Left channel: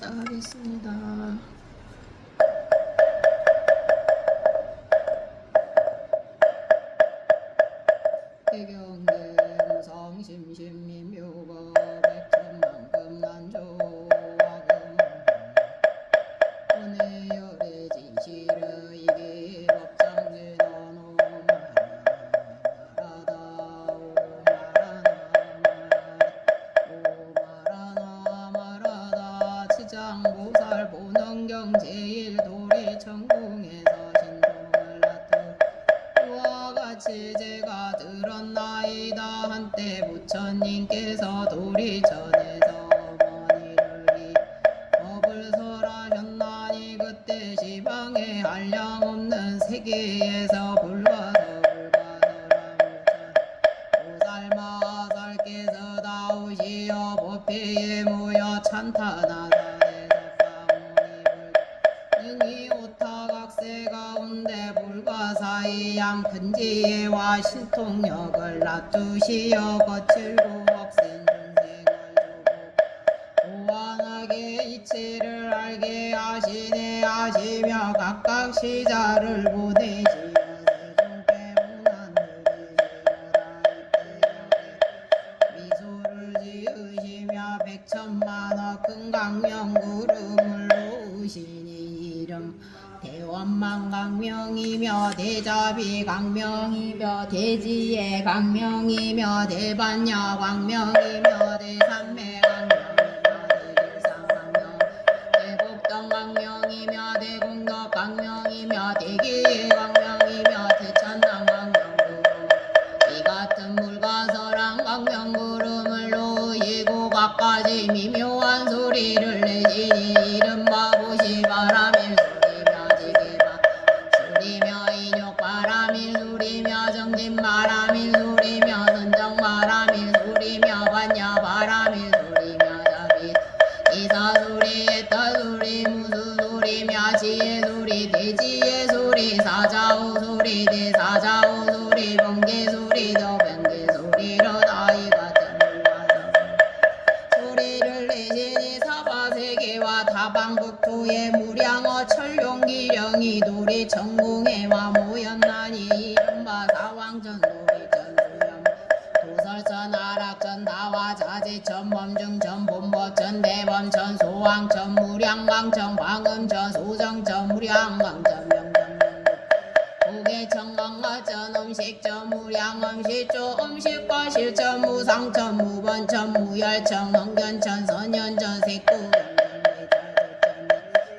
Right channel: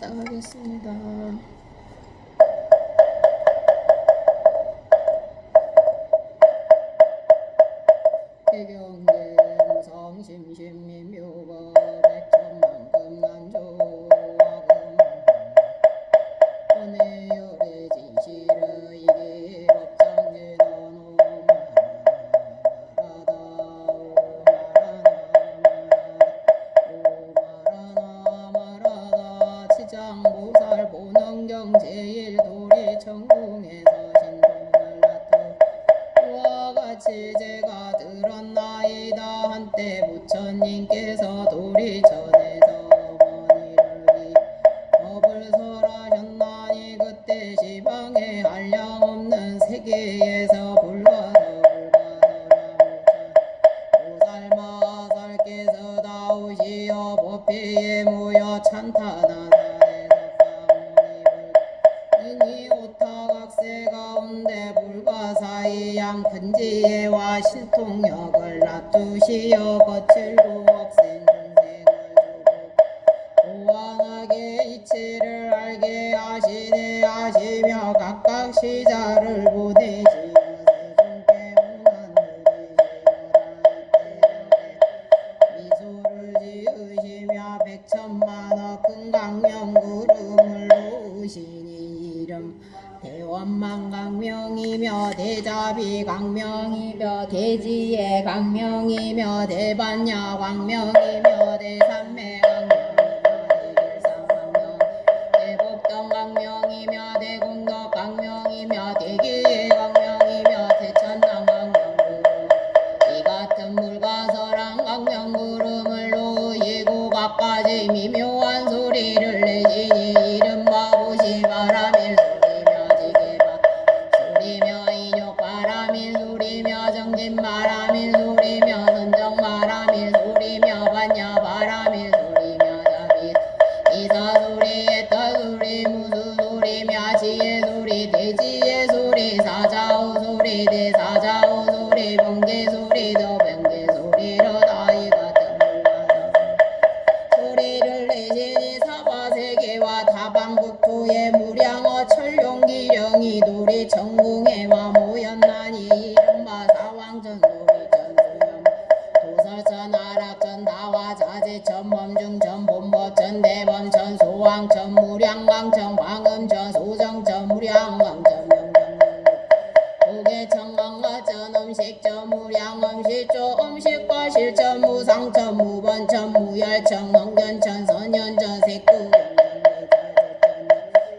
시작하겠습니다. 해경계 무성심심미묘거 백천만금 난조와금 원해열의 진실의 이게 법장제너노 마라다 치장보살 보능경 제1도리 천궁에서 신동을 놔두 그와 같이 제가 들었나이다. 한때 부처님께서 도리천에서 어머니를 법을 설하셨나니 그때 지방에 한량없는 세계에서 보살마살께서 나오시어 법회에 모여 찬탄하사에서 사모니불 능히 오타각세 가운데 불가사의 양근지혜와 신통력을 놔두시어 거칠고 억센 중생을 주고 고안하게 이치를 알게 하시네 하시며 각각 시자를 보내시어 세종대문안 미소를 지으시며 백천만억 큰 강명 구름을 놓으시니 이름 대원만 강명이며 대자비 강명이며 대지혜 강명이며 대반야 강명이며 대산매 강명이며 대길상 강명 대복덕 강명이며 대공덕 강명이며 대기의 강명이며 대천당 강명구름 이 같은 불가설한 강명구름을 놓으시고 각가지 미묘한 소리를 내시니 이른바 보시바람일 소리며 인욕바람일 소리며 정진바람일 소리며 선정바람일 소리며 반야바람일 소리며 자비 이사소리 에타소리 무수소리며 지혜소리 대지혜소리 사자오소리 대사자오소리 번개소리 더번개소리로 다이 같은 불가사성 소리를 내시니 사바세계와 다방국토의 무량어 천룡기령이 도리 천궁에와 모였나니 이른바 사왕전 도리전 수령 도설전 아락전 다화자재천 범중전 본법전 대범전 소왕전 무량강전 광음전 소정전 무량강전 명전 고개천 강화전 음식전 무량음식조 음식과 실전 무상천 무번천 무열천 응견천 선연전 색구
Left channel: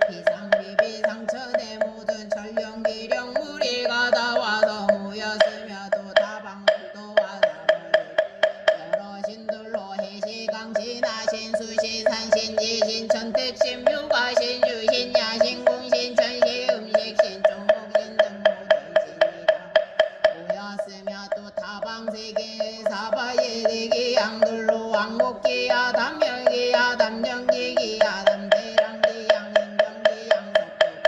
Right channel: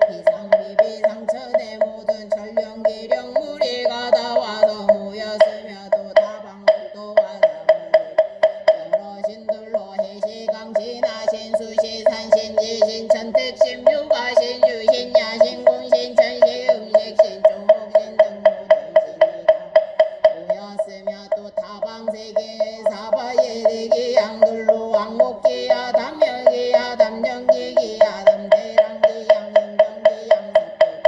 비상비비상천의 모든 천령기령 무리가 다 와서 모였으며 또 다방국도와 여러 신들로 해시강신하신 수시산신 지신 천택신 묘가신 주신 야신 공신 천시 음식신 종목신 등 모든 모였으며 또 다방세계의 사바예대기 양들로 왕목기야 담멸기야 담정기기야 담대랑기 양인경기 양석대기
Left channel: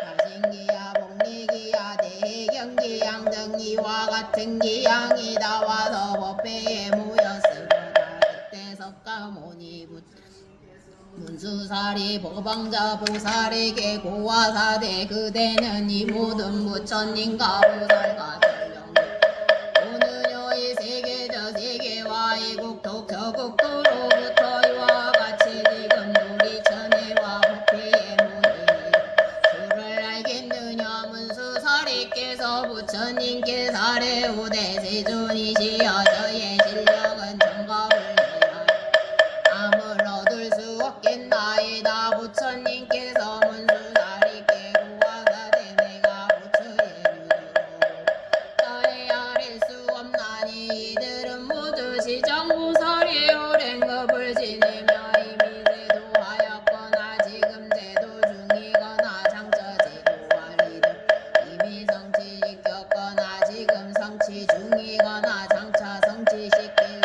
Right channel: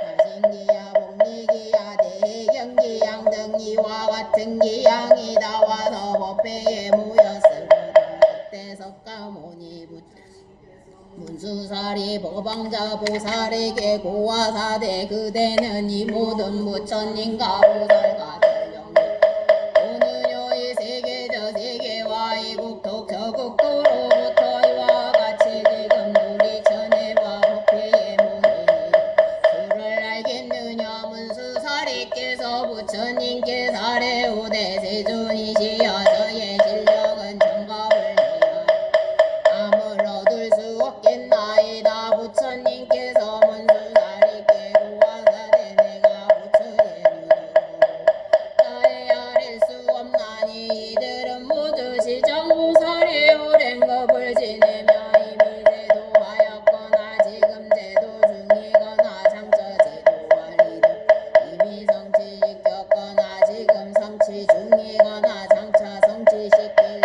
자신기야 복리기야 대경기 양등 이와 같은 기양이 나와서 법회에 모였으므라. 그때 석가모니 문수사리 법왕자 보살에게 고화사대 그대는 이 모든 부처님과 보살과 오늘요의 세계 저 세계와 이국토 저국토로부터 이와 같이 지금 도리천에와 법회에 모이니 수를 알겠느냐 문수사리께서 부처님께 사례오되 세존이시여 저의 실력은 정갑을 내야 암을 얻을 수 없겠나이다. 부처님께서 문수사리께 고화사대 내가 부처의 나의 아릴 수 없나니 이들은 모두 시정보살이 오랜급을 지내며 이미 제도하였거나 지금 제도 중이거나 장처 제도하리들 이미 성취시켰거나 지금 성취 중이거나 장차 성취시키리니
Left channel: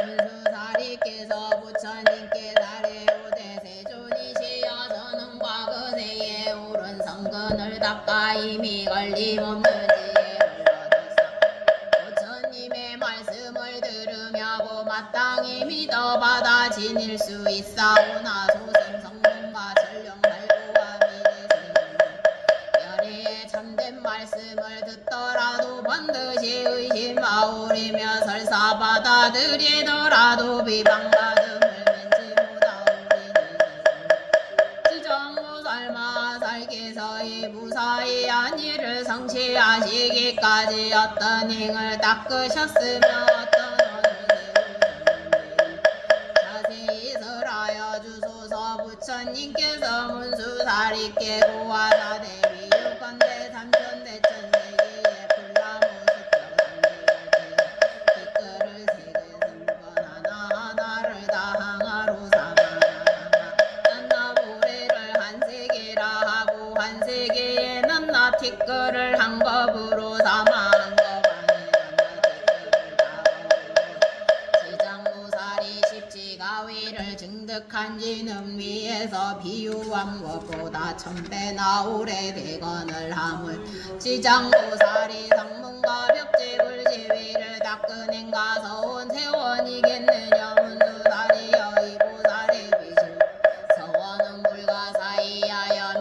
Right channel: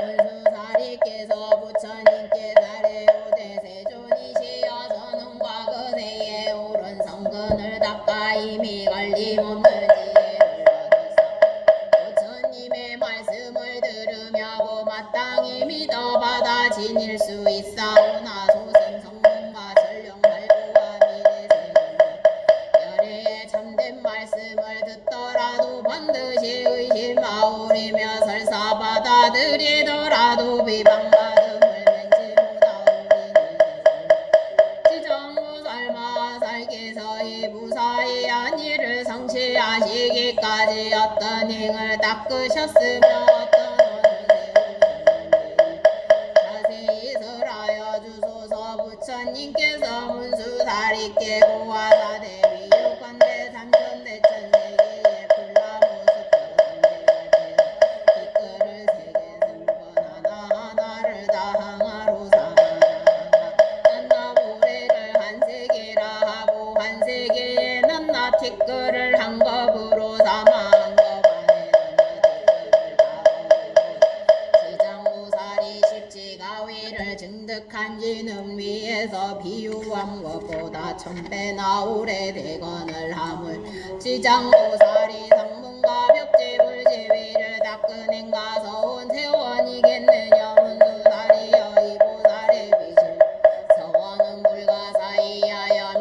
문수사리께서 부처님께 사례오되 세존이시여 저는 과거세에 옳은 성근을 닦아 이미 걸림없는 지혜를 얻었사 부처님의 말씀을 들으며 마땅히 믿어받아 지닐 수 있사오나 소설 어떤 행을 닦으셨으며 어떤 자세히 설하여 주소서. 부처님께서 문수사리 깨고와 사대비 유건대 삼천대천 세계에 불나무수표 삼대갈 댓글을 세계 성권 하나하나를 다 항아로 삼아라. 난나무래를 한 세계라 하고 한 세계에 난나 티끌을 한 겁으로 삼아 한 것 안에 난나 티끌을 다 지장무사리 십지가위를 증득한 지는 위에서 비유한 것보다 천배나 오래되거늘 하물 지장무사리 상문과 벽집을 지위를 닦으낸 가서온 세원이겠느냐. 문수사리 여의보살의 비실 서원은 불가사의하여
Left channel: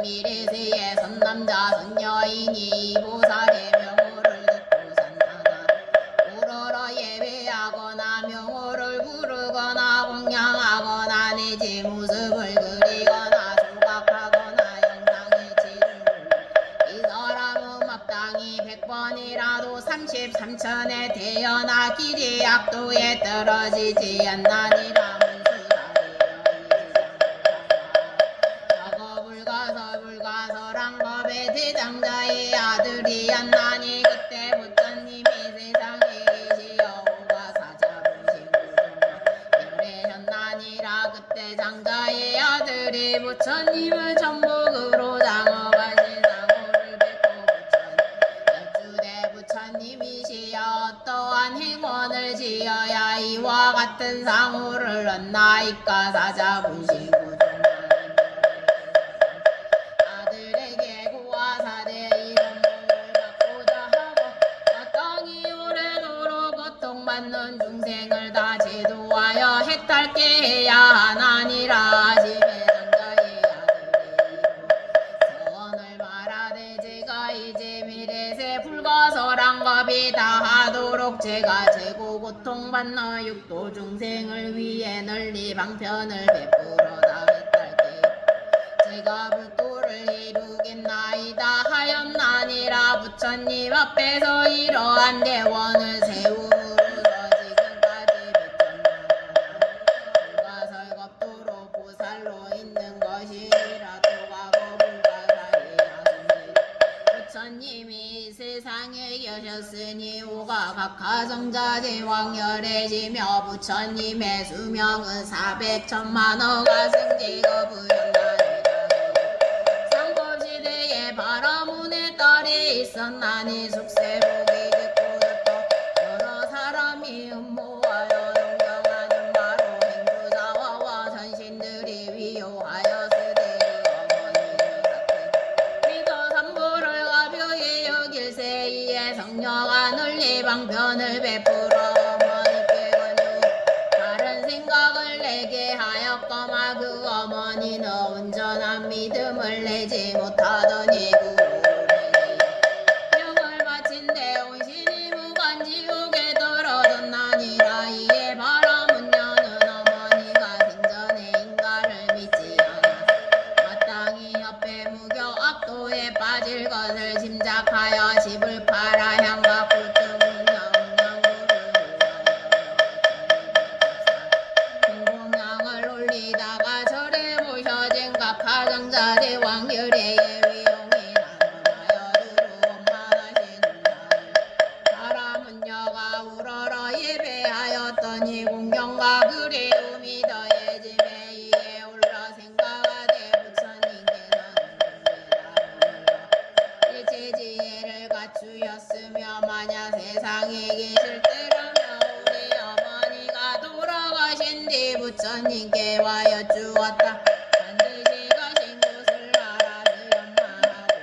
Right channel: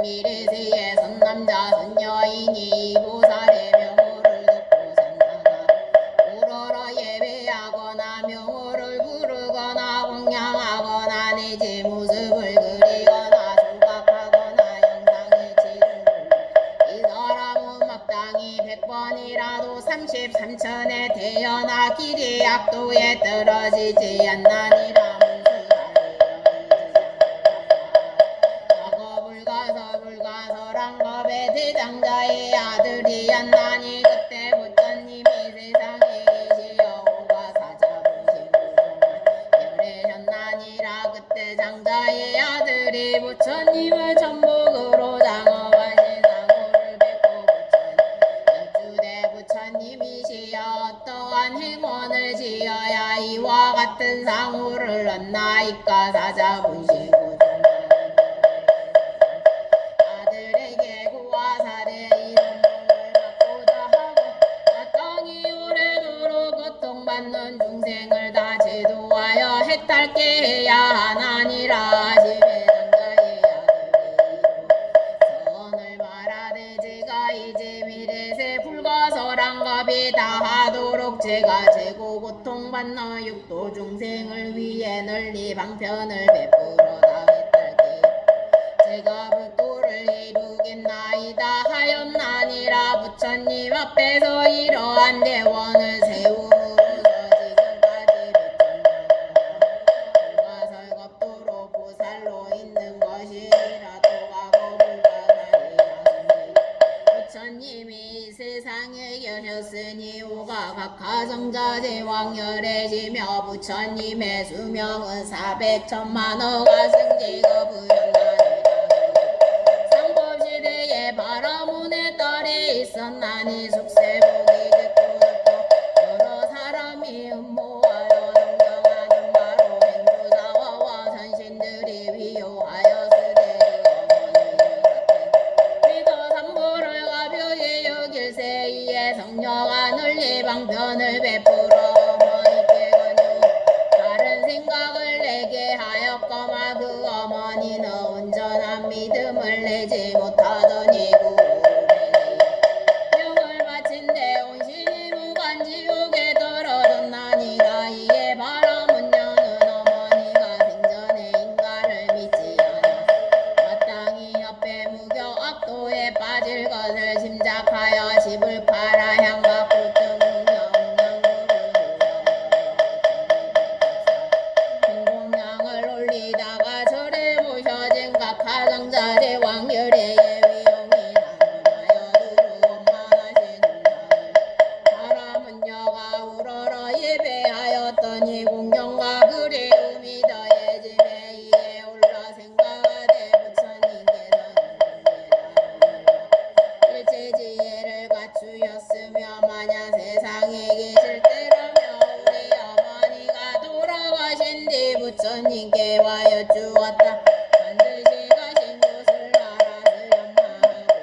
미래세에 선남자 선여인이 이보살의 명호를 듣고 산다가 우러러 예배하거나 명호를 부르거나 공양하거나 내지 모습을 그리거나 조각하거나 영상의 질을 이 사람은 마땅히 100번이라도 33천에 태어나 길이 악도에 떨어지지 않나니라. 불가설한 법의 대장자의 아들이 안나니 그때 부처님이 세상에 계시어 오가사자부시고 열애셨나니라. 그때 장자의 아들이 부처님을 천복으로 장업하신 상호를 뵙고 여쭈되 부처님이시여 어떠한 행원을 지어야 이와 같은 상호를 얻나이까. 사자부시고 받는 중생을 다 제도하여 해탈게 해야 하나니라. 지배장자의 아들이로 서원을 말하되 제가 이제 미래세 불가설한 법이 다 하도록 제가 재고 고통받는 육도 중생을 위해 널리 방편을 베풀어 다 해탈게 제가 불도를 이루겠나이다 하였나니라. 부처님 앞에서 이러한 대원을 세우므로 부처님이 세상에 계셨으니 오가 각하성자 제왕열애시며 부처님의 수명은 400천만호가 승지가 부연하니라. 상법시대에 바라문의 딸이 있었나니 숙세복이 듣고부터 여러 사람이 음모하여 동정하는 바로 행주자와와 선신들이 위요하여 성녀가 널리 방편을 베풀어 어머니께 권유 다른 생각을 내게 하였거만 그 어머니는 온전한 믿음을 내지 못하더니 명을 바친데 온신이 무간지옥에 떨어졌나니라. 이에 바라문녀는 어머니가 생전에 인가를 믿지 않아 마땅히 옆에 무교 악도에 빠질 것을 짐작하여 집을 팔아 향과 굴등명령을 올리다가 절에 모셔진 각하성자 제왕열애의 위용이라하여 두루원만하시는 자를 바라문녀가 우러러 예배하였더니 공경과 그리움이 더해지매 이에 올라 생각하되 부처님께서는 일체지혜를 갖추었으며 만약 세상에 계실 때라면 우리 어머니가 돌아가신 뒤 부처님께 와 여쭈었다. 반드시 가신 곳을 알아주었나하고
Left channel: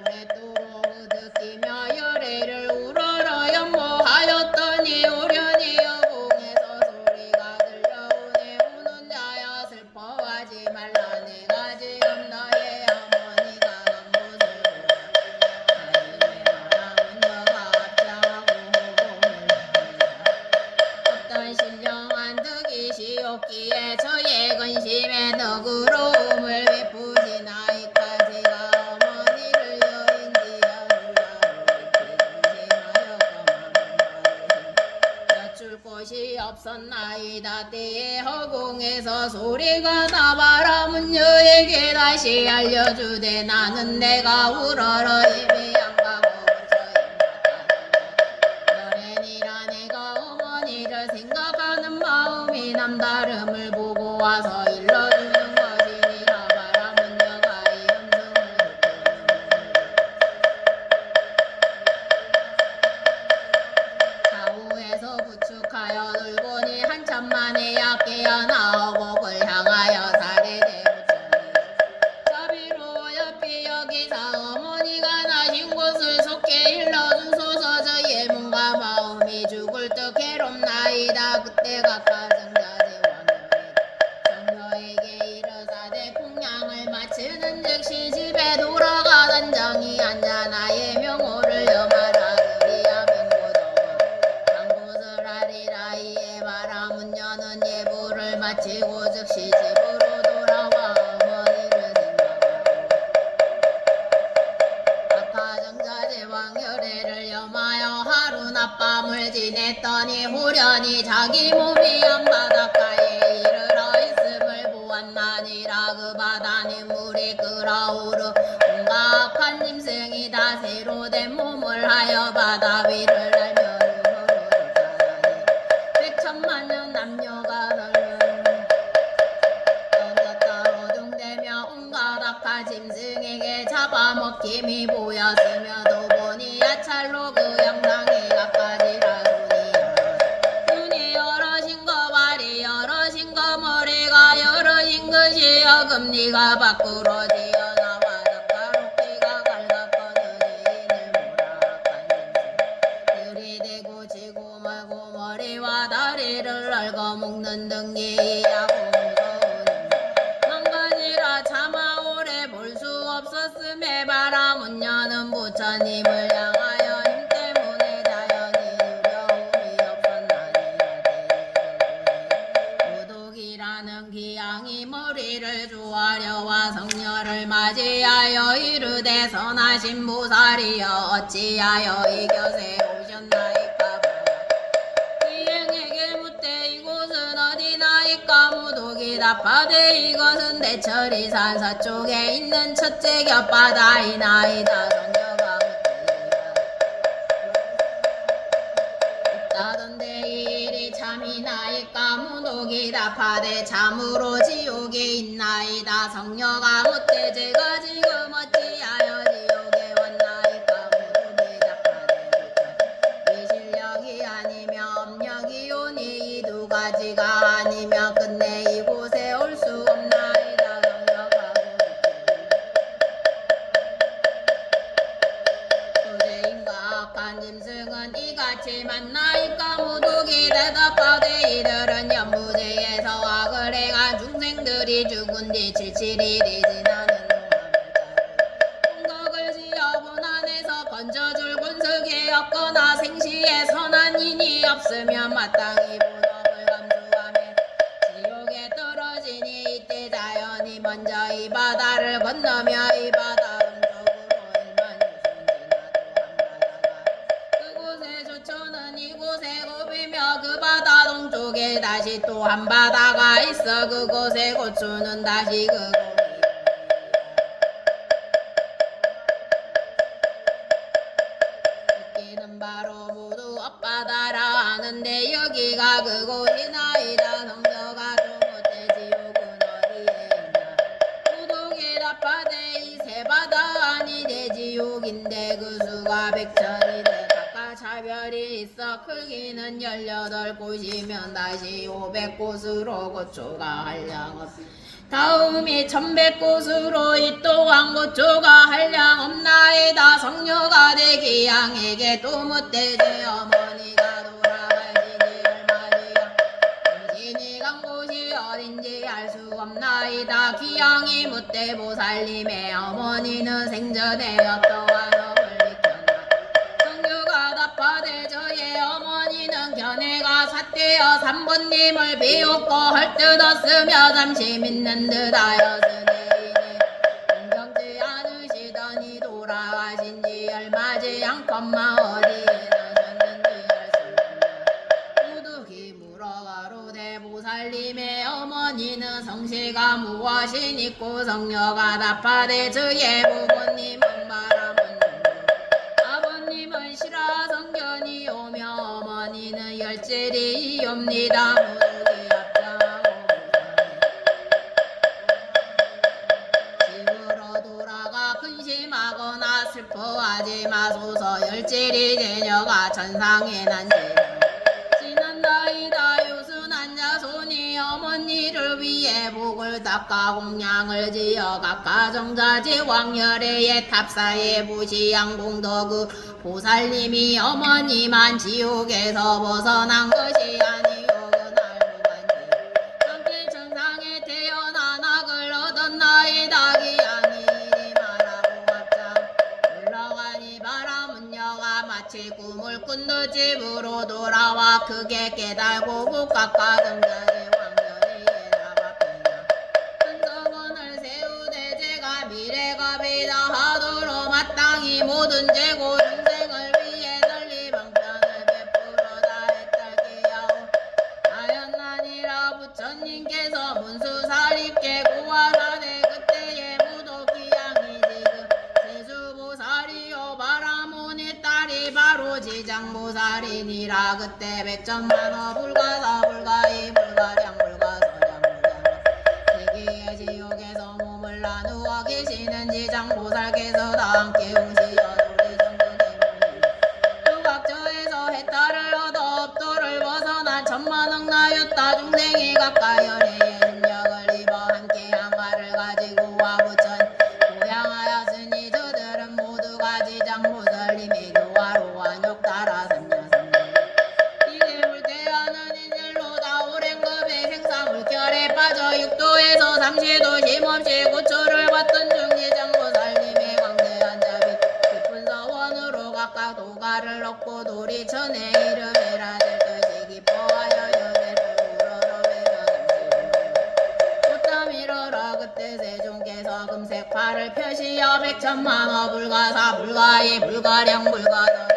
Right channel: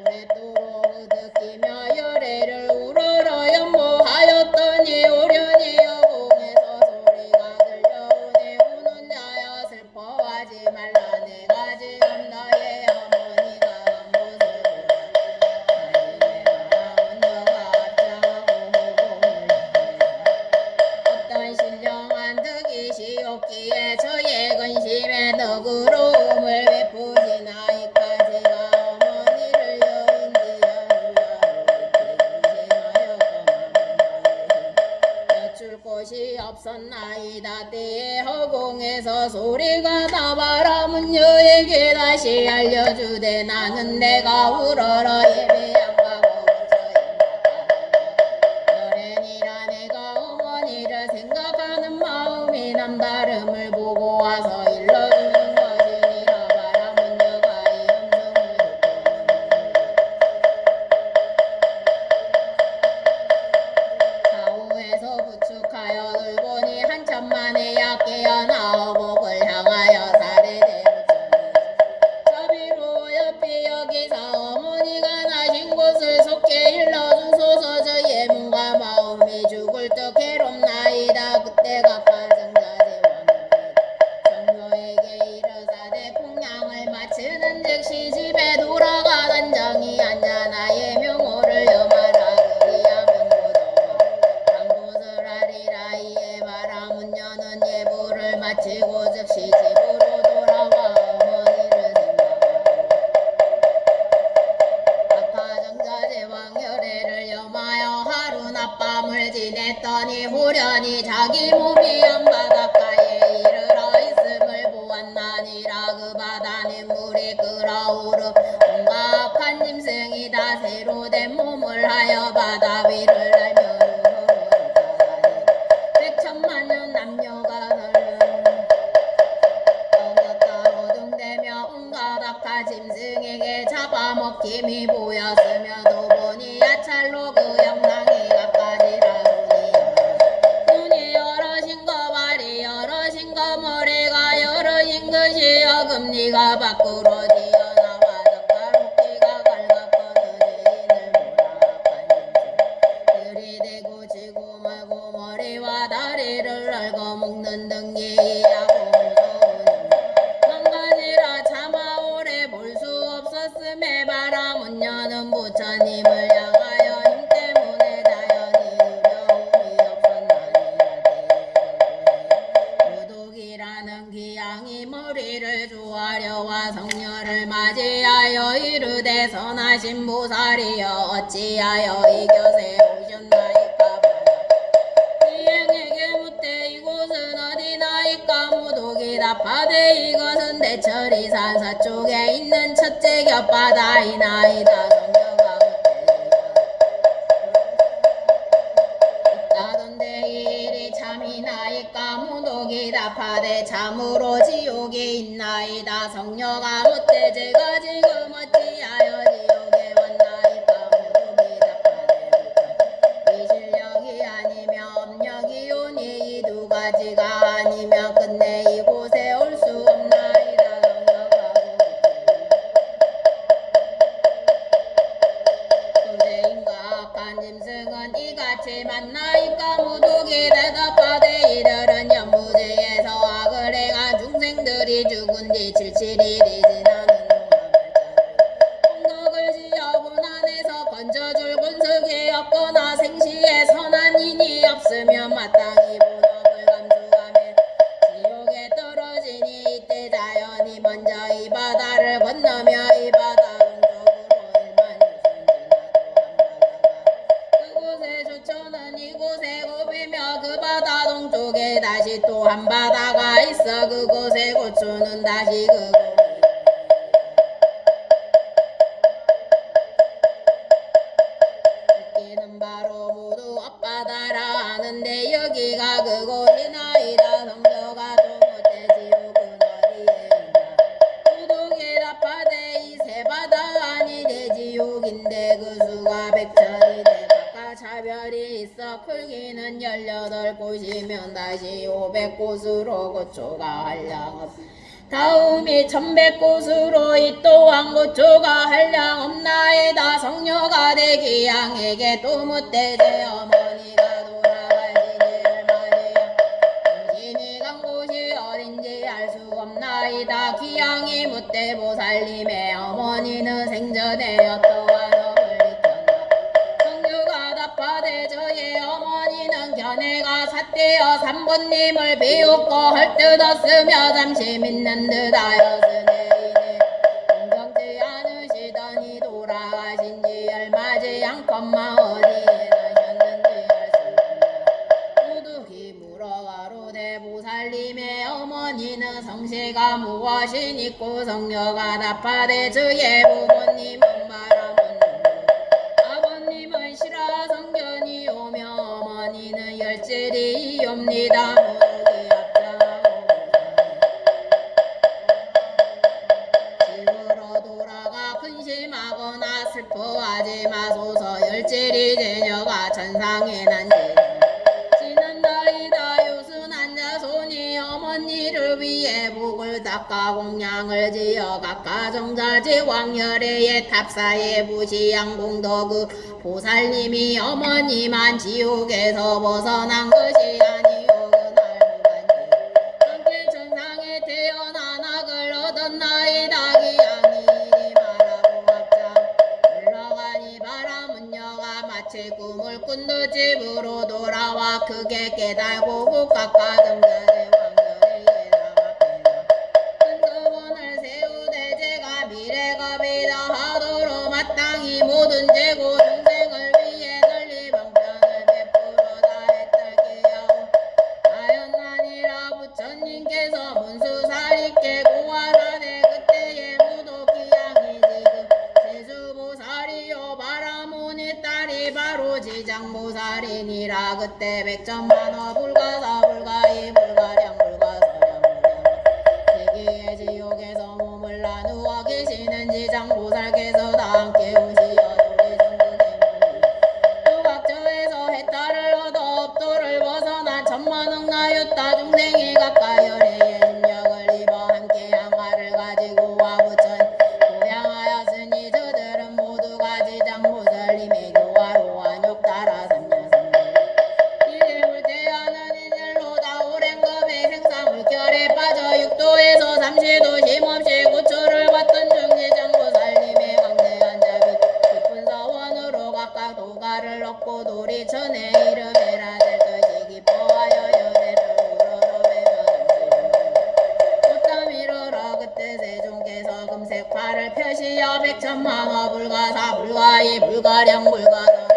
오랫도록 느끼며 열애를 우러러 연모하였더니 오련히 여공에서 소리가 들려오네. 우는 자여 슬퍼하지 말라. 내가 지금 너의 어머니가 간 곳을 어떤 신령한 덕이시옵기에 저의 근심에 덕으로움을 베푸시나이까. 제가 어머니를 여인지하노라. 뒤에 허공에서 소리가 나 바라문녀에게 다시 알려주되 나는 내가 우러러 예비양 가고 여랜이라 내가 어머니를 생각하는 마음이 남다름을 보고 와서 일러주는 것이니라 바라문녀가 이 음성을 듣고 좌우에서 부축하여 돌보니 한참 만에 약게야 나오고 을 향하여 사례대 자비로 옆이 여기서 어머니가 나신 곳을 속히 일러주소서 저희의 몸과 마음이 죽을 듯 괴롭나이다. 그때 각각 정녀에게 이르사대 공양을 마치는 즉시 집에 돌아가던 정이 앉아 나의 명호를 염하라 그리야 명고도와 당곳을 하리라. 이에 바라문녀는 예부를 마치고 즉시 집으로 돌아와 어머니를 생각하고 각하정자 제왕 열애를 염하여 하루 낮밤을 지냈더니 후련히 자기 몸이 한바닷가에 이르러 있음을 보았나니라. 그 바다는 물이 끓어오르 온갖 악한 짐승이 다 새로 된 몸을 하여 바다 위를 날며 서로 쫓아다니 백천만년 남녀가 따로 등대며 온갖 악한 짐승에게 잡아먹힘이 보였으며도 보니 야찰로 그 영상이 갖가지라. 눈이 여럿인 거 발이 여럿인 거 머리가 여럿인 것이여 금리가 밖으로 튀어나와 덕가롭기가 갈각거느지인을 몰아간 짐승 들이대고 지고 말고 머리와 다리를 얽어 묶는 등지야 공소는 망가지라 차마 오래 볼 수 없었음에 바라문녀는 부처님을 향하여 힘 때문에 자연히 두려움이 없었나니라. 무독이라는 기양이 머리를 조아려와 성녀를 맞이하여 이르되 선하신 보살이여 어찌하여 이 곁에 오셨나이까. 기행에게 묻되 이곳은 어디나이까. 무독이 답하되 이것은 대철이산 서쪽에 있는 첫째 곁바다이나이다. 성녀가 있다던데 이 일이 참이나이까. 무독이 답하되 참으로 지옥이 있나이다. 성녀가 묻되 제가 지금 어찌하여 지옥에 왔나이까. 무독이 답하되 이 실력이 아니며 업력이 오니 이 두 가지가 아니며 끝내 이곳에 올 수 없나이다. 성녀가 도제인과 악한 짐승은 이같이 만나이까. 무독이 대답하되 이들은 연무제에서 악을 행한 중생들이 죽은 뒤 7일이 지나는 공덕을 지어본 안에서 건져줄 군석이 없거나 생시에 선한 인이 없으면 마땅히 본업을 감수하면 지옥에 떨어지니 이때 자연이 먼저 이 바다를 건너며 이 바다 오른쪽으로 1만 2천 지나도 한 바다가 그곳에 조천은 이곳에 곱이며 그 바다 동쪽에 다시 또 한 바다가 있어 그곳에 고추는 다시 그 여기는 바로 모두 앞바다라 하는데 여기가 그곳이나이다. 성녀가 좀 어때 지옥은 어디에 있나. 무독이 답하되 이 세 바다 아니 대지옥인데 그 수가 백천이되 각각 차별이 있어 크기는 18곳이면 다시 500곳으로 고초가 한량없 다음이 1100곳으로 이 또한 고초가 한량 없나이다. 성녀가 되기 양에게 또 묻되 제 어머니가 돌아가시기를 맞이야 당신이 간 곳이 어딘지 알 수 없나이다. 기양이 묻되 보살님의 어머니는 생전에 어떠한 업을 익혔나. 성녀가 답하되 저의 어머니는 견해가 삿되어 삼본님을 비웃고 헐뜯었으며 잠시 믿는 듯하였으니 공경치 않으시더니 돌아가신지 얼마지 않건만 어디에 나셨는지 알 수 없나. 무득이 물어가로되 보살 보살님의 어머니는 성씨가 무엇이니고 성녀가 답하되 저의 부모님은 바람은 아버님은 시라 성견이 오며 어머니는 열질이옵니다. 무덕이 앞장하고 집으로 돌아가 근심하거나 슬퍼하지 마소서. 열질이 제녀가 천상에 난지 지난다이다 유순한 자손이 어머니를 위해 복을 닦아 공양을 지어 각가 정자지 왕열애의 탑사에 부시양공덕의 보살님이 어머니만 지옥에서 벗어난 것이 아니오. 그날 함께 천상에 태어나 낙을 얻었나이다. 기양이 이리 말하고 앞장 올라가니 바라문녀가 마치 꿈을 꾼 듯 집으로 돌아와 크게 깨달고 국각과 정자의 왕년에 예답합니다. 큰 서원을 세우되 제가 미래가 비다하도록 마땅히 모든 재고 중생을 위해 널리 방편을 베풀어 다했달기야오. 하였나니라. 부처님께서 문수사리께 고하사대 그때의 무도기양이 지금 세수보살이요 바라문의 딸이 바로 지장보살이니라. 그때 백천만호 불가사 불가이 불가량 불가서량 세계의 지옥에서 몸을 나누어 계시는 지장보살께서 다 함께 오시어 우리 전국의 몸이 유각처에서 해탈을 얻어 업도를 벗어난 천만억나유타 중생이 각각 열애의 능력을 입어 함께 향화를 가지고 와 부천 고향하였으니 저들은 모두가 지장보살님의 교화로 완욕 따라 삼냐삼계 이래물 대하는 인연로 다 오랜급의 생사물결에 빠져 육도에서 삼시도 쉼없이 고초를 받던 중 지장보살님의 광대한 자비 깊은 서원으로 각각 도가를 얻고 도리천에 이르매라 될 것이 기뻐하여 여배를 우러러 배려 꽃담 이르러 그때 세종께서 금색팔을 펴시어 백천만호 불가사 불가이 불가량 불가서량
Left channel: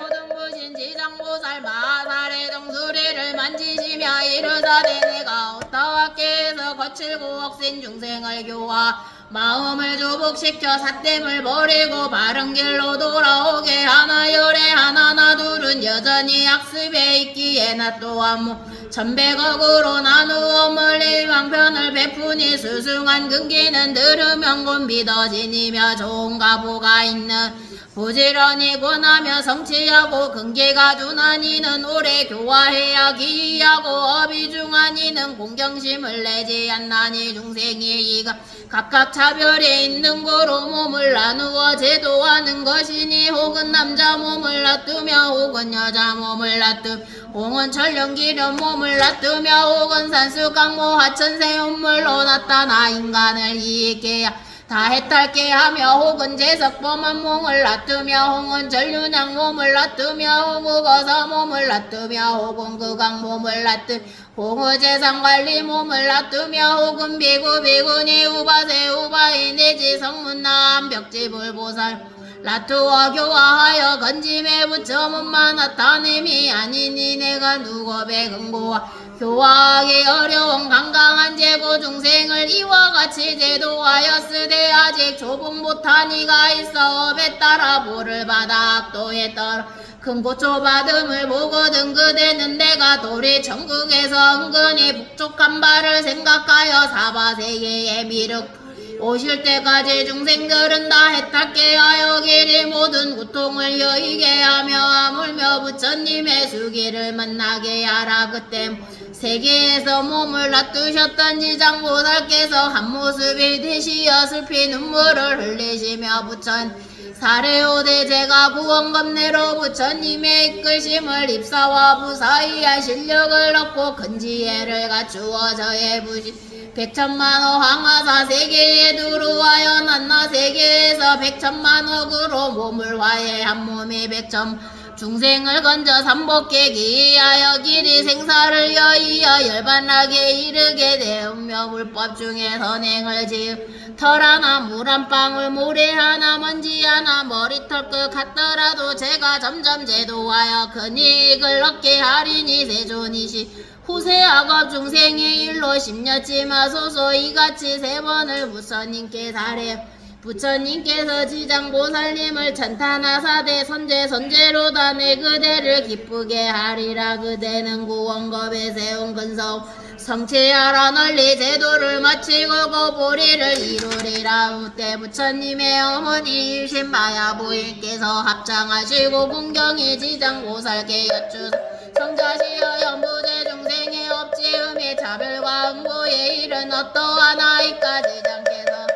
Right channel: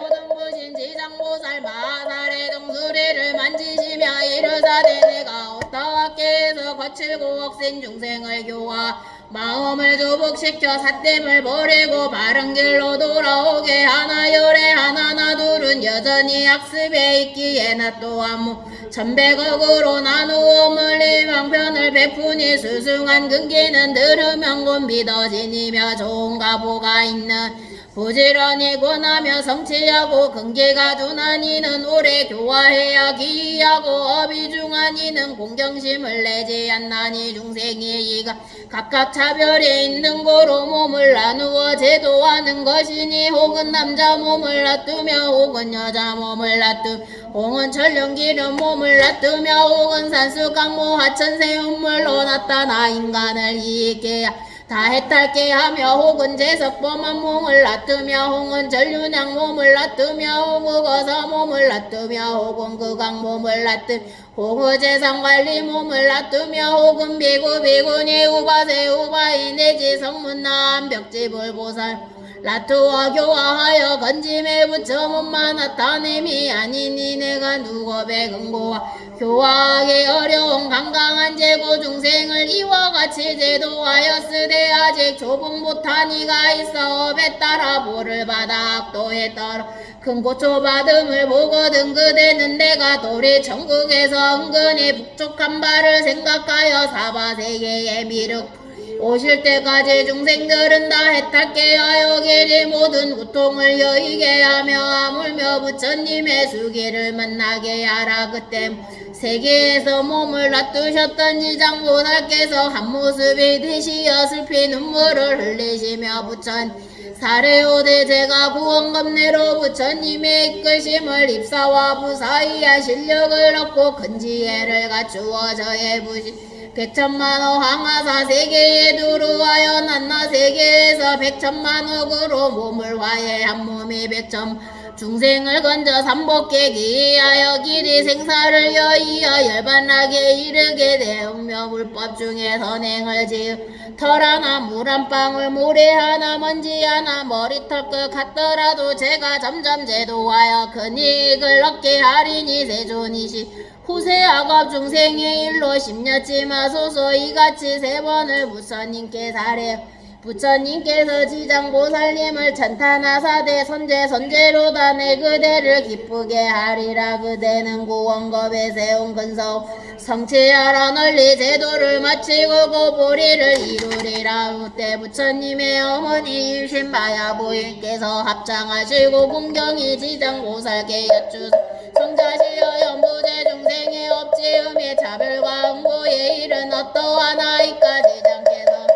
모든 부신 지장보살 마살의 정수리를 만지시며 이르사대 내가 오타와께에서 거칠고 억센 중생을 교화 마음을 조복시켜 삿됨을 버리고 바른 길로 돌아오게 하나 열애 하나나 둘은 여전히 학습에 있기에 나 또한 천백억으로 나누음을 이방편을 베푸니 수승한 근기는 들으면 곧 믿어지니며 좋은 가보가 있는 부지런히 권하며 성취하고 근기가 둔한 이는 오래 교화해야 기이하고 어비중한 이는 공경심을 내지 않나니 중생이 이가 각각 차별이 있는 거로 몸을 나누어 제도하는 것이니 혹은 남자 몸을 놔두며 혹은 여자 몸을 놔두 혹은 천령기름 몸을 놔두며 혹은 산수강모 하천세운물로 나타나 인간을 이익게 다 해탈게 하며 혹은 제석범한 몸을 놔두며 혹은 전륜양 몸을 놔두며 혹은 거사 몸을 놔두며 혹은 극강 몸을 놔두 혹은 재상관리 몸을 놔두며 혹은 비구 비구니 우바세 우바이 내지 성문남 벽지불 보살 라투와 교화하여 건짐에 부처문만 나타냄이 아니니 내가 누겁의 근고와 교화하기 어려운 강강한 제고 중생을 이와 같이 제도하였으되 아직 조복 못한 이가 있어 업에 따라 보를 받아 악도에 따라 큰 고초받음을 보거든 그대는 내가 도리 천국에서 은근히 북쪽한 바를 생각하여 사바세계의 미륵 오실 때까지 중생들은 다 해탈게 하여 길이 모든 고통을 여의게 하며 아물며 부처님의 수기를 만나게 하라. 그때 세계에서 몸을 놔두셨던 이장보살께서 한 모습이 되시어 슬피 눈물을 흘리시며 부처님 사례오대 제가 구원검내로 부처님의 이끌심을 입사와 부사이야 실력을 얻고 큰 지혜를 갖추어 저의 부시 백천만호 황하사 세계에 두루하여 난나 세계에서 백천만억으로 몸을 화해 한 몸이 백천 중생을 건져 삼복에 기하여 길이 생사를 여의어 열반하게 이르게 되으며 물법 중에 선행을 지으 털 하나 물 한 방울 모래 하나 먼지 하나 머리털 것 같더라도 제가 점점 제도하여 큰 이익을 얻게 하리니 세존이시 후세 악업 중생의 일로 심려치 마소서 이같이 세 번을 부처님께 사례 부처님께서 지장보살님을 찬탄하사대 선제로다 내 그대를 기쁘게 하리라 그대는 구원겁에 세운 근성 성취하라 널리 제도를 마치고 고보리를 이루리라 그때 부처님의 어머니 신마야 부인께서 합장하시고 공경이 지장보살께 여쭈사 성자시여 연부제 중생의 업지음의 차별과 응보의 일은 어떠한 아이까지 장께서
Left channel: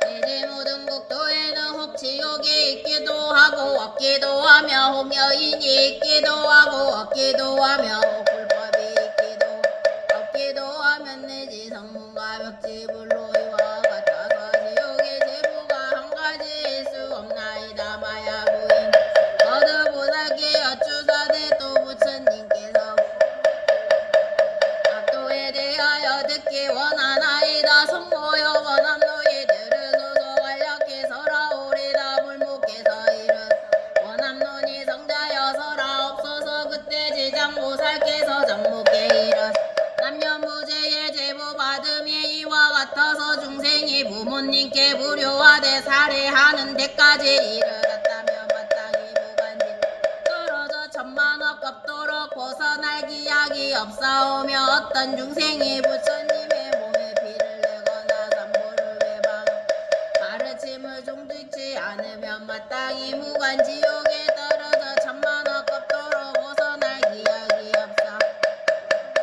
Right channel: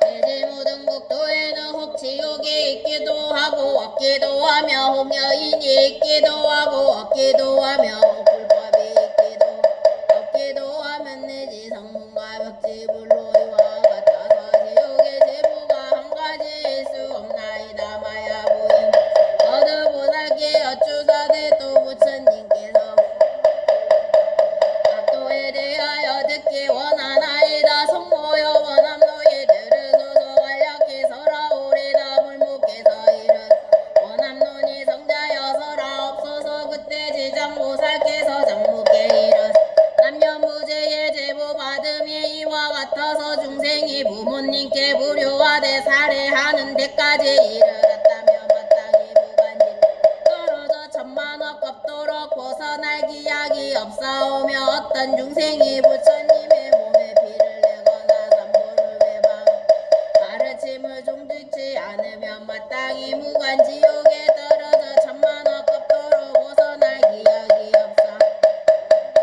내지 모든 국도에는 혹 지옥이 있기도 하고 없기도 하며 혹 여인이 있기도 하고 없기도 하며 혹 불법이 있기도 없기도 하면 내지 성문과 벽지불로 이와 같아서 지옥의 제보가 한 가지일 수 없나이다 마야 부인 거듭보살께 여쭈사대 또 부처님께서 악도에 대하여 듣기 원하나이다 성모여 원함노이 들으소서 완력히 서라오리다 물묵께서 이르 원함노니 성자여 서라옵소서 그때 지장보살께서 정묵께 이르 남녀무제의 제보 받음이 이와 같아서 중생이 부모님께 불효하되 살해하는 데까지 이르렀다면 마땅히 무관지 떨어져 천만억 겁도록 벗어날 기약이 없사오며 어떤 중생이 부처님의 몸에 피를 내거나 삼보를 외방 가르침을 종득지 않으면 마땅히 무관지옥에 떨어져 천만억 겁도로 벗어날 기약이 없사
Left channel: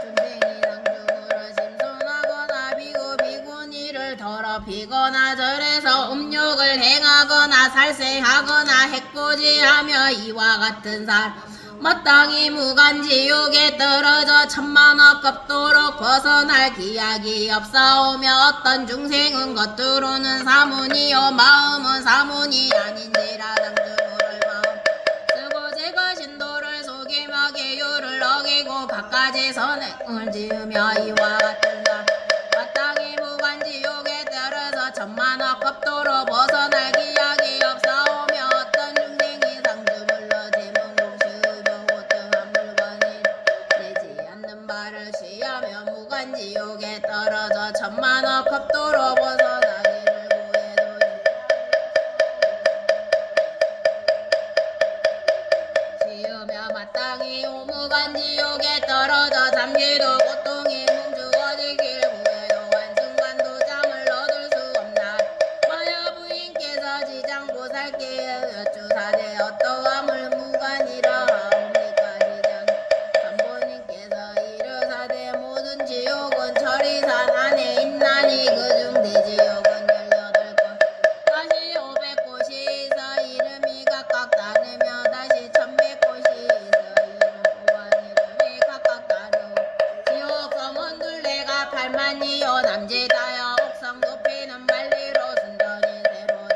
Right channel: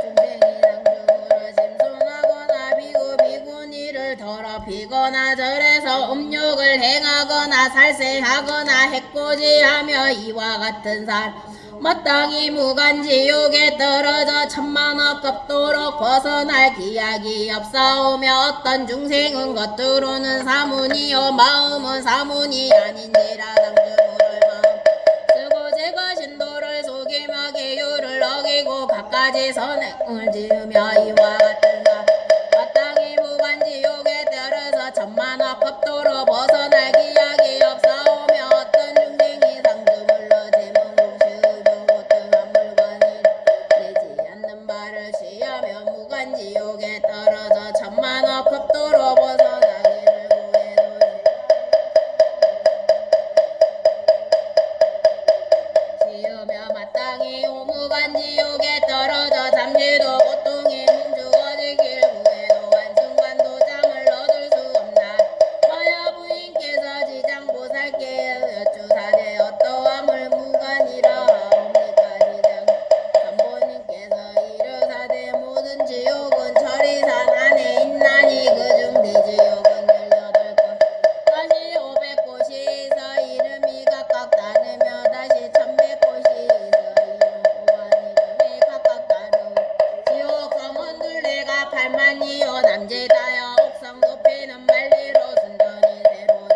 중생이 당중으로 심손하거나 비구 비구니를 더럽히거나 절에서 음욕을 행하거나 살세하거나 해코지하며 이와 같은 살 마땅히 무간지옥에 떨어져 천만억 겁도로 벗어날 기약이 없사오며 어떤 중생은 겉으로는 사문이요 마음은 사문이 아닌지라 당중을 마음 쓰고 제가 신도를 속이며 계율을 어기고 갖가지 선행을 지으며 이와 같은 사 마땅히 무간지옥에 떨어져 천만억 겁도로 벗어날 기약이 없사오며 어떤 중생이 상주물러 발을 취하며 무간지옥에 떨어져 천만억 겁도로 벗어나기를 구해도이 지으며 마땅히 오무간지옥에 떨어져 잠시도 고통이 뭉주어지길 구해도 한순간도 잠을 얻을 수 없나 마야 부인께서 지장보살께 여쭈사대 어떠함을 무간이라 지옥은 철이산 안에 있나니 그중 대지옥은 18곳 다시 500곳이 있어 이름이 각각 다르며 다시 1100곳이 있어 이름 또한 이름이 각각 다르고 지옥 성은 둘레가 8만이요 남제다여 옥성 높이는 만리로 순전히 새로운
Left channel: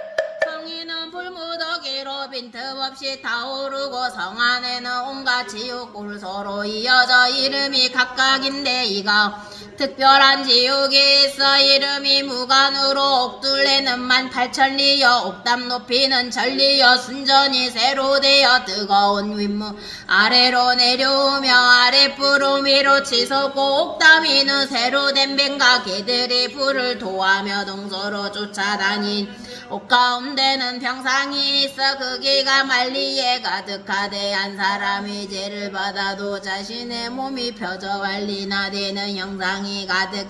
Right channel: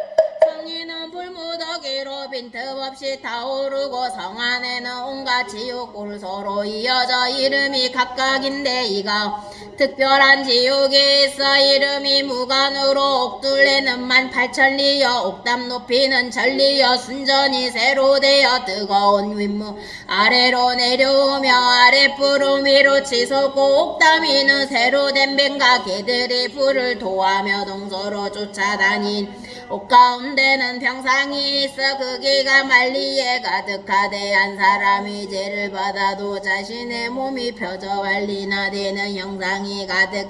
성인은 불무더기로 빈틈없이 타오르고 성 안에는 온갖 지옥골 서로 이어져 이름이 각각인데 이가 특별한 지옥이 있어 이름이 무간으로 옥둘레는 18,000리여 옥담 높이는 천리여 순전히 새로 되어 뜨거운 윗무 아래로 내려오며 아랫불은 위로 치솟고 옥담이는 새로 된 뱀과 개들이 불을 도하며 동서로 쫓아다닌 옥 가운데는 병상이 있어 거기가 만리에 가득하되 한 사람이 죄를 받아도 자신의 몸이 펴져 완리나 되는 형상이 가득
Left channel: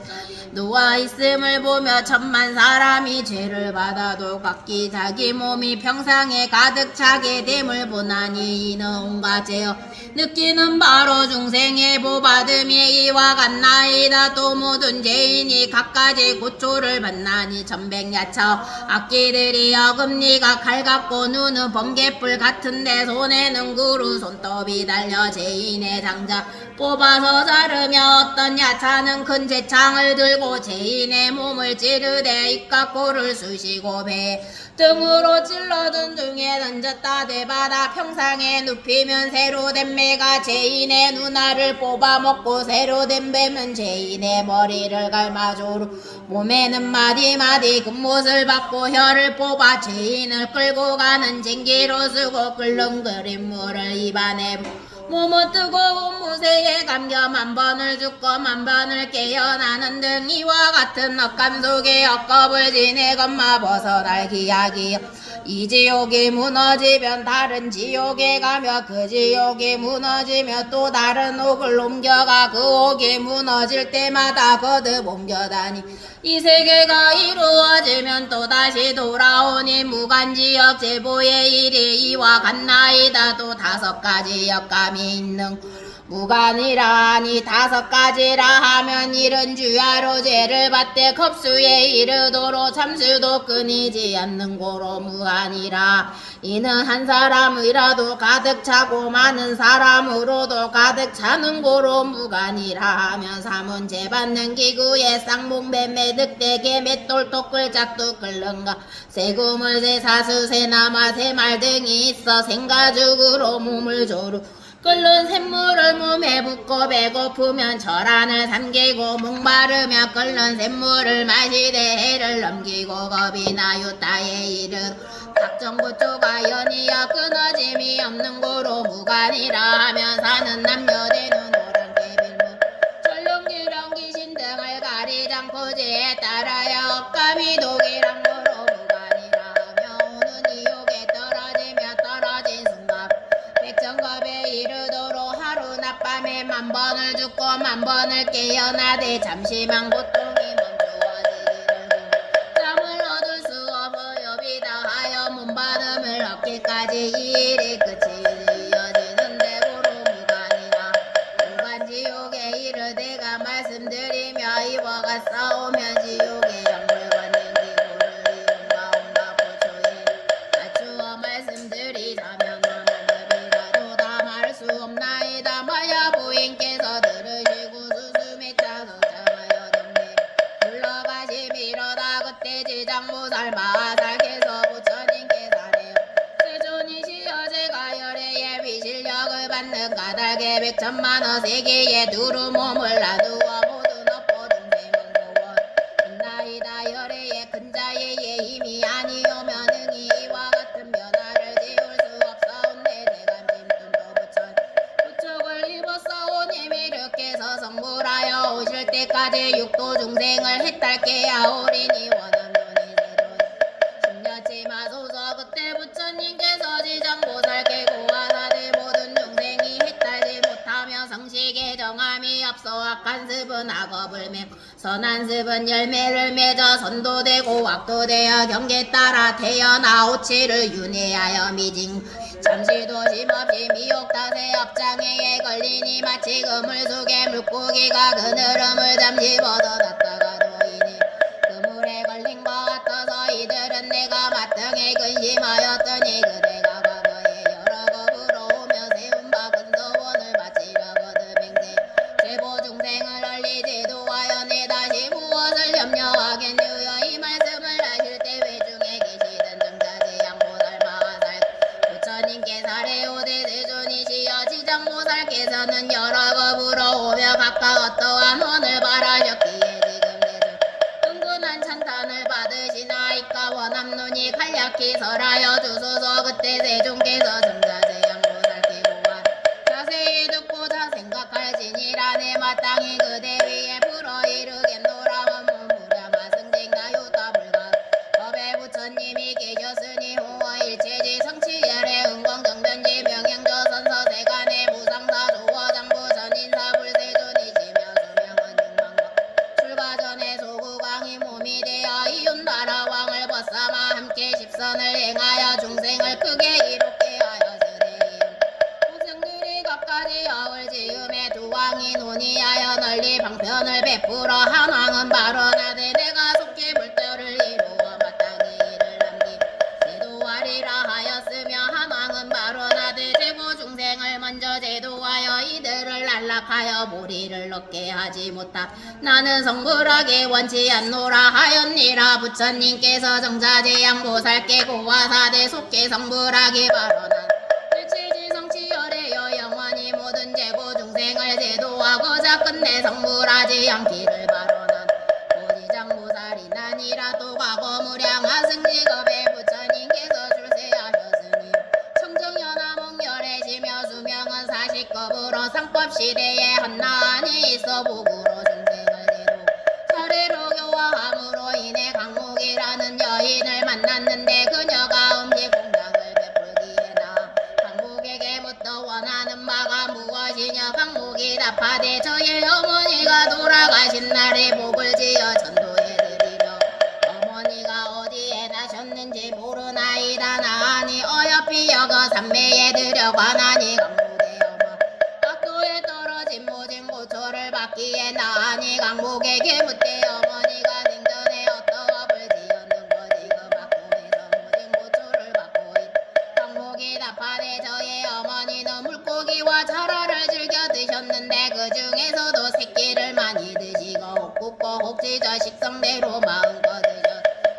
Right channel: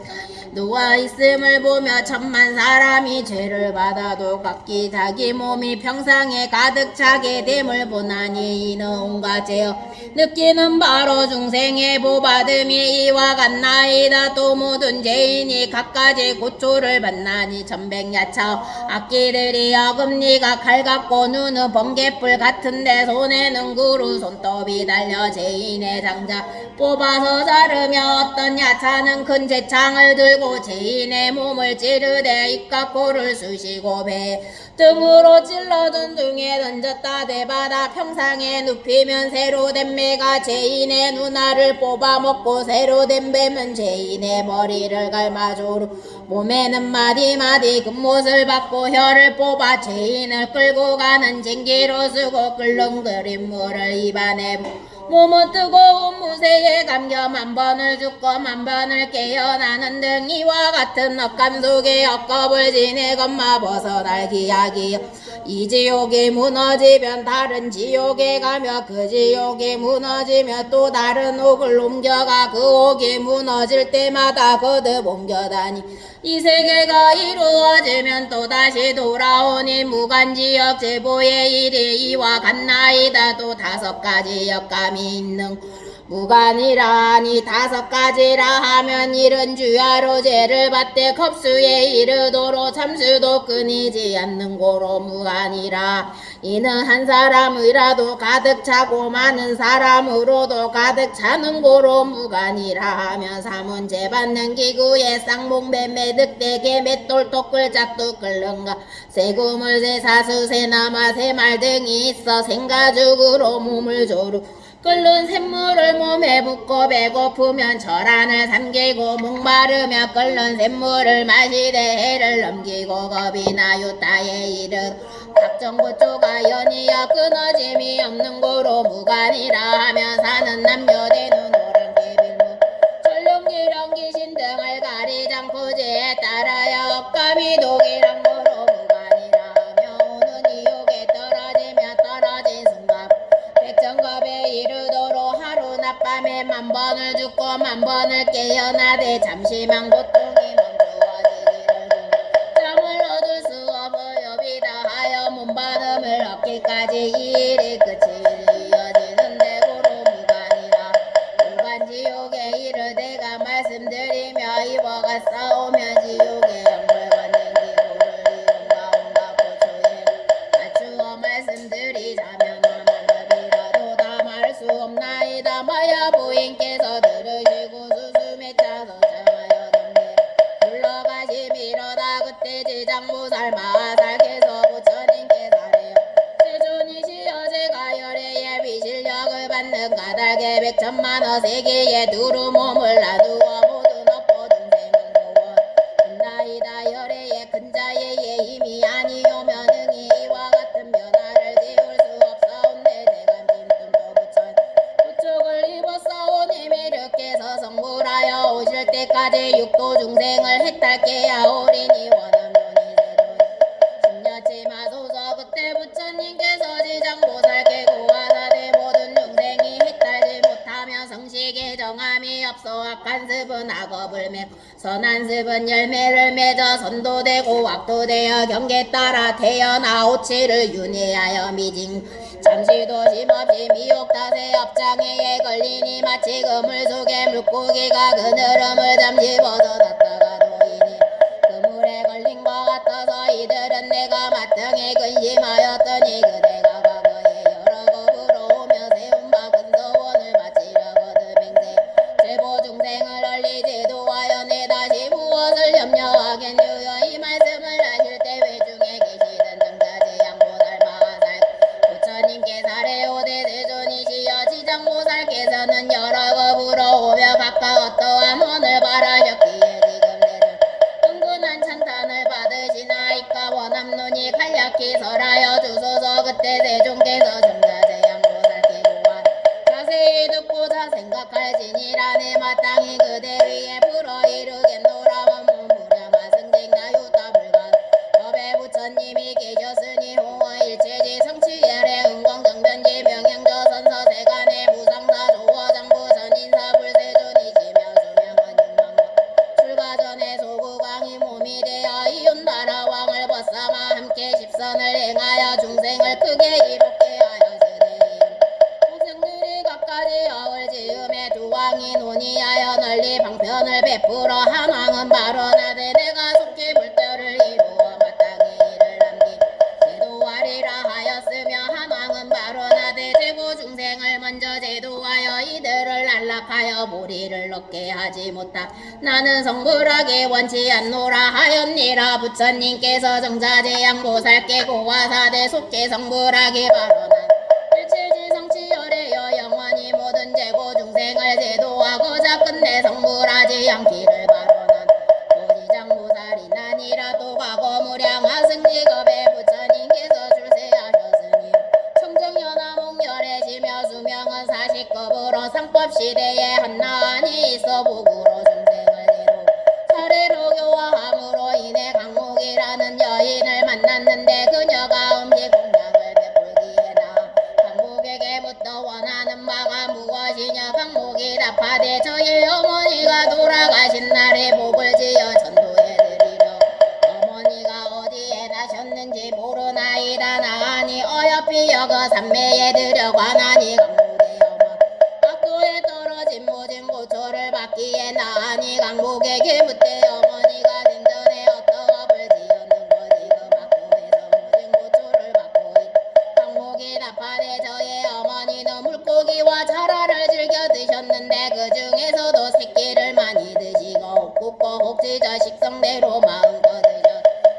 누워있음을 보며 천만 사람이 죄를 받아도 각기 자기 몸이 평상에 가득 차게 됨을 보나니 이는 온갖 죄여 느끼는 바로 중생의 보받음이 이와 같나이다. 또 모든 죄인이 각가지 고초를 받나니 천백야차 악기들이 어금니가 칼 같고 눈은 번개불 같은데 손에는 구루 손톱이 달려 죄인의 장자 뽑아서 자르며 어떤 야차는 큰 재창을 들고 하고 죄인의 몸을 찌르되 입과 코를 쑤시고 배 등으로 찔러둔 중에 던졌다 대바다 평상에 눕히면 새로 된 매가 죄인의 눈알을 뽑아먹고 새로 된 뱀은 죄인의 머리를 갈마조로 몸에는 마디마디 금못을 받고 혀를 뽑아 죄인을 끌고 가는 쟁기로 쓰고 끓는 그린 물을 입안에 몸은 뜨거운 무쇠에 감겨 만번을 죽고 만번을 깨어나는 등 이와 같은 억감 속에 억겁을 지내 건마 벗어날 기약이여 이 지옥이 무너지면 다른 지옥에 가며 그 지옥이 무너지며 또 다른 옥을 옮겨가 그 옥이 무너질 때마다 거듭 옮겨다니 이 세계가 이루어지면 또다시 돌아오니 무간지역 제보의 일이 이와 같나이다. 또 5가지 역감이 있는 무간이라니 5가지라 하면 이른 주야로 죄를 받되 겁수에 이르도록 참수도 끊이지 않는 고로 무간이라 이는 한 사람이라도 가득 차고 많은 사람으로도 가득 차는 고로 무간이라 하며 사문제 받는 기구에 쌍봉뱀매 늑대개 맷돌 토끌 짝도 끓는가 새구물 새사수 새나마 새말 등이 있어 생가죽으로 몸을 조루 끓는 샘물을 몸에 붓고 배고프면 절안을 삼키고 목마르며 끓는 샘물을 마시되 해를 넘기고 겁이 나요 따에 이르 각정부초가 연이어 끊어짐이 없는 고로 무간이라 하면 사는 남녀 되는 오랑캐빌무 전룡기령 귀신 등을 가리지 않고 죄에 따라야 억감이 독이란 고로 무간이라 하며 오는 이욕에 떨어지며 떨어진 순간 백천겁에 이르도록 하루 낮밤에 만번을 죽고 만번을 깨어나되 잠시만 고통이 멈추어지기를 잠을 얻을 수 없어요 비다하여 몸바람을 얻기까지 이 일이 끝이 이어지는데 고로 무간이라 무간지옥에 이르되가 말씀드리며 이와 같사오면 지옥의 영을 받는 기고를 이런가 온가 고초에 맞추어 말씀드리자면 수 없나이다 마야 부인께서 들으시고 수숨에 차서 참하여 덤내 물러가시미로다 그때 지장보살 마살께서 부처님께 사래요 세존이시여 제가 열애의 비실력을 받는 까닭에 100천만원 세계에 두루 몸을 놔두어 모든 업보 중생은 교원 있나이다 열애의 큰 자의 힘이 아니오면 응이 이와 같은 변화를 지울 수 없사온네 부축을 입었사오니 이렇게서 성불하여 오실 때까지 육도 중생을 해탈게 하오리니 원함론이 심려치 마소서 그때 부처님께서 지장보살께 고하사대 모든 중생이 해탈지 못하며 성식에 정함이 없어 악한 습은 악업을 메고 선한 습은 열매를 맺어 선도되고 악도되어 경계 따라 태어나 오치를 윤회하여 미진 잠시도 심없이 미혹 탓에 업장애에 걸리니 마치 그물 속에 물고기가 그늘음을 잠시 벗어났다가 놓이니 그물에 걸린 것 같아서 이들은 내가 마땅히 근심하였더니 그대가 과거에 여러 겁으로 오며 세운 바 근서원을 바치려거든 맹세 제보 중생을 얼리지도 하여 내 다시 무엇을 염려하겠느여 이 말씀을 하실 때 외중에 계시던 정자지 양보살 마하살 부처님께 사례오대 세존이시여 지장보살께서는 여러 겁으로 오며 각각 어떠한 혼을 바라셨기에 지금 세존 은근한 찬탄을 받으시나이까 원함론이 간략히 설하여 주소서 그때 세존께서 정자제 양보살께 고한 자세히 듣고자 생각할지니라 내 마땅히 그대 위에 불어 이르겠노라 원무무자마 승쟁나유타 불가 법에 부처님이 계셨으니 홍어 일체지 성취열의 은광정변지 명행조 선서세간의 무상사 조화장부 전인사 불세존이시며 수명은 육망과 출가 전에 소구광이 몸이 되어 이웃나라 왕을 벗삼아 함께 십선을 행하여 중생을 크게 이롭게 하여주니 중생들이 각가지 역을 지음에 두 왕이 논의하여 널리 방편을 베풀어 한 왕은 발언하되 내가 속히 불도를 이루어 마땅히 이를 남기 제도하리라 하였으며 한 왕은 발언하되 제고 중생을 먼저 제도하여 이들을 안락하여 모리 복기를 얻게 하지 못함. 나는 성불하게 원치 않노라 하였니라. 부처님께서 정자제 양보살께 고화사대 속계 성불하게 발언한 일체지성치열에여 영원히 모든 재고 중생을 제도하고자 끝내 성불하지 않기를 발언한 보지장보살이나니라. 또 과거 무량하승직업에 부처님께서 출세하셨으니 청정연화몽열해지며 수명은 40급으로 상법시대에 한나안이 있어 복으로 중생을 대로 차례로 교화함으로 인해 강목이라는 여인을 만났는데 그녀가 음식 공양을 베풀기에 나 강목에게 묻더 원하는 바가 무엇이냐. 강목이 답하되 저의 어머니가 돌아가신 날에 복을 지어 전도해드리려 어머니가 어디에 나셨는지 모르나이다. 나아니 어여삐 여거 삼매에 들여관하니 강목의 어머 각도에 떨어진 모진 고초를 받기에 나아니 강목에게 묻되 어머니가 생전에 어떤 업을 지었는거지 그 막고에서 모진 고초를 받고 있다. 강목이 답하되 저의 어머니는 물고기와 자라를 즐겨 드셨는데 그 중에서도 새끼를 많이 드시고 혹굽고 혹지저 식성대로 마음껏 드셔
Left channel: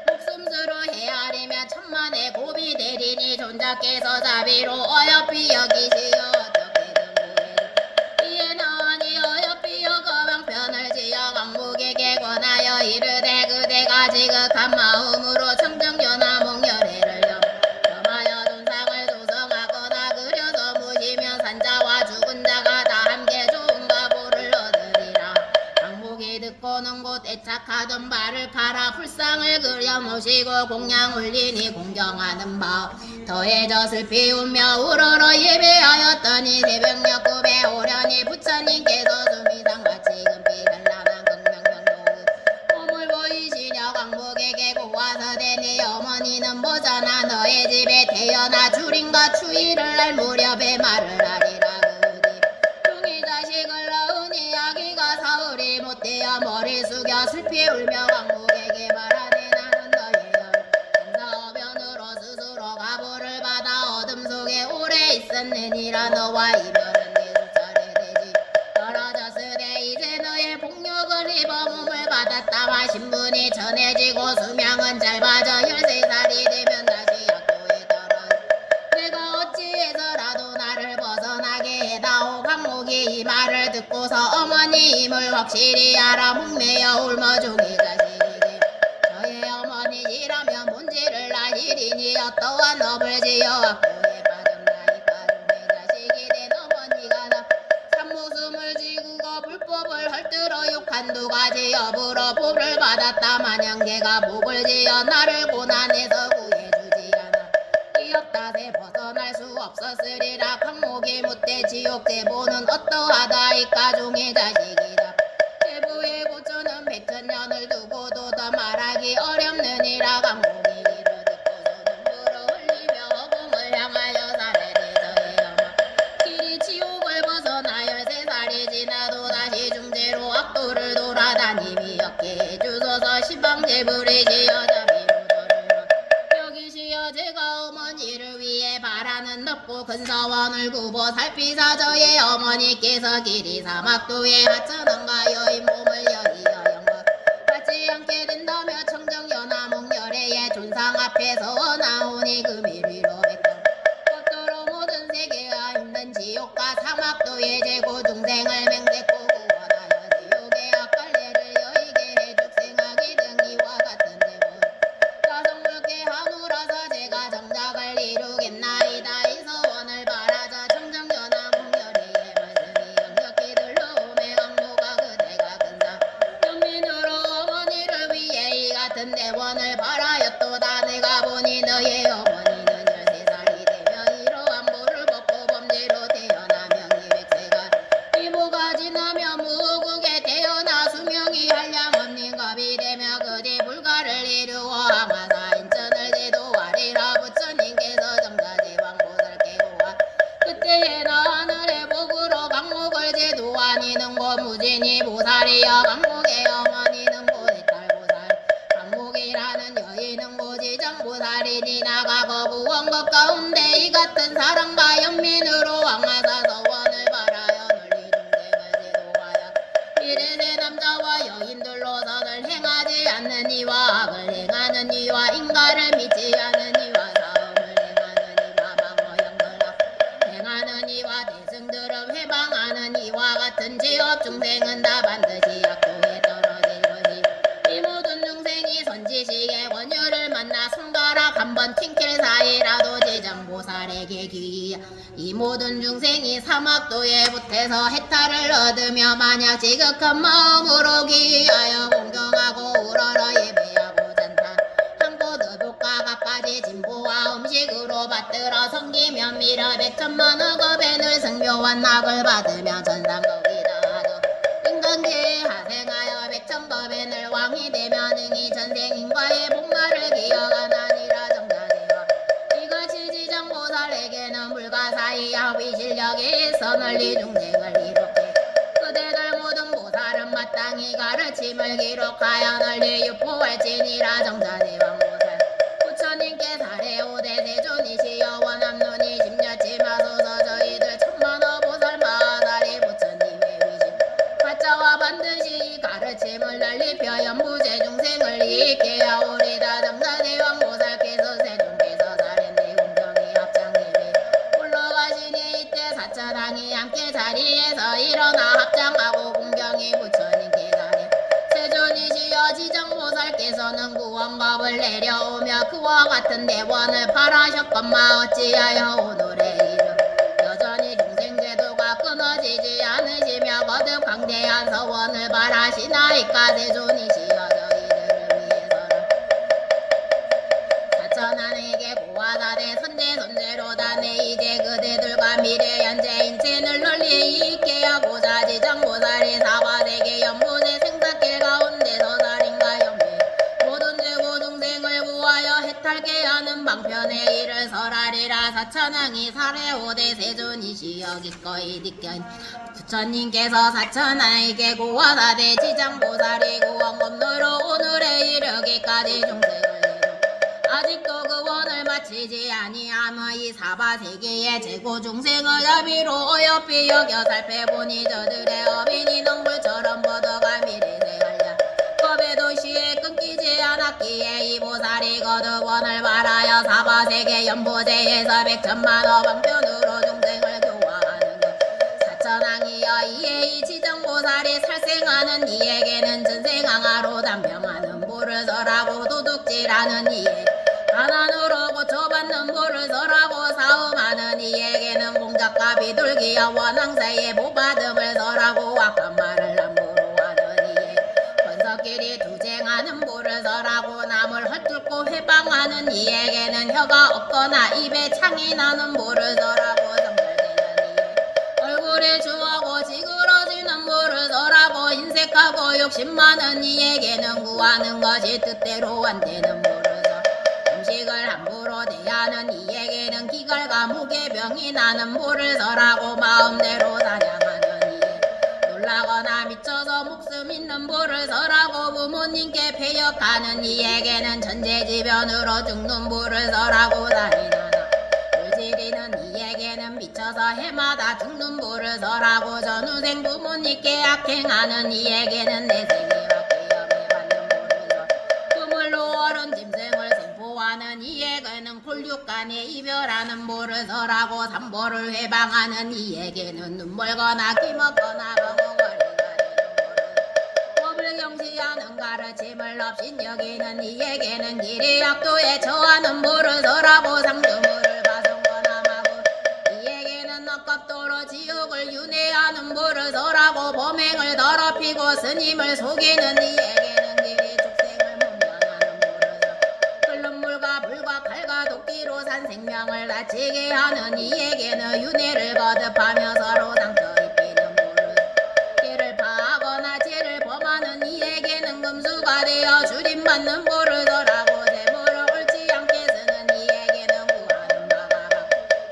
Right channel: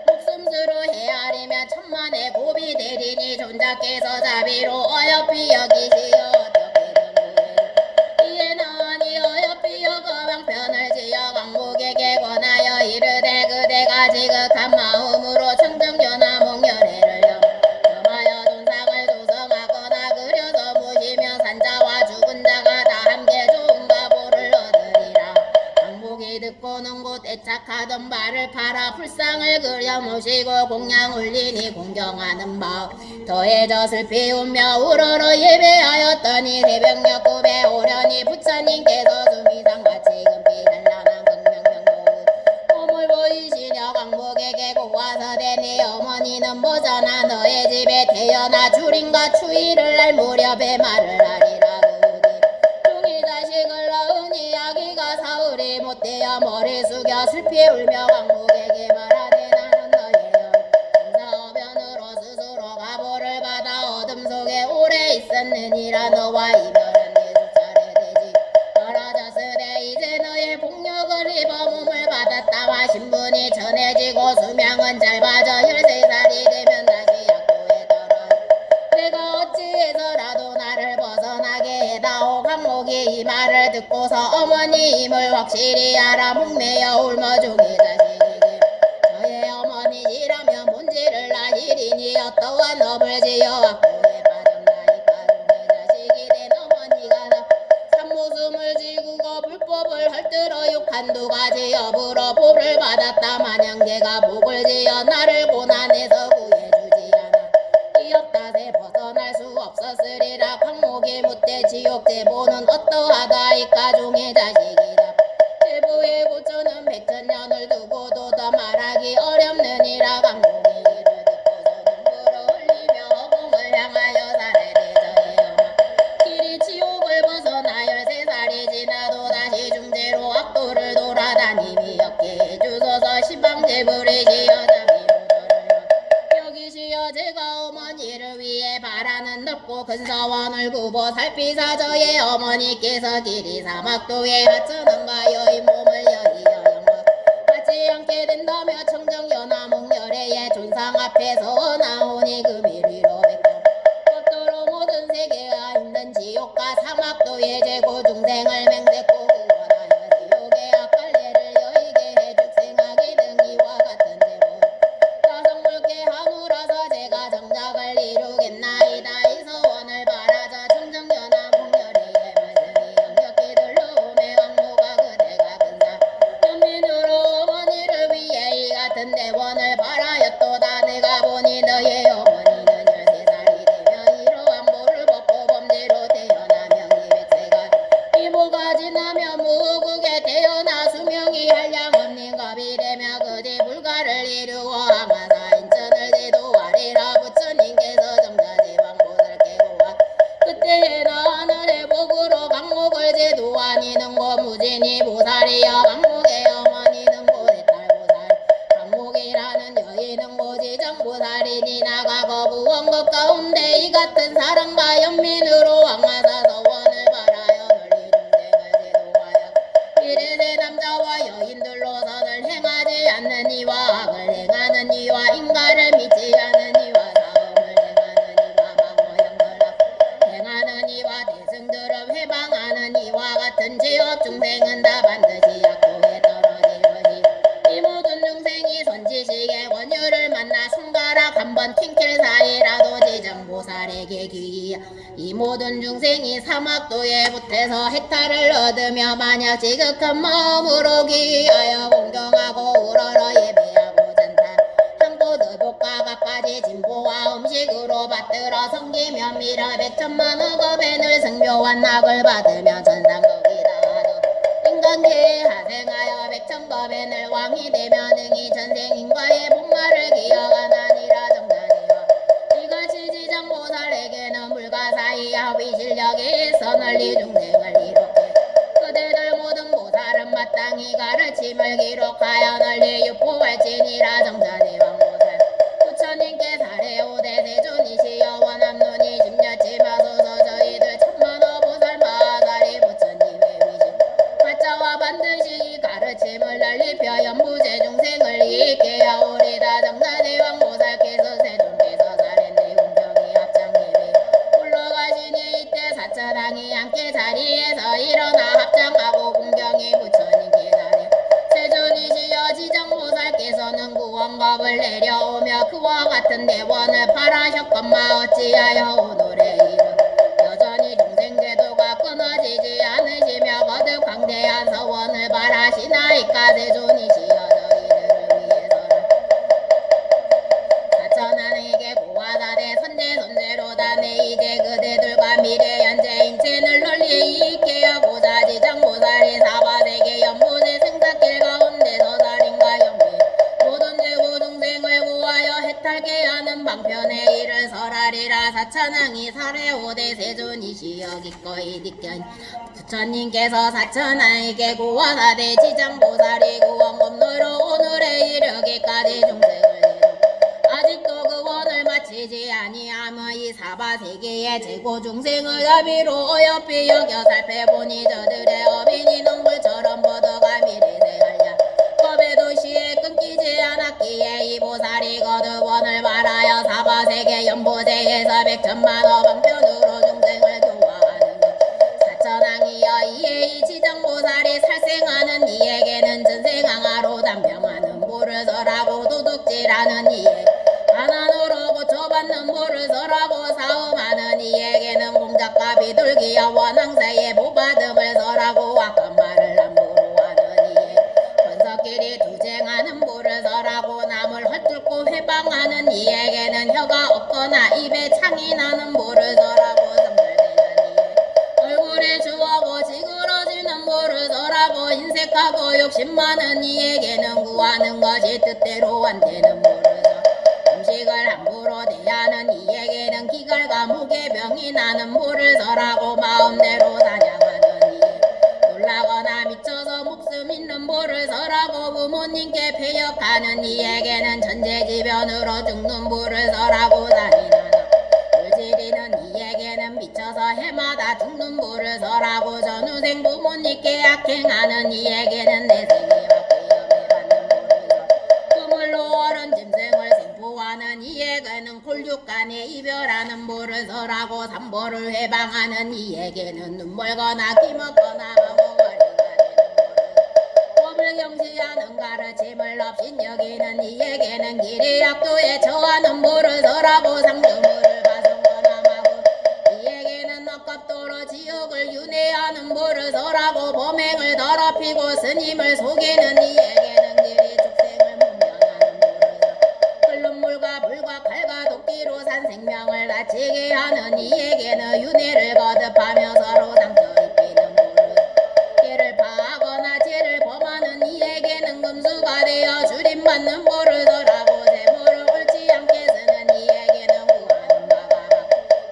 목숨수로 헤아리며 천만의 고비 대리니 존자께서 자비로 어여삐 여기시어 어떻게든 구해 이에 나으니 어여삐 여거 방편을 지어 강목에게 권하여 이르되 그대가 지극한 마음으로 청정연화몽열회를 염하여 돈상을 조성하거나 그려서 모시면 산자와 죽은 자가 다 함께 좋은 가보를 얻으리라. 강목이 듣고는 곧 애착하던 바를 팔아 불상을 그려 모시고 공양 올리니 공경하는 마음 더해져 슬피 울며 우러러 예배하였더니 새벽녘 꿈에 오려니 부처님께서 수미상같이 금빛 찬란한 극명명동은 몸을 보이시려 강목에게 고화서되 네 어머니는 보잖아. 너의 집에 태어나 주림과 추위를 날 무렵에 말을 하리라. 그뒤 중이 자식을 낳으니 아기가 사흘이 못되어 머리 숙여 슬피 울며 강목에게 말하네 나는 너의 정사어변으로 스스로 가보를 받아 어둠 속에 오래 있었느니라. 너와 이별은 네 수차례 되지 떨어졌으되 이제 너의 폭력을 입어 몸을 받았다마 신분이 전해지고 수명은 짧아져 13살이 되면 다시 약도에 떨어 내가 어찌해서라도 나를 벗어나게 해다오. 강목이 이 말을 듣고서 어머니임을 확실히 알아 목매어 울며 종이 자식에게 저의 어머니시라면 문제를 나시리니 어떠한 업을 지어 악도에 빠졌나이까. 종의 자식이 된 어머니가 나 참모숨을 지구고 불법을 헐뜯어 욕한 두 가지 업으로 복을 받았다 마냥 걔가 복을 지어 나를 고난에서 구해주지 않아 이 업탓에 벗어날 수 없었으리라. 강목이 묻되 지옥 제보는 어떠하다이까. 종의 자식이라 제보의 고초는 백천년을 두고도 더 말하기 어렵느니라. 강목이 이를 듣고서 눈물을 흘리며 허공을 향하여 사례되 저의 어머 길이 지옥을 벗어나 13살이 지나도 다시 중대로 악도를 돌아다니미 얻게 해주소서. 시방제불이시여 자비로 저를 여기시여 제가 어머니를 위해 바라는 넓고 큰 서원을 구보 살피사 저의 어머니께서 길이 사막도에 하천원과 여인 몸을 여의여 영광 받지 않게 된다며 청정연화몽열회의 존상 앞에서 나오니 금일 위로 백번 겉도로 모든 세계가 힘든 지옥과 사막도의 재고 중생을 맹세코 구원하여 지옥의 악갈래를 여의게 해 죽생하게 등 이와 같은 재고 자성불쾌 하무라서 제가 정작을 이루겠나이다. 이 서원을 바라자 청정연화몽열회의 말씀이 영적히 들러오매 강모가 그대 세세 남자와 여인들로 선을 행하지 않는 이와 악을 행하는 이와 인가를 믿지 않는 이와 사음을 행하는 이와 망어양을 행하는 이와 대승들을 회방하는 이와 같은 죄업 중생은 다 반드시 악도에 떨어질 것이 이 모든 중생이 선지식의 권유를 만나 손가락 한번 튕길 사이라도 지정보살에게 귀 이 모든 중생이 사막도에 붙어서 해탈을 얻으며 만약 지극한 마음으로 기하여 공경하고 우러러 예배하고 잔타 한곳 의복과 갖가지 진보와 음식으로 받들어 섬기며 미러 백천만 억업엔을 승묘한 학을 받으며 전상거기다 하죠. 인간계에 하생하여 백천법엔을 왕이 되며 능히 전생인과의 복마를 기억하나니라 정자지와 이것이 지정보살에게는 불가사의하 위실력이 있어 널리 중생을 이롭게 그대들 모든 보살은 마땅히 가르침을 기록하여 널리 유포할지니라 정자지왕보살 부처님께 사례오대 세존이시여 원함론이 심려치 마소서 저희들 천만호 보살 마다리 부처님의 위신 가짜와 반드시 가르침을 널리펴 연부제 중생을 이익게 하오리다 정자지왕보살께서 세존께서 사례내 공경이 합장님이 올라가시니 이때 사천왕이 함께 자리에서 일어나 합장하고 공경이 부처님께 다니 세존이시여 지정보살께서는 구원겁을 내려오며 그와 같은 대원을 발하셨건마 어찌하여 오늘의 이름 여전히 중생제도가 끊어지지 않으시며 거듭 강대한 서원을 발하시나이까 세존이시여 저희들을 위해서는 사천왕에게 고하다대 선제선제로다 내 이제 그대들과 미래 현재 인체를 널리 있게 하고자 지정보살이 사바세계 연보제 생사길 가운데서 살인과 연매 모든 죄고 중생을 구하여 해탈게 하는 방편에 이를 설하리라 사천왕이 사례오대 세존이시여 기꺼이 니견 부처님께서 사천왕에게 고하다대 지정보살이 구원검로로 오늘에 이르기까지 중생을 아직도 그 원을 마치지 아니하며 이 사바세계의 재고 중생의 아비로 어여삐 여겨 살펴보니 저들의 어빈이 넝굴처럼 뻗어가 미래세하랴 법의 도시에 끊기지 않았기에 이 보살이 거듭 원을 말하여 사바세계 연보제에서 백천만호 방편으로 중생을 교화하는 것 사천왕이여 이에 이 지정보살이 살생하는 이에게는 전생항하로 단병하는 보를 설하고 도둑질하는 이에 가난으로 고쳐받는 보를 설하고 사음하는 이에게는 공작과 비둘기와 원앙새의 보받음을 설하고 악한 말을 함부로 하는 이에 권석길이 투쟁하는 보를 설하고 남을 헐뜯고 회방하는 이에게는 혀가 없거나 입에 창이 나는 보를 설하고 성불되는 이에 얼굴에 주하고 지그러지는 보를 설하고 인색하고 욕심 많은 이에게는 구하는 것이 뜻대로 안 되는 보를 음식을 함부로 대하는 이에게는 기갈과 무게병이 나는 보를 설하고 마음대로 사냥하는 이에 놀라거나 미쳐서 목숨 있는 보를 설하고 부모님께 폐역하는 이에게는 천재지변으로 죽는 보를 설하고 잔인하나 물질이는 이에게는 미쳐서 해마다 죽는 보를 설하고 전후생 부모님께 악행하는 이에게는 내생애와 계엄에 받는 보를 설 그물로 어른 짐승을 생포하는 이에게는 곤육간에 이별하는 보를 설하고 삼보를 회방하는 이에게는 눈멀거나 기먹거나 방어거리가 되는 법을 경시하는 가르침을 없인 여기는 이에게는 길이 악도에 처하는 보를 설하고 상주물을 가성거나 마구 이에게는 억겁도로 지옥을 윤회하는 보를 설하고 범행을 더럽히고 스님을 속이는 이에게는 길이 축생을 문명하는 보를 끓는 물과 불과 칼과 도끼로 산 생명을 다치게 하는 이에게는 윤회를 거듭하며 서로 상처 입히는 보를 죄를 파하거나 죄를 범하는 이에게는 금수가 되어 줄임받는 보를 설하고 재물을 옳지 않게 쓰는 이에게는 구하는 바가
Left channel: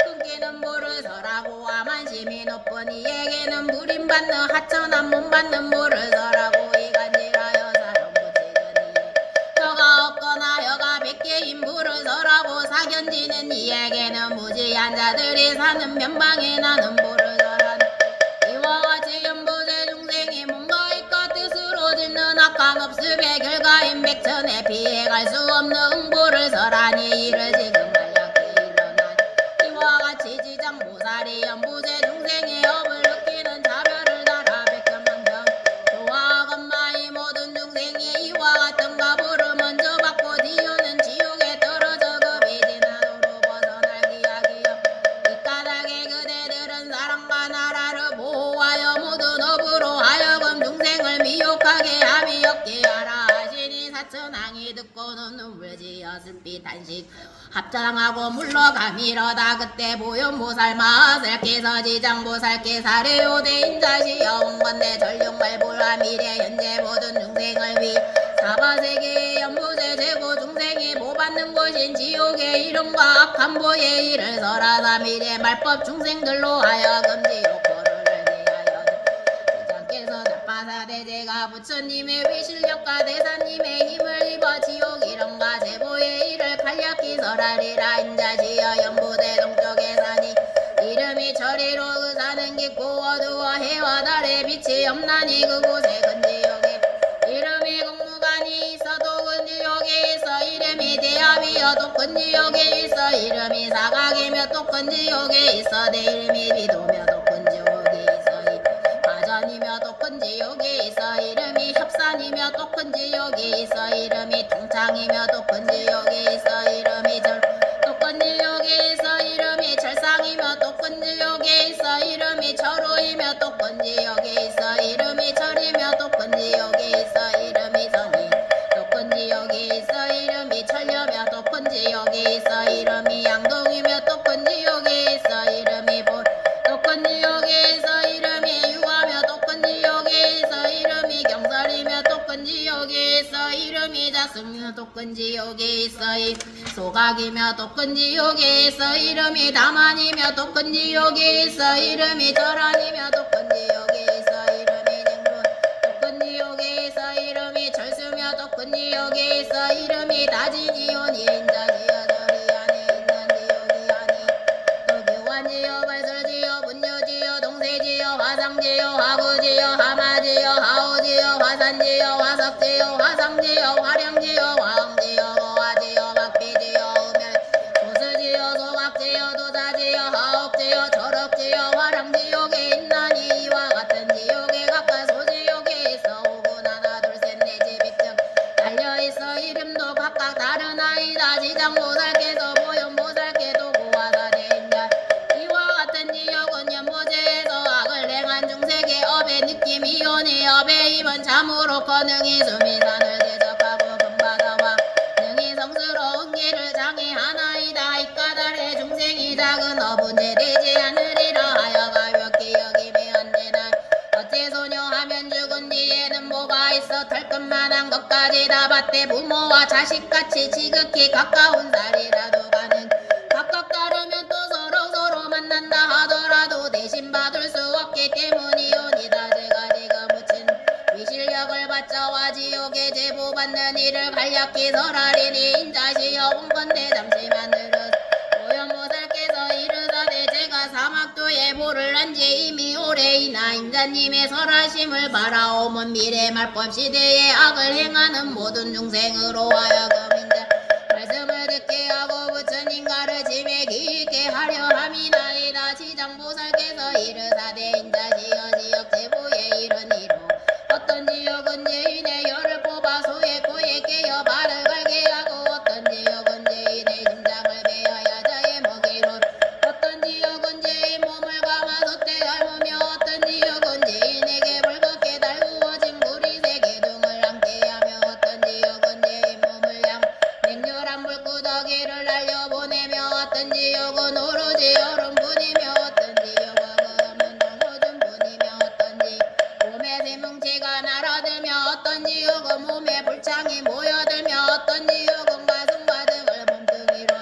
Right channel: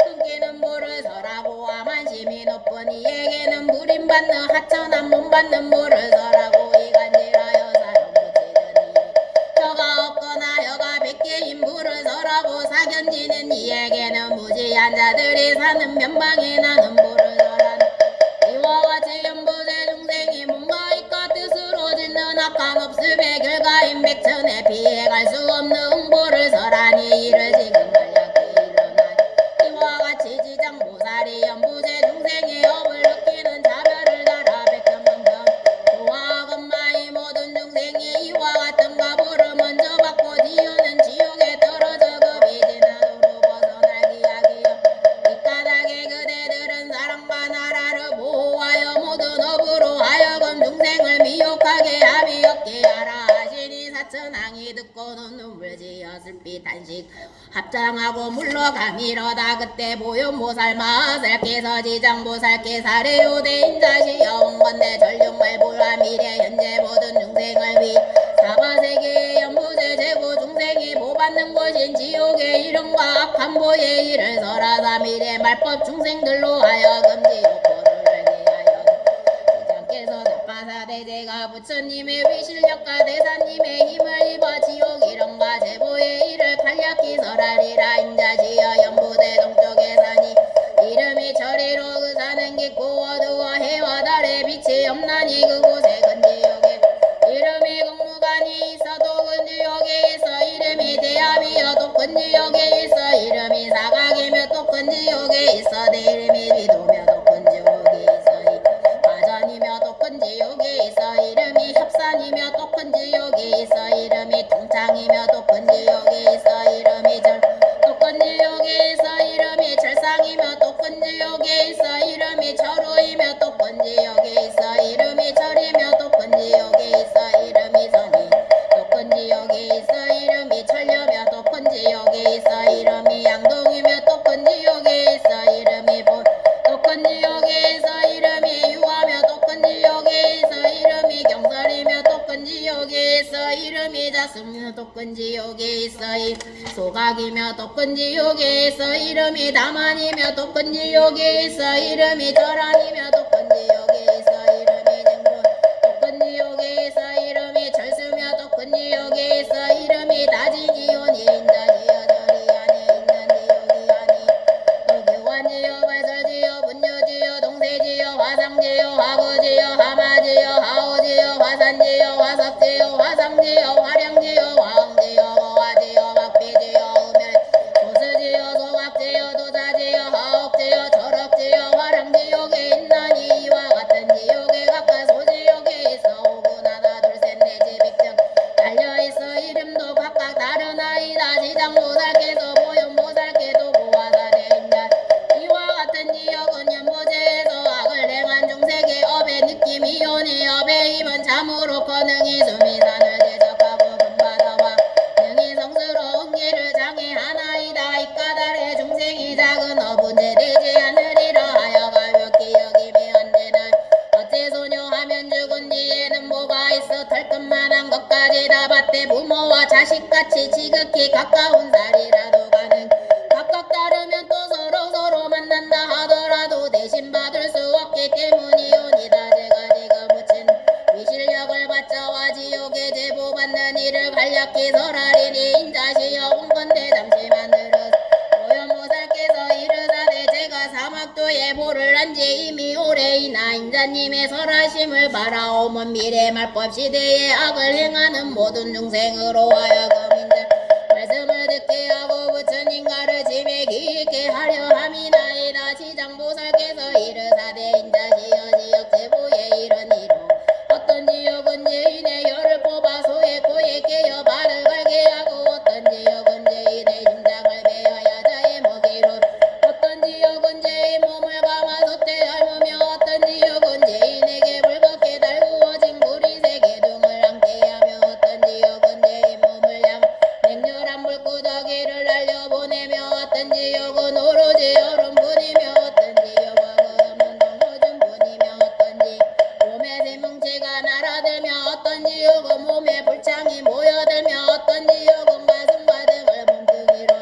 끊기는 보를 설하고 아만심이 높은 이에게는 부림받는 하천한 몸받는 보를 설하고 이간질하여 사람 고치는 이에 혀가 없거나 혀가 100개인 보를 설하고 사견지는 이에게는 무지한 자들이 사는 변방에 나는 보를 설하는 이와 같이 연보제 중생이 뭔가 있고 악한 없음의 결과인 백천에 피해갈 수 없는 응보를 설하니 이를 지금 간략히 일어나니 이와 같이 지장보살이 연부제 중생의 업을 느끼는 자별을 달아 백천만경 교화 건마이 모든 중생이 이와 같은 가보를 먼저 받고 뒤오는 지옥에 떨어져 급이 지나도록 벗어나기 하기요 이 까닭에 그대들은 사랑과 나라를 보호하여 모든 업으로 하여금 중생을 미혹하게 합이 없게 하라 하시니 사천왕이 듣고는 눈물 지어 슬피 단식 합장하고 물러가미러다 그때 보현보살 마하살께서 지장보살께 사례오대 인자시여 온건대 전력말보라 미래 현재 모든 중생을 위 사바세계의 연부제 제고 중생이 보받는 곳인 지옥의 이름과 악한 보의 일을 설하사 미래 말법 중생들로 하여금 지옥보를 알게 하여 지장께서 나빠사대제가 부처님의 위실력과 대사님의 힘을 입어 지옥 이름과 제보의 일을 간략히 설하리라 인자시여 연부대 동쪽에 사니 이름이 저리로 그 사는 깊고 어두워 해와 달의 빛이 없나니 그곳에 근지옥에 이름이 공무관이 있어도 근지옥에 있어 이름이 대합이여 또 근지옥에 있어 이름이 사각이며 또 근지옥에 있어 내 이름이 비도며 또 근지옥에 있어 가전이며 또 근지옥에 있어 이름이 협산이며 또 근지옥에 있어 이름이 통창이며 또 근지옥에 있어 이름이 또 근지옥에 있어 이름이 철상이며 또 근지옥에 있어 이름이 철우이며 또 근지옥에 있어 이름이 철이며 또 근지옥에 있어 이름이 선이 또 근지옥에 있어 이름이 철려며 또 근지옥에 있어 이름이 양동이며 또 근지옥에 있어 이름이 또 근지옥에 있어 이름이 유하며 또 근지옥에 있어 이름이 경설이며 또 근지옥에 있어 이름이 자수며 또 근지옥에 있어 이 소각이며 또 근지옥에 있어 이름이 다만이며 또 근지옥에 있어 이름이 절안이며 또 근지옥에 있어 이름이 냉문 또 근지옥에 있어 이름이 철수며 또 근지옥에 있어 이름이 다지지온이 인자지어 저리하네 인난지옥이 하니 또 교환지어 발설지어 분유지어 동세지어 화상지어 화구지어 하마지어 하오지어 화산지어 화석지어 화상지어 화량지어 화흥지어 거화지어 박비지어 음열 소스지어 소각지어 도자지어 하옥지어 철업지어 화량지옥에 있나니 이와 같은 지옥에 각각 소지옥에 있어 오군 하나 둘셋넷 지백정 달려있어 이름도 각각 다른 아이다 지장보살께서 보현보살께도 고화사대인자 이와 같은 지옥은 연보제에서 악을 행한 중생의 업의 느낌이 오니 업의 힘은 참으로 커능이 수미산을 대적하고 금바다와 능히 성스러운 길을 장애하나이다 이 까닭에 중생이 작은 업은 제되지 않으리라 하여 가볍게 여기면 안되나 어째 소녀하면 죽은 뒤에는 뭐가 있어 털끝만한 것까지 다 받되 부모와 자식같이 지극히 가까운 살이라도 가는 각각 다르면 또 서로 만난다 하더라도 대신 받을 수 없기 때문이오니다 제가 지금 묻힌 위실력을 받자와 지옥에 제보받는 일을 간략히 설하리니 인자시여 온건대 잠시만 들으 보현보살께서 이르사대 제가 사막도에 보를 한지 이미 오래이나 인자님의 설하심을 바라오면 미래 말법 시대에 악을 행하는 모든 중생으로 하여금 인자 말씀을 듣게 하고 부처님 가르침에 기있게 하려 함이나이다 지장보살께서 이르사대 인자시여 지역 제보에 이르니로 어떤 지역은 죄인의 열을 뽑아 소에 고에 깨어 발을 갈게 하고 어떤 지역은 죄인의 심장을 베어야 자의 먹이로 어떤 지역은 죄인 몸을 감아서 때 닮으며 어떤 지역은 죄인에게 불겁게 달구어진 물이 세계 등을 함께하며 어떤 지역은 죄인 몸을 향 냉렬한 물구더기를 날려보내며 어떤 지역은 오로지 얼음뿐이며 어떤 지역은 없는 동호준뿐이며 어떤지 몸에 세뭉치가 날아들며 어떤 지역은 몸에 불창이 모여들며 어떤 지역은 가슴과 등을 몸뚱이로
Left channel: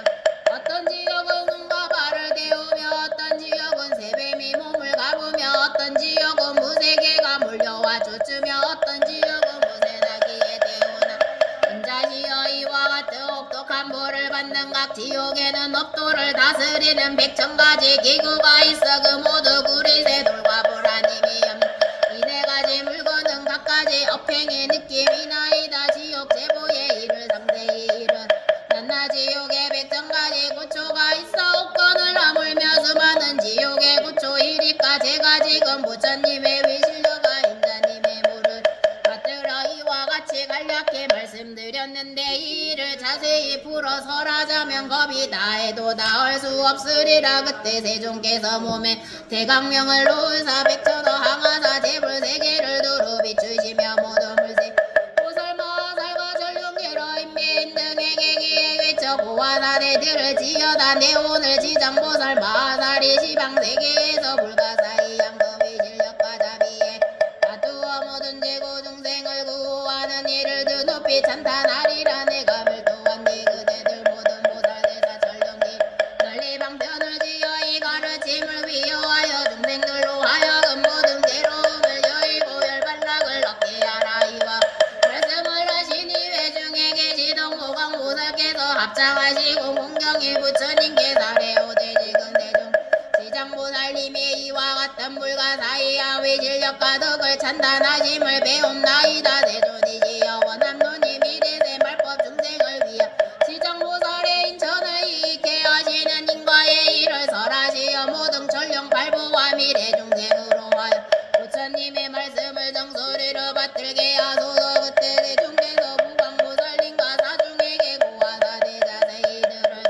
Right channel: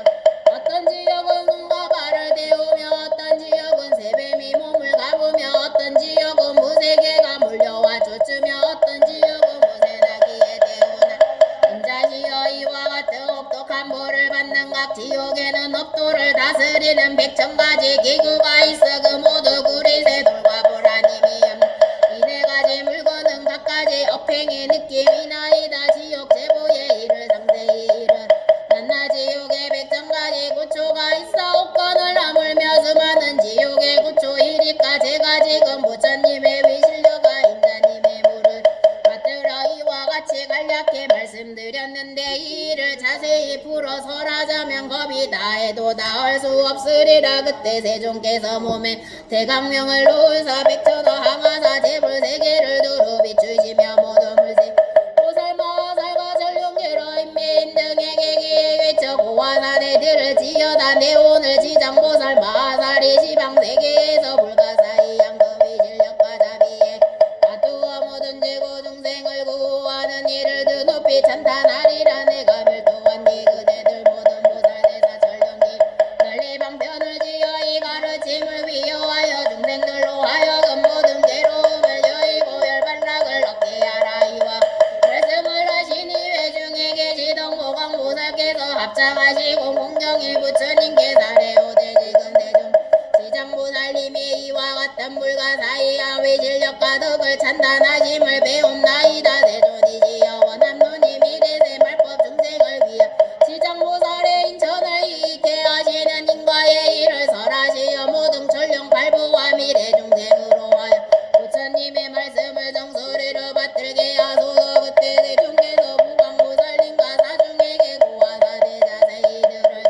어떤 지역은 눈과 발을 데우며 어떤 지역은 새뱀이 몸을 가부며 어떤 지역은 무쇠개가 몰려와 쫓으며 어떤 지역은 무쇠나기에 데우나 인자시여 이와 같은 혹독한 벌을 받는 각 지옥에는 업도를 다스리는 100,000가지 기구가 있어 그 모두 구리새 돌과 보라님이 이 네 가지 물건은 각가지 업행의 느낌이나이다. 지옥 제보의 일을 상세히 일은 난나 지옥에 백천가지 구초가 있어 옥건을 나물며 수많은 지옥의 구초 이리까 제가 지금 부처님의 위실려가 인자님의 물을 받들어 이와 같이 간략히 말씀드렸는데 이 일을 자세히 풀어설하자면 겁이 다해도 다할 수 없으리라. 그때 세종께서 몸에 대강명을 놓으사 백천어 항하사 재불 세계를 두루 비추시며 모든 물세 보살마살과 전룡계로 인매인 등에게 기에 외쳐 고화사대들을 지어다 내 오늘 지장보살 마살이 시방세계에서 불가사의 양급의 실력과 자비에 다투어 모든 죄고 중생을 구하는 이를 드 높이 찬탄하리라. 내가 밀도한 이 그대들 모든 보살대사 전령기 널리 방편을 지어 이 가르침을 위여하여 중생들로 하여금 모든 괴로움을 여의고 열반락을 얻게 하라. 이와 말씀을 하시니 회중에 계시던 보강보살께서 합장하시고 공경이 부처님께 사례오되 지금 대중 지장보살님이 이와 같은 불가사의한 위실력과 덕을 찬탄하심을 배움나이다. 대존이시여 원함론이 미래세 말법 중생을 위하 지장보살의 인천을 이익해 하시는 인과의 일을 설하시어 모든 전령 발부와 미래 중생으로 하여 부처님의 말씀을 정소리로 받들게 하소서. 그때 대중께서 무광보살님과 사중에게 고하사대 자세히 들을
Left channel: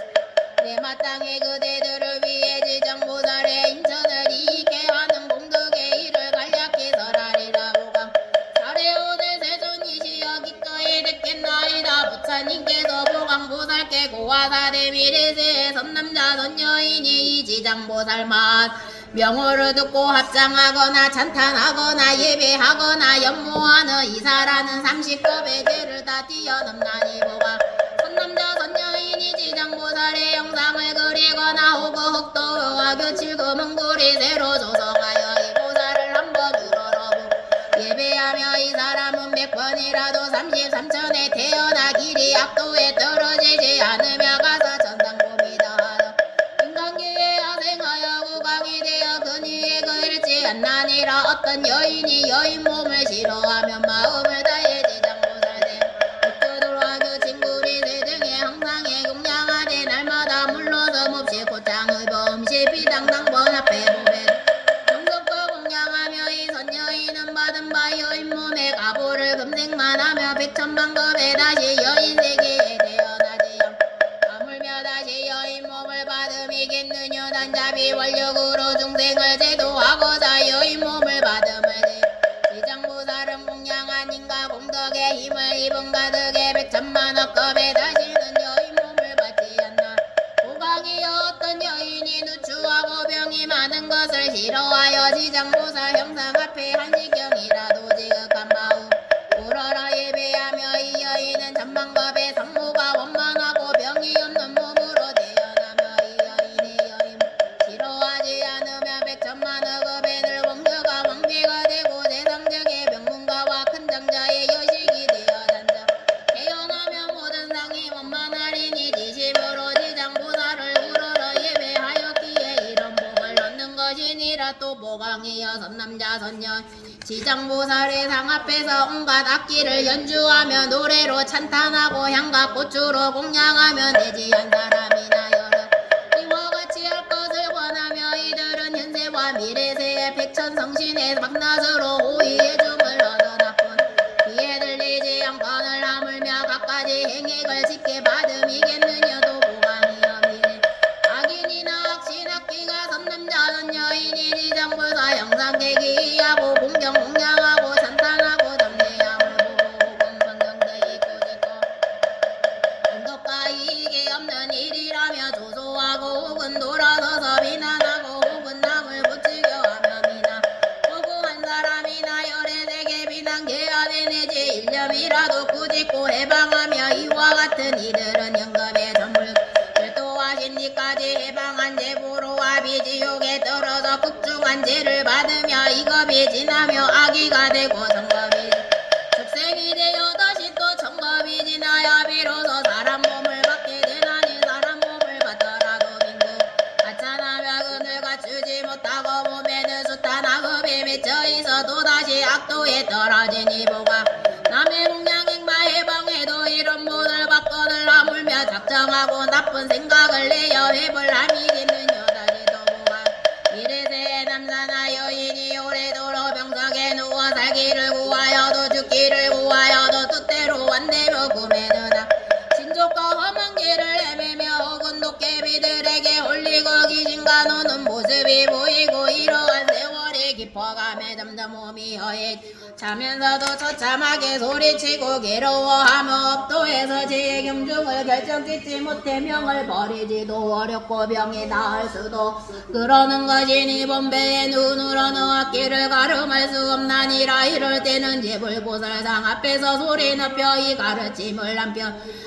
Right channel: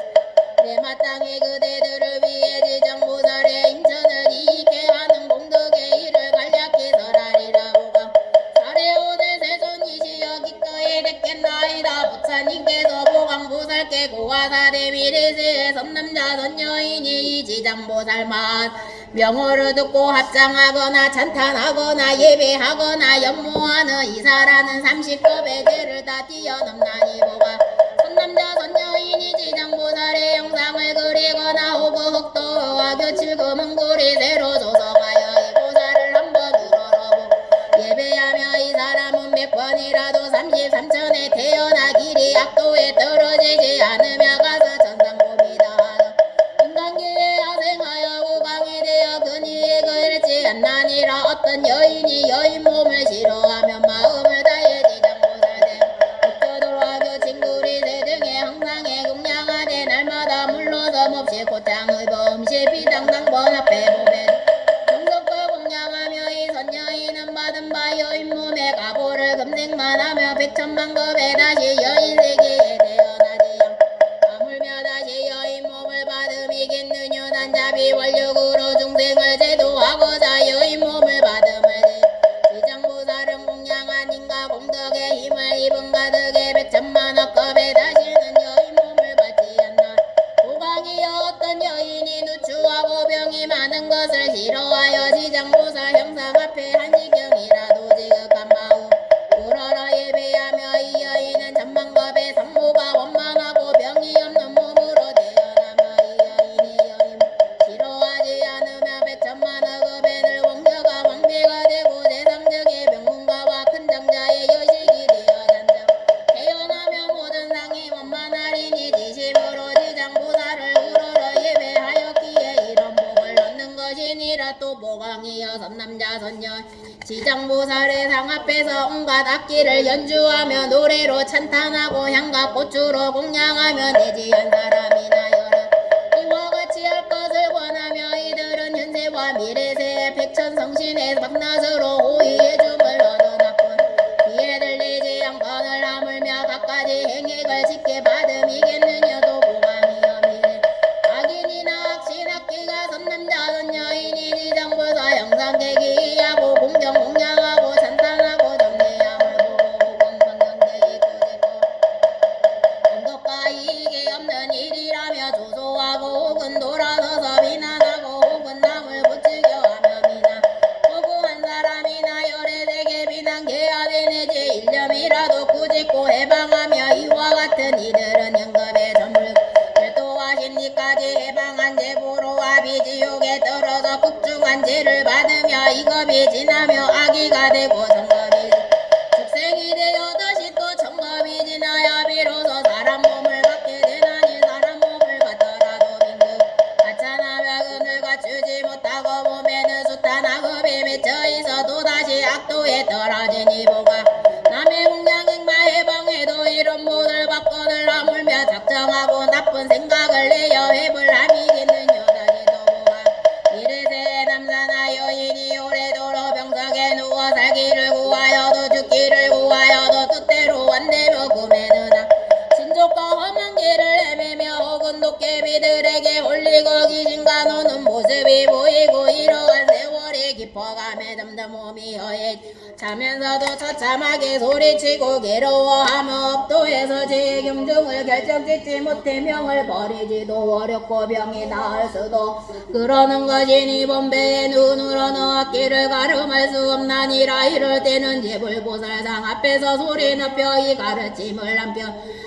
내 마땅히 그대들을 위해 지장보살의 인천을 이익해 하는 공덕의 일을 간략히 설하리라. 무광 사례오대 세존이시여 기꺼이 듣겠나이다. 부처님께서 보광보살께 고하사대 미래세의 선남자 선여인이 이 지장보살만 명호를 듣고 합장하거나 찬탄하거나 예배하거나 연모하는 이사라는 30급의 죄를 다 뛰어넘나니 보가 선남자 선여인이 지장보살의 영상을 그리거나 혹은 흑도와 교칠 금은고리 새로 조성하여 이 보살을 한번 우러러보 예배하며 이 사람은 100번이라도 33천에 태어나 길이 악도에 떨어지지 않으며 가서 천상고비다 하여 인간계에 하생하여 국왕이 되어 근위에 그을지 않나니라. 어떤 여인이 여인 몸을 싫어하면 마음을 다해 지장보살대 옥교돌과 교친구리세 등의 항상에 공양하되 날마다 물러서 몹시 고창의 범시 비당당 번합해 보배 정석과 공양하며 이 선여인은 받은 바 여인 몸에 가보를 금생만 하며 백천만급에 다시 여인 세계에 태어나지 아물며 다시 여인 몸을 받음이겠느냐. 단자비 원력으로 중생을 제도하고자 여인 몸을 받음을 지장보살은 공양한 인과 공덕의 힘을 입은 가득의 백천만억급에 다시는 여인 몸을 받지 않나. 고강이여 어떤 여인이 누추하고 병이 많은 것을 싫어하여 지장보살 형상 앞에 한시경이라도 지극한 마음 우러러 예배하며 이 여인은 천만급의 성모가 원만하고 병이 없는 몸으로 태어나며 이 여인이 여인 싫어하지 않으면 백천만억급에 늘 왕자가 왕비가 되고 세상적의 명문가와 큰 장자의 여식이 되어 단정 태어나며 모든 상이 원만하리니 지심으로 지장보살을 우러러 예배하였기에 이런 복을 얻는 것이니라. 또 보강이여 선남자 선녀 지장보살의 상 앞에서 온갖 악기를 연주하며 노래로 찬탄하고 향과 꽃주로 공양하며 내지한 사람이나 여러 이와 같이 할 것을 원하며 이들은 현세와 미래세의 백천성신의 밤낮으로 호의의 중을 얻어놨군 귀에 들리지 않건을 하물며 갖가지 행액을 짓게 받음이겠느냐. 도 보강이여 미래 악인이나 악신 악기가 선남자 선여인이 지장보살 영상계 기하고 공경 공양하고 찬탄하고 덤례함을 보고 공성경계 이꾸짓고 공덕과 이익이 없는 일이라며 조소하고 혹은 돌아서서 비난하고 혹은 남을 부추겨하며 비난 혹은 한 사람이나 열애되게 비난해야 되내지 일념이라도 꾸짖고 해방하며 이와 같은 이들은 영겁의 전물 별도하신 이까지 해방한 제보로 아비지옥에 떨어져 극중한 죄를 받으며 이겁이 지나며 악이가 되고 성겁이 축생이 되어 다시 또 천겁이 지나야 비로소 사람 몸을 받게 되나니. 사람 몸을 받더라도 빈국 가찬하며 근을 갖추지 못하고 몸에는 숱한 악업에 맺혀 있어 또다시 악도에 떨어지니 보가 자면서도 처참하게 소리치고 괴로워하며 업도에서 제 경중을 결정짓지 못해 명을 버리지도 어렵고 병이 나을 수도 그러는 것이니 본배의 눈으로 너와 길을 가름할 수 없나니라. 이럴 때는 제불보살상 앞에서 소리 높여 이 가르침을 남겨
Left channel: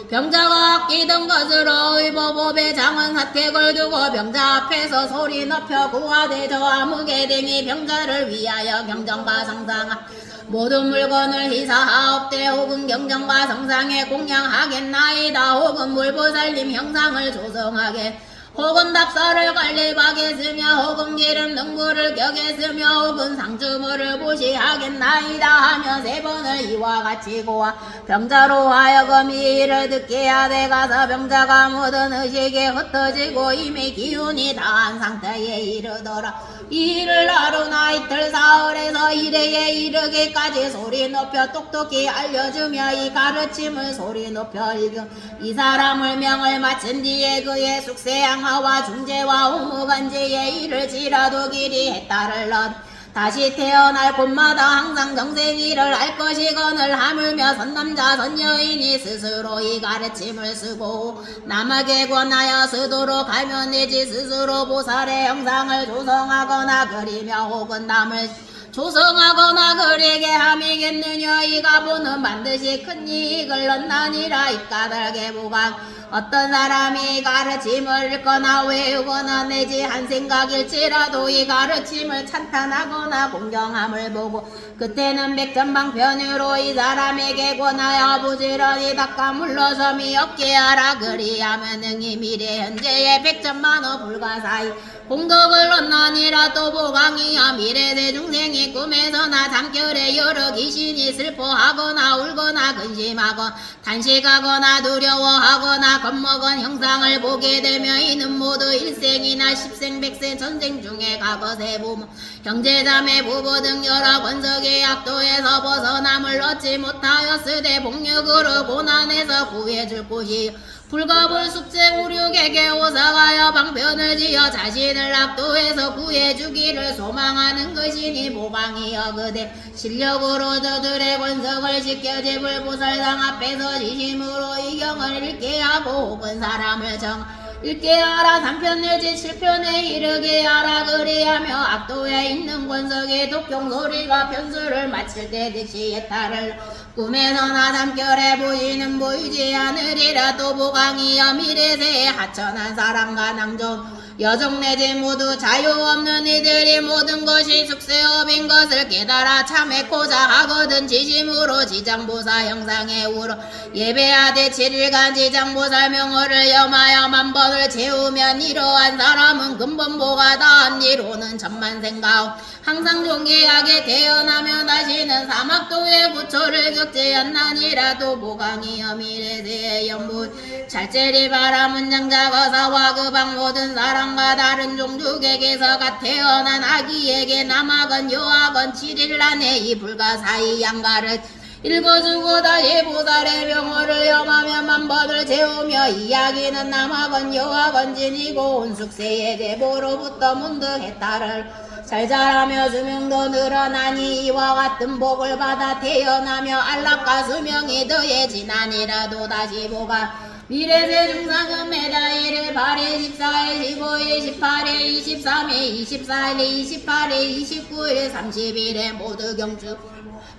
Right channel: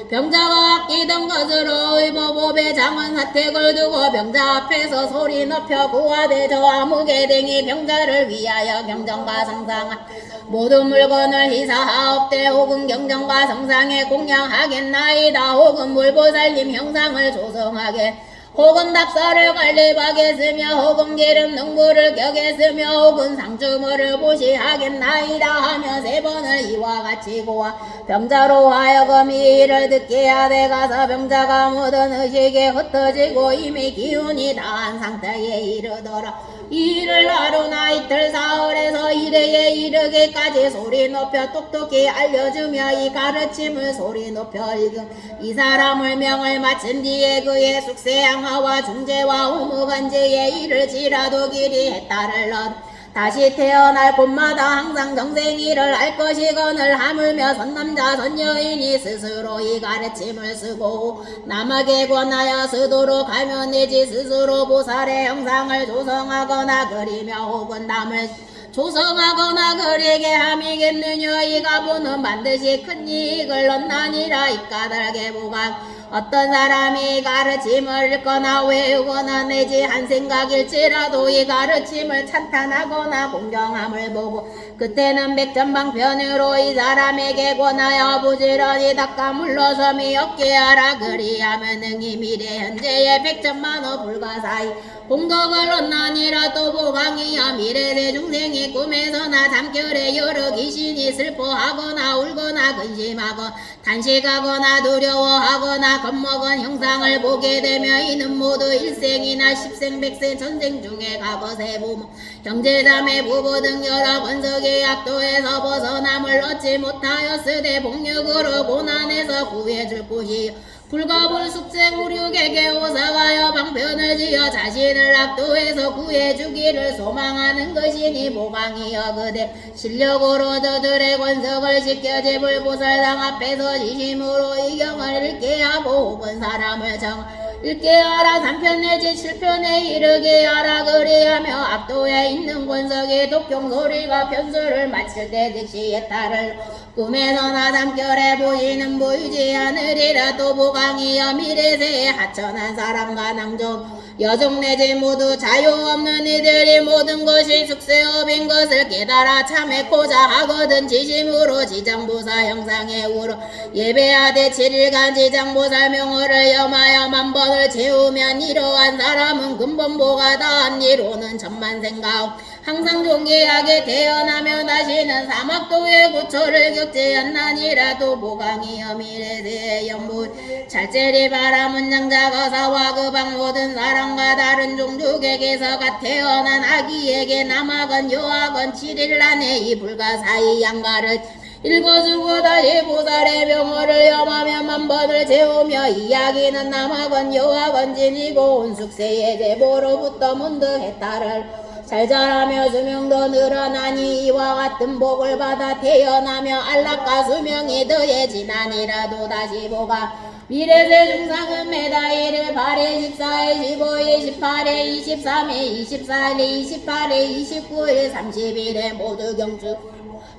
병자가 아끼던 것으로 의보법의 장은 사택을 두고 병자 앞에서 소리 높여 구하되 저 아무개 등이 병자를 위하여 경전과 성상 모든 물건을 희사하옵되 혹은 경전과 성상에 공양하겠나이다. 혹은 물보살님 형상을 조성하게 혹은 닭살을 관리하겠으며 혹은 기름 능구를 격겠으며 혹은 상주물을 보시하겠나이다 하며 세 번을 이와 같이 고하 병자로 하여금 이 일을 듣게 하되 가서 병자가 모든 의식에 흩어지고 이미 기운이 다한 상태에 이르더라. 이 일을 하루나 이틀 사흘에서 이래에 이르기까지 소리 높여 똑똑히 알려주며 이 가르침을 소리 높여 읽음 이 사람을 명을 마친 뒤에 그의 숙세양하와 중재와 우무간제에 이를지라도 길이 해탈을 얻 다시 태어날 곳마다 항상 정생이를 알 것이거늘 하물며 선남자 선여인이 스스로 이 가르침을 쓰고 남에게 권하여 쓰도록 하면 되지 스스로 보살의 형상을 조성하거나 그리며 혹은 남을 조성하거나 그에게 함이겠느냐. 이 가보는 반드시 큰 이익을 얻나니라. 이 까닭에 보강 어떤 사람이 가르침을 읽거나 외우거나 내지 한 생각일지라도 이 가르침을 찬탄하거나 공경함을 보고 그때는 백전방편으로 이 사람에게 권하여 부지런히 닦아 물러섬이 없게 하라. 그리하면 능히 미래 현재의 백전만호 불가사의 공덕을 얻나니라. 또 보강이여 미래세 중생이 꿈에서나 잠결에 여러 귀신이 슬퍼하거나 울거나 근심하고 단식하거나 두려워하거나 겁먹은 형상을 보게 되며 이는 모두 일생이나 십생 백생 전생 중에 과거세 부모 형제자매 부부 등 여러 권석의 악도에서 벗어남을 얻지 못하였으되 복력으로 고난에서 구해줄 곳이요 불가불숙제 우륙에게 오사가여 방편을 지어 자신을 악도에서 구해주기를 소망하는 것이니 보강이여 그대 실력으로 저들의 권석을 지켜 제불보살상 앞에서 지심으로 이 경을 읽게 하고 혹은 사람을 정 읽게 하라. 3편 내지 7편에 이르게 하라. 그리하며 악도에 있는 권석의 독경 소리가 편수를 마칠 때 득시 해탈을 꿈에서나 잠결에 보이는 보이지 않으리라. 또 보강이여 미래세에 하천한 사람과 낭종 여종 내지 모두 자유 없는 이들이 모든 것이 숙세업인 것을 깨달아 참회코자 하거든 지심으로 지장보살 형상에 우러 예배하되 7일간 지장보살 명호를 염하여 만번을 채우면 이러한 사람은 근본보가 다한 이로는 천만생가오 항상 존귀하게 태어나며 다시는 사막도의 고초를 겪지 않나니라도 보강이여 미래세의 연부 잘제리 바라문 장자 거사와 그방 모든 사람과 다른 종족에게서가 태어난 아기에게 남학은 여학은 7일 안에 이 불가사의 양가를 읽어주고 다시 보살의 명호를 염하며 만법을 채우며 이야기는 남학은 여학은 지니고 온 숙세의 제보로부터 문득 해탈을 잘 자라며 수명도 늘어나니 이와 같은 복을 받아 태어나며 안락과 수명이 더해지나니라도 다시 보가 미래세 중상은 매달 1일 8일 14일 15일 18일 23일 24일 28일 29일 30일에 모두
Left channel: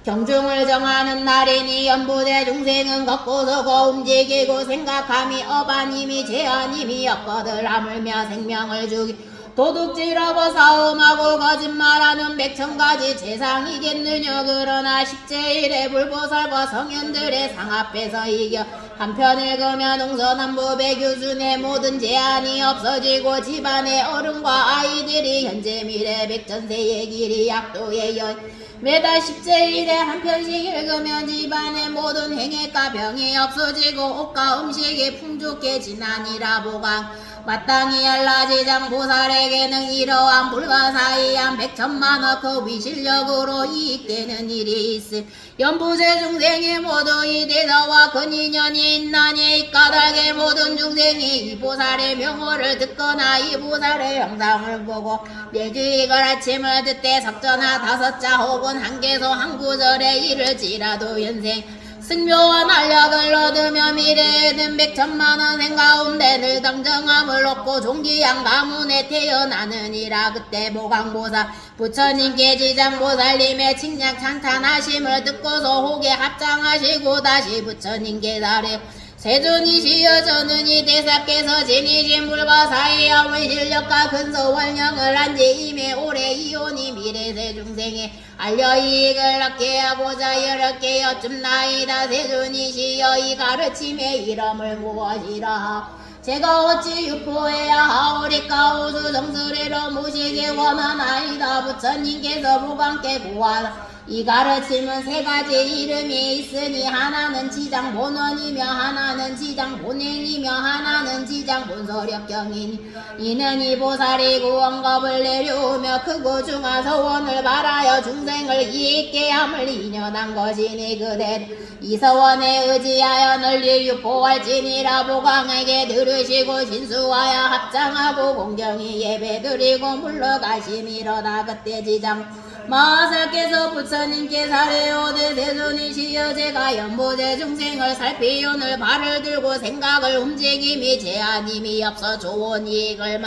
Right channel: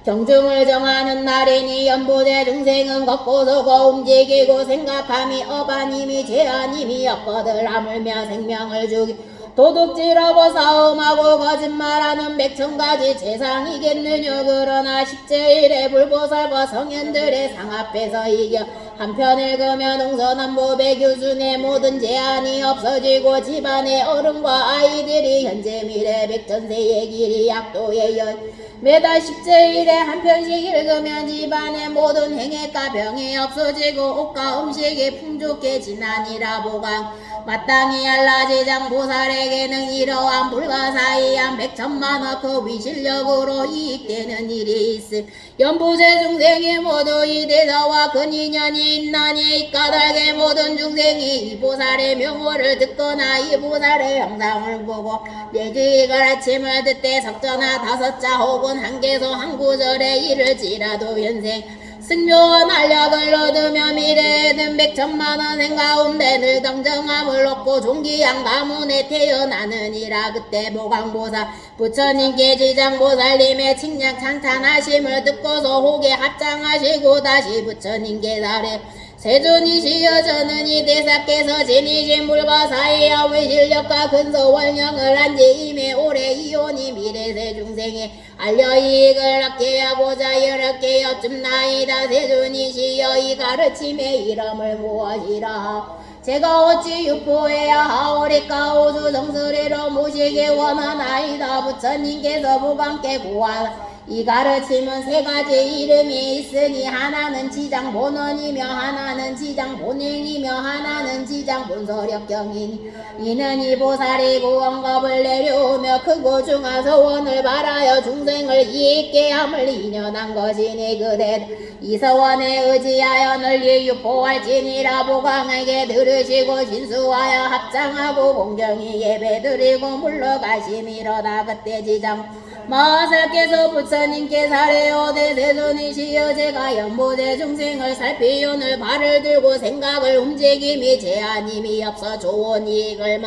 경중을 정하는 날이니 연부대 중생은 걷고 서고 움직이고 생각함이 어반임이 제한임이 없거들 하물며 생명을 주기 도둑질하고 싸움하고 거짓말하는 100,000가지 재상이겠느냐. 그러나 식제일에 불보살과 성현들의 상 앞에서 이겨 한편 읽으면 동서남북 백유순의 모든 제한이 없어지고 집안의 어른과 아이들이 현재 미래 백전세의 길이 약도의 연 매달 식제일에 한 편씩 읽으면 집안의 모든 행해가 병이 없어지고 옷과 음식이 풍족해지나니라. 보강 마땅히 알라지장 보살에게는 이러한 불가사의한 백천만억 그 위실력으로 이익되는 일이 있음. 연보제 중생의 모두 이 대사와 근인연이 있나니 이 까닭에 모든 중생이 이 보살의 명호를 듣거나 이 보살의 영상을 보고 매주 아침을 듣되 석전하 5자 혹은 한 개소 한 구절에 이를지라도 연생 승묘한 알력을 얻으며 미래에는 100천만원 생가운데 늘 당정함을 얻고 종기양 가문에 태어나느니라. 그때 보강보살 부처님께 지장보살님의 칭략 찬탄하심을 듣고서 호계 합장하시고 다시 부처님께 달에 세존이시여 저는 이 대사께서 지니신 불가사의와 위실력과 근소월령을 한지임에 올해 이혼이 미래세 중생에 알려 이익을 얻게 하고자 여럿게 여쭙나이다. 세존이시여 이 가르침의 이름을 무엇이라. 제가 어찌 유포해야 하오리까. 오주 정수리로 모시게 원하나이다. 부처님께서 무방께 구하라. 이 가르침은 3가지 이름이 있으니 하나는 지장본원이며 하나는 지장본행이며 하나는 지장본소력경이니 이는 이 보살이 구원겁을 내려오며 크고 중한 소원을 바라여 중생을 이익게 함을 인연한 것이니 그대로 이 소원에 의지하여 널리 유포할지니라. 보강에게 들으시고 신수하여 합장하고 공경히 예배드리고 물러가심이로다. 그때 지장 마하살께서 부처님께 사례오되 세존이시여 제가 연보제 중생을 살피오늘 발을 들고 생각을 움직임이 제한임이 없어 좋은 이익을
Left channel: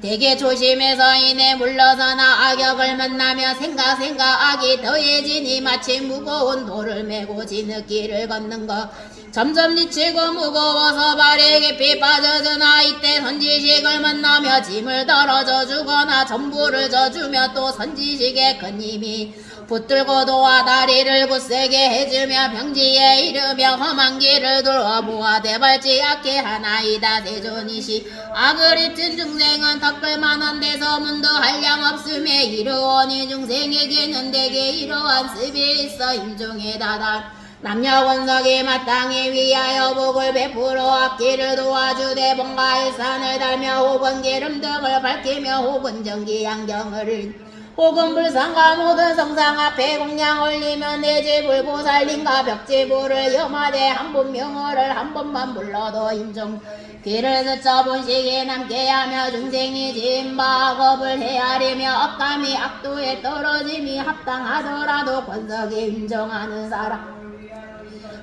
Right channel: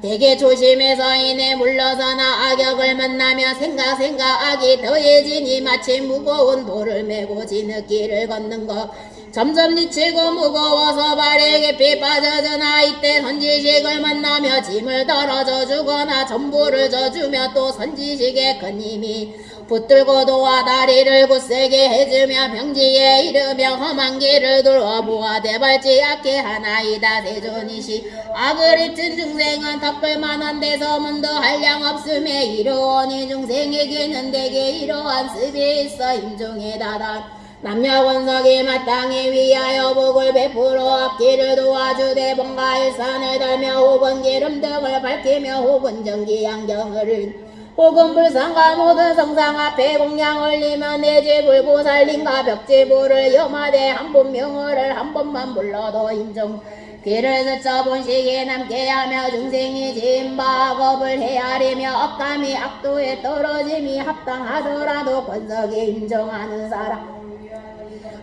되게 조심해서 이내 물러서나 악역을 만나며 생각 악이 더해지니 마치 무거운 돌을 메고 지느길을 걷는 것 점점 지치고 무거워서 발에 깊이 빠져드나 이때 선지식을 만나며 짐을 덜어져 주거나 전부를 져주며 또 선지식의 큰 힘이 붙들고 도와 다리를 굳세게 해주며 병지에 이르며 험한 길을 돌아 무하되 밟지 않게 하나이다. 세존이시 악을 입힌 중생은 닦을만한 데서 문도 한량 없음에 이르오니 중생에게는 대개 이러한 습이 있어 임종에 다다 남녀 권석이 마땅히 위하여 복을 베풀어 앞길을 도와주되 뭔가 일산을 달며 혹은 기름 등을 밝히며 혹은 전기 양경을 혹은 불상과 모든 성상 앞에 공양 올리며 내지 불보살님과 벽지불을 염하되 한 번 명호를 한 번만 불러도 임종 길을 스쳐 본식이 남게 하며 중생이 지은 바업을 헤아리며 억감이 악도에 떨어짐이 합당하더라도 권석이 임종하는 사람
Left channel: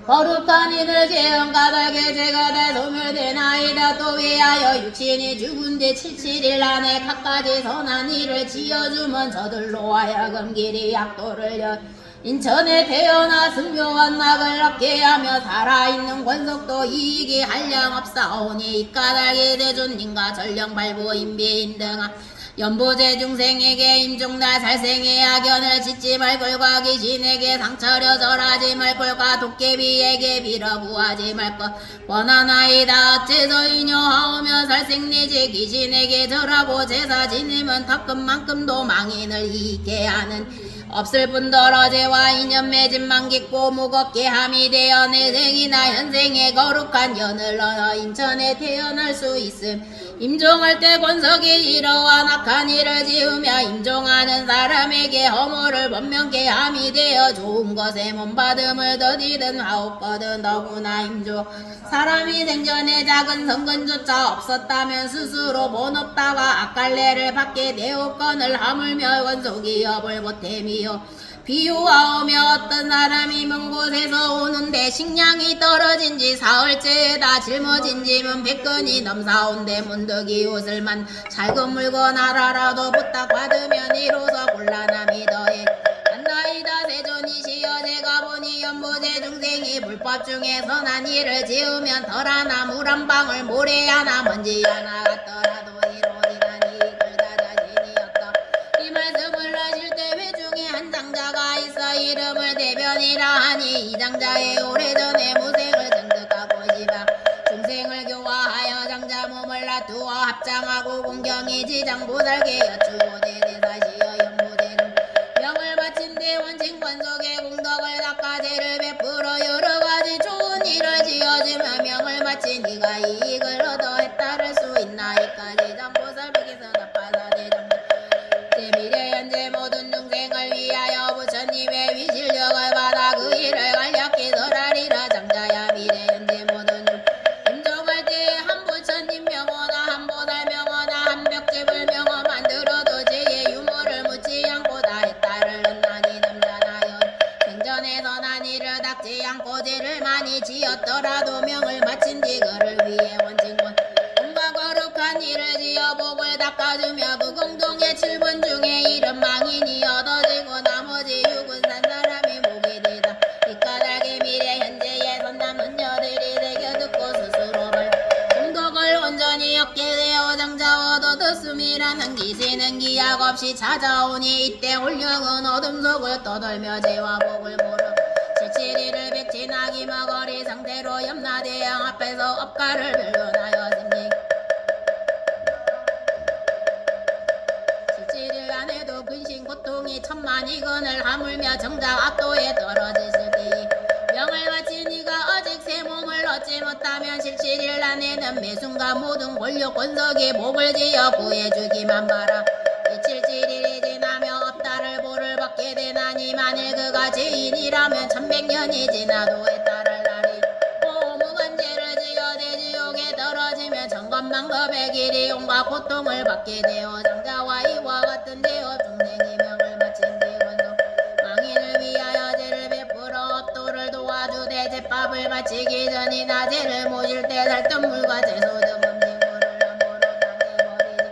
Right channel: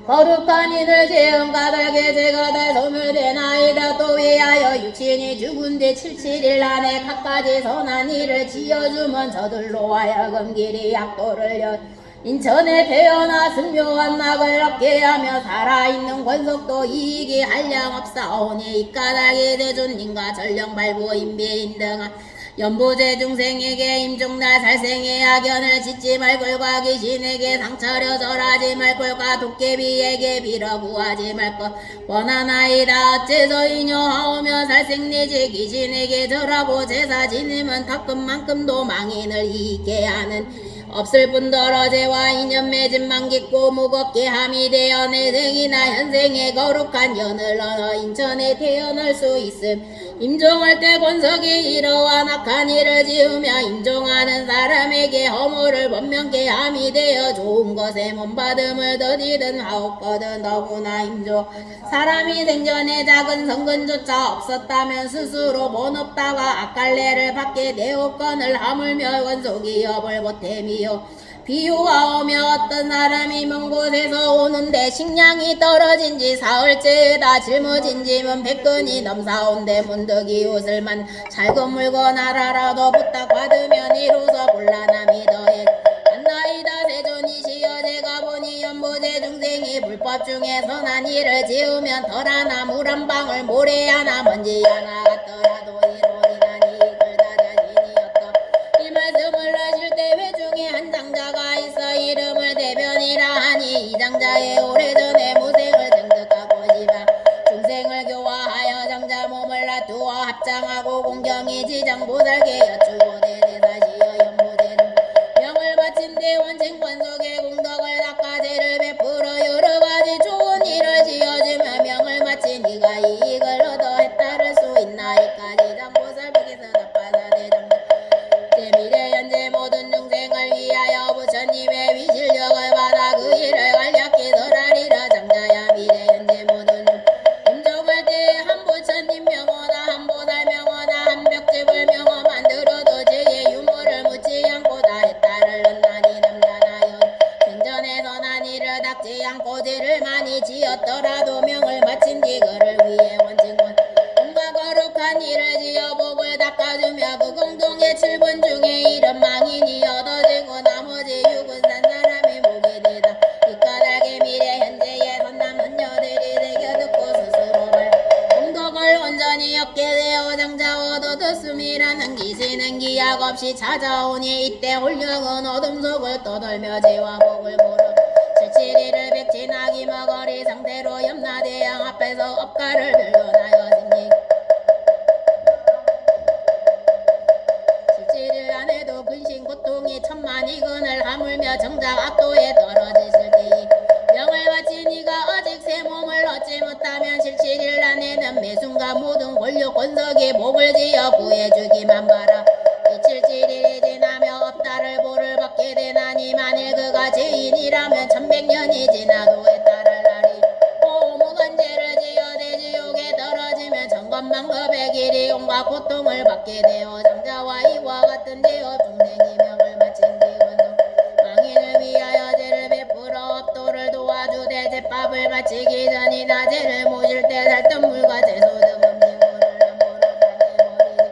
거룩한 이들 지은 까닭에 죄가 다 소멸되나이다. 또 위하여 육신이 죽은 뒤 77일 안에 갖가지 선한 일을 지어주면 저들로 하여금 길이 약도를 연 인천에 태어나 승묘한 낙을 얻게 하며 살아있는 권석도 이익이 한량 없사오니 이 까닭에 대존님과 전령발부 인비인 등한 연보제 중생에게 임종날 살생의 악연을 짓지 말걸과 귀신에게 상처려 절하지 말걸과 도깨비에게 빌어 구하지 말것 원하나이다. 어째서 인여하오며 살생내지 귀신에게 절하고 제사 지내면 턱금만큼도 망인을 이익게 하는 없을 뿐더러 죄와 인연 맺음만 깊고 무겁게 함이 되어 내 생이나 현생의 거룩한 연을 얻어 인천에 태어날 수 있음. 임종할 때 권석이 이러한 악한 일을 지으며 임종하는 사람에게 허물을 번명케 함이 되어 좋은 것에 몸받음을 더디든 하옵거든 너무나 임종 사람이 생전에 작은 성근조차 없었다면 스스로 번없다가 악갈래를 받게 되었건을 하물며 원속이 업을 보탬이요 비유하오며 어떤 사람이 먼 곳에서 오는데 식량이 떨어진지 사흘째에다 짊어진 짐은 100근이 넘사온데 문득이 옷을만 잘못 물건 알아라도 부탁받으면 이로써 곤란함이 더해 안나이다. 세존이시여 제가 보니 연보제 중생이 불법 중에 선한 일을 지으면 덜 하나 물 한 방울 모래 하나 먼지 하나 같더라도 이론이란 이익을 다 자신이었다. 이 말씀을 하실 때 회중에 한 장자가 있어 이름을 대변이라 하니 이 장자의 오래전에 무생을 증득하고 싶어 중생을 교화하여 장자 몸을 놔두어 합장하고 공경이 지장보살께 여쭈고 대대사시여 연보제는 명을 바친 대원칭 권속의 공덕을 닦아 죄를 베풀어 여러가지 좋은 일을 지어주며 명을 바친 이가 이익을 얻어 해따를 수 있나이까. 깎지 않고 죄를 많이 지었더라도 명을 마친 뒤 그를 위해 원진군 온갖 거룩한 일을 지어 복을 닦아주며 그 공동의 7분 중에 일은 망인이 얻어지고 나머지 6은 산 사람이 목이 되다. 이 까닭에 미래 현재의 선남 은녀들이 새겨 듣고 스스로 공덕을 온전히 얻게 되어 장자 얻어듣음이라는 기시는 기약 없이 찾아오니 이때 홀령은 어둠 속을 떠돌며 죄와 복을 모르 77일을 백진하기 머거리 상태로 염라대왕 앞에서 업가를 들고나여 생기 17일 안에도 근심 고통이 천만이건을 하물며 정작 악도에 떨어지실 때에 명을 바친 이가 아직 새 몸을 얻지 못하면 17일 안에는 매순과 모든 권력 권석이 목을 지어 구해주기만 바라. 이 77일이 지나며 업다를 보를 받게 되나니 만일 그가 죄인이라면 1100년이 지나도 해탈할 날이 오무한 죄를 지어 대지옥에 떨어지면 천건만급의 길이 온갖 고통을 받게 되어 장자와 이와 같은 되어 중생이 명을 마친 뒤건성 망인을 위하여 죄를 베풀어 업도를 도와주되 제밥을 마치기 전이나 죄를 모실 때 살점물과 채소 등 음식물을 함부로 당해버리니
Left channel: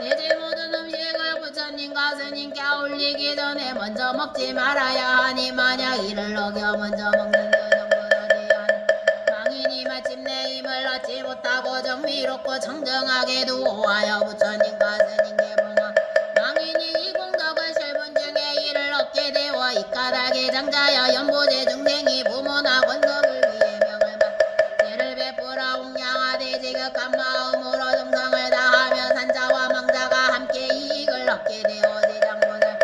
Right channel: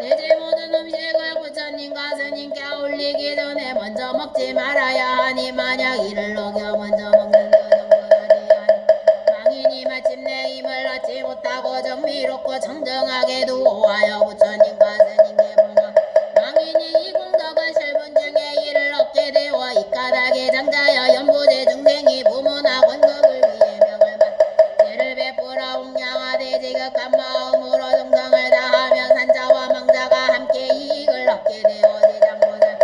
내죄 모든 음식을 부처님과 스님께 올리기 전에 먼저 먹지 말아야 하니 만약 이를 어겨 먼저 먹는 전부하지 하니 망인이 마침내 힘을 얻지 못하고 정미롭고 청정하게도 오하여 부처님과 스님께 봉하 망인이 이 공덕을 7분 중에 이를 얻게 되어 이 까닭에 장자여 연보제 중생이 부모나 권석을 위해 명을 받 죄를 베풀어 옹양하되 지극한 마음으로 정성을 다하며 산자와 망자가 함께 이익을 얻게 되어 지장보살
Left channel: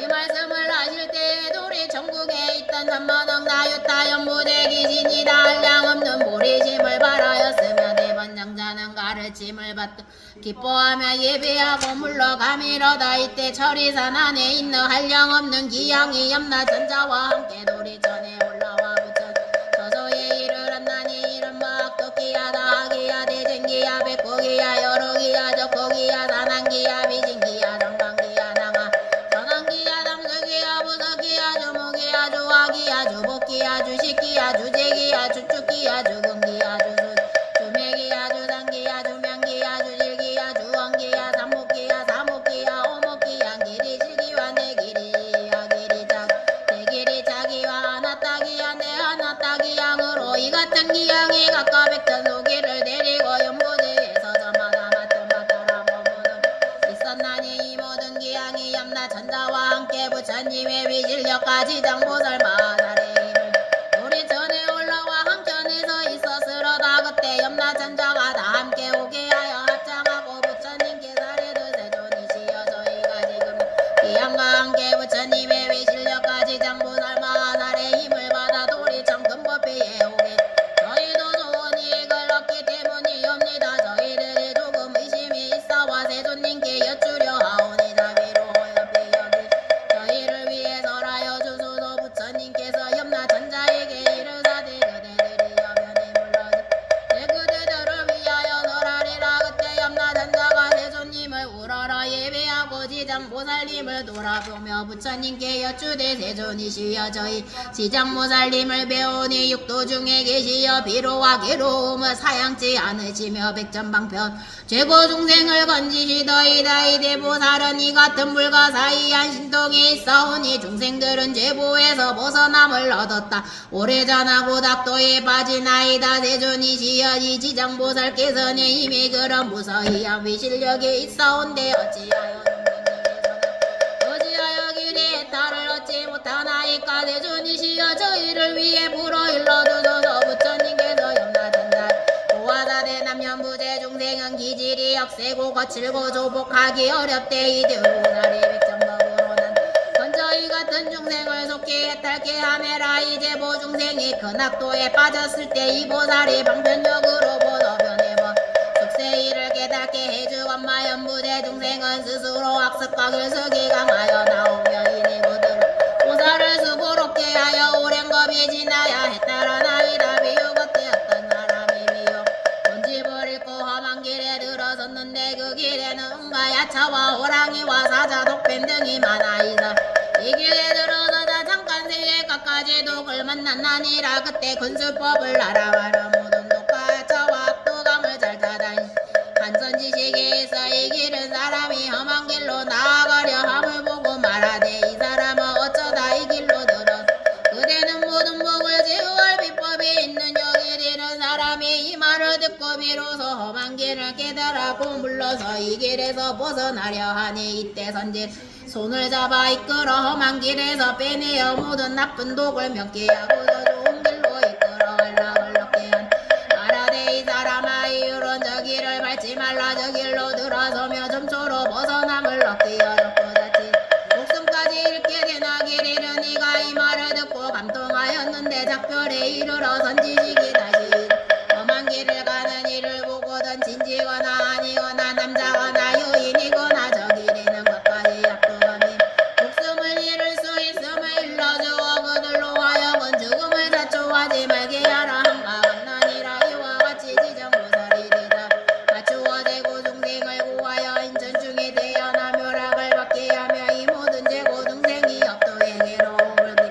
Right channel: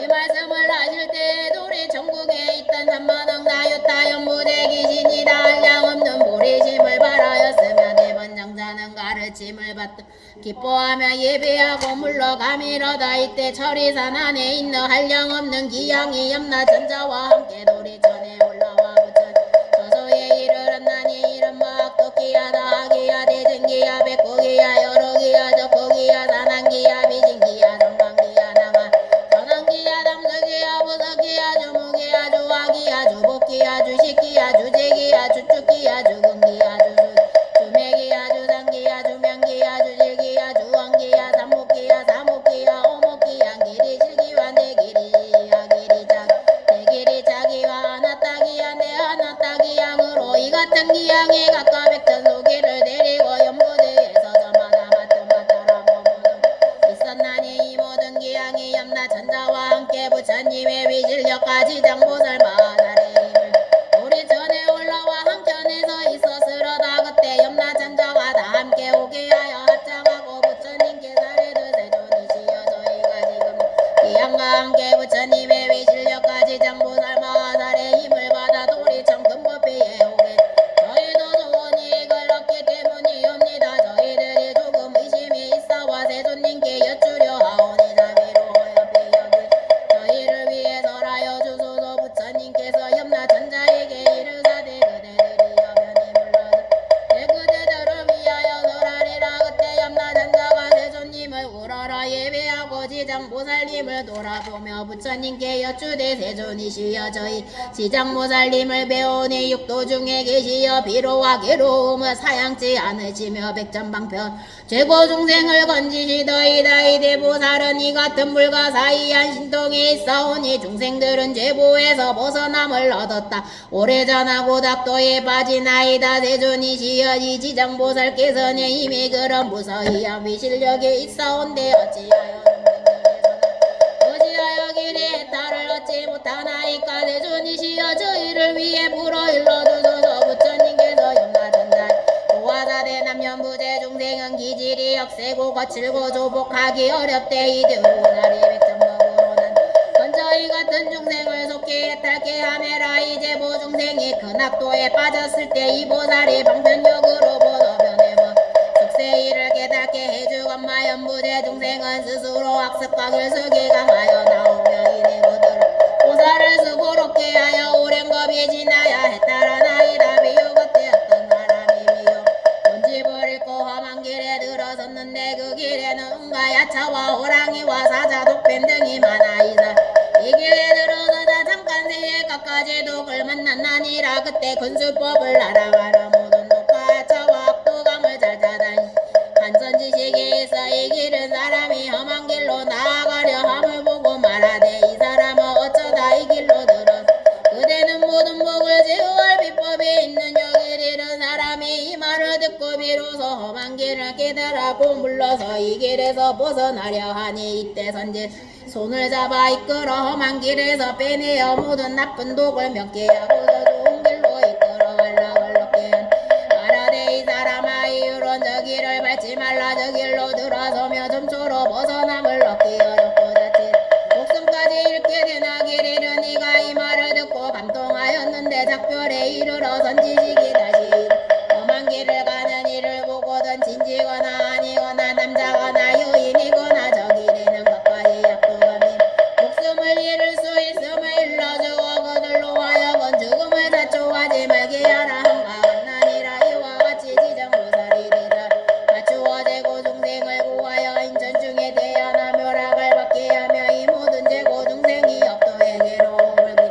이 말씀을 하실 때에도 우리 전국에 있던 3만억 나유타 연보제 귀신이다 한량없는 보리심을 바라였으며 대번 장자는 가르침을 받듯 기뻐하며 예배하고 물러가미로다. 이때 철이산 안에 있는 한량없는 기양이 염라전자와 함께 도리천에 올라와 부처 저소에 이르렀나니 이른 막도기야 다하기야 대전기야 백고기야 여러기야 적고기야 산안기야 비진기야 정강기야 나가 전환기야 담석기야 부석기야 주목기야 주화기야 주복기야 주식기야 주재기야 주축기야 주근기야 주수 주매기야 주상기야 주명기야 주질기야 주왕기야 삼목기야 사목기야 오목기야 길이 실기와 내길이야 길이작 내길이 자기와 하나따기야 내 하나따기양으로 이 같은 기양이 각각 백천소기를 데리고 연보제에서 저마다 맡은 바따라 머무는 있었나니 이 모든 기양이 염라천자와 함께 부처님의 위실력까지 장보살 마살의 힘을 우리 전에 올라와 한편에서 있었으로다. 그때 염라천자가 다 함께 오게 하여 합장하고 부처님께 사례를 세존이시여 저희가 지금 기양과 함께 부처님의 위실력까지 장보살 마살의 힘을 받아 도리천 금법회에 오게 저희도 좋은 이익을 얻기 때문이옵니다. 저희들이 조금 의심이 있어와 세존님께 여쭈려 하오니 자비로 옆에 여기 저희를 위해 설하여 주소서. 부처님께서 염라천자에게 이르사대 그대들이 여변에 물러지 내 그대들을 위하여 설하리라. 그때 염라천자가 세존님을 우러러 예배하고 지장보살님을 돌아보며 부처님께 여쭈되 세존이시여 저희 지장보살님을 배우니 육도 중에 계시어 비로와 괴로움을 사양치 않으시며 백전방편 최고 중생을 건지시더이다. 이대 보살은 이 같은 불가사의한 신통이 있사오니 중생들은 죄보에서 벗어남을 얻었다. 오래전하고 닥도에 빠지나이다. 세존이시여 이 지장보살께서는 이미 그런 무서이한 위실력이 있사온데 어찌하여 길에 달을 얻지 못하나이까. 세존이시여 저희를 위해 불어일러주소서. 부처님께서 염라천자 도화사대 남녀부재 중생은 기질이 억세고 거칠고 조복하기 어렵대. 이대 보살이 백정법으로는 건저희 같은 중생을 속히 해탈케 하매라. 이제 보중생이 큰 악도에 빠졌을 때 이 보살이 방편력으로 보도변해버 숙세이를 깨닫게 해주건마 연부제 중생은 스스로 학습과 결석이 강하여 나오며 이내 그들을 보살을 수고롭게 하여 오랜 겁이 지나야 해탈하나이다. 미혹되었던 사람이 미혹 본집을 잃고 험한 길에 들어섰는데 그 길에는 온갖 야차와 호랑이와 사자 독뱀 등이 많아이다. 이 길에 들어서다 잠깐 새에 갖가지 독을 만났나니라 그때 군수법을 알아가라 모든 독과 차와 악도감을 잘 타다니 한선지식에 있어 이기는 사람이 험한 길로 나아가려 함을 보고 말하되 이 사람은 어쩌다 이 길로 들어 그대는 모든 복을 지우할 비법이 있는 여길 잃은 사람이 이 말을 듣고 비로소 험한 길을 깨달아고 물러서 이 길에서 벗어나려 하니 이때 선지 손을 잡아 이끌어 험한 길에서 빼내어 모든 나쁜 독을 명쾌하고 더 좋은 길로 이끌어 얼락얼락게 한 말하되 이 사람아 이유론 저 길을 밟지 말라 저 길로 들어서며 점초로 벗어남을 얻기 어렵고 자칫 목숨까지 잃게 되나 길 잃은 네가 이 말을 듣고 감동하였는데 작별에 이르러 선지식이 다시 험한 길을 가는 이를 보고든 진지거나 아니거나 남자거나 여인이거나 저 길에는 끝까지 약도감이 목숨을 잃을 수 있음을 일러주어 그들로 하여금 죽음을 자초하지 말게 하라 한가 강난이라 이와 같이 지정고살이 되자 맞추어 제고 중생을 구하여 인천 중에 태어나 묘락을 받게 하며 이 모든 제고 중생이 업도에게로 오르기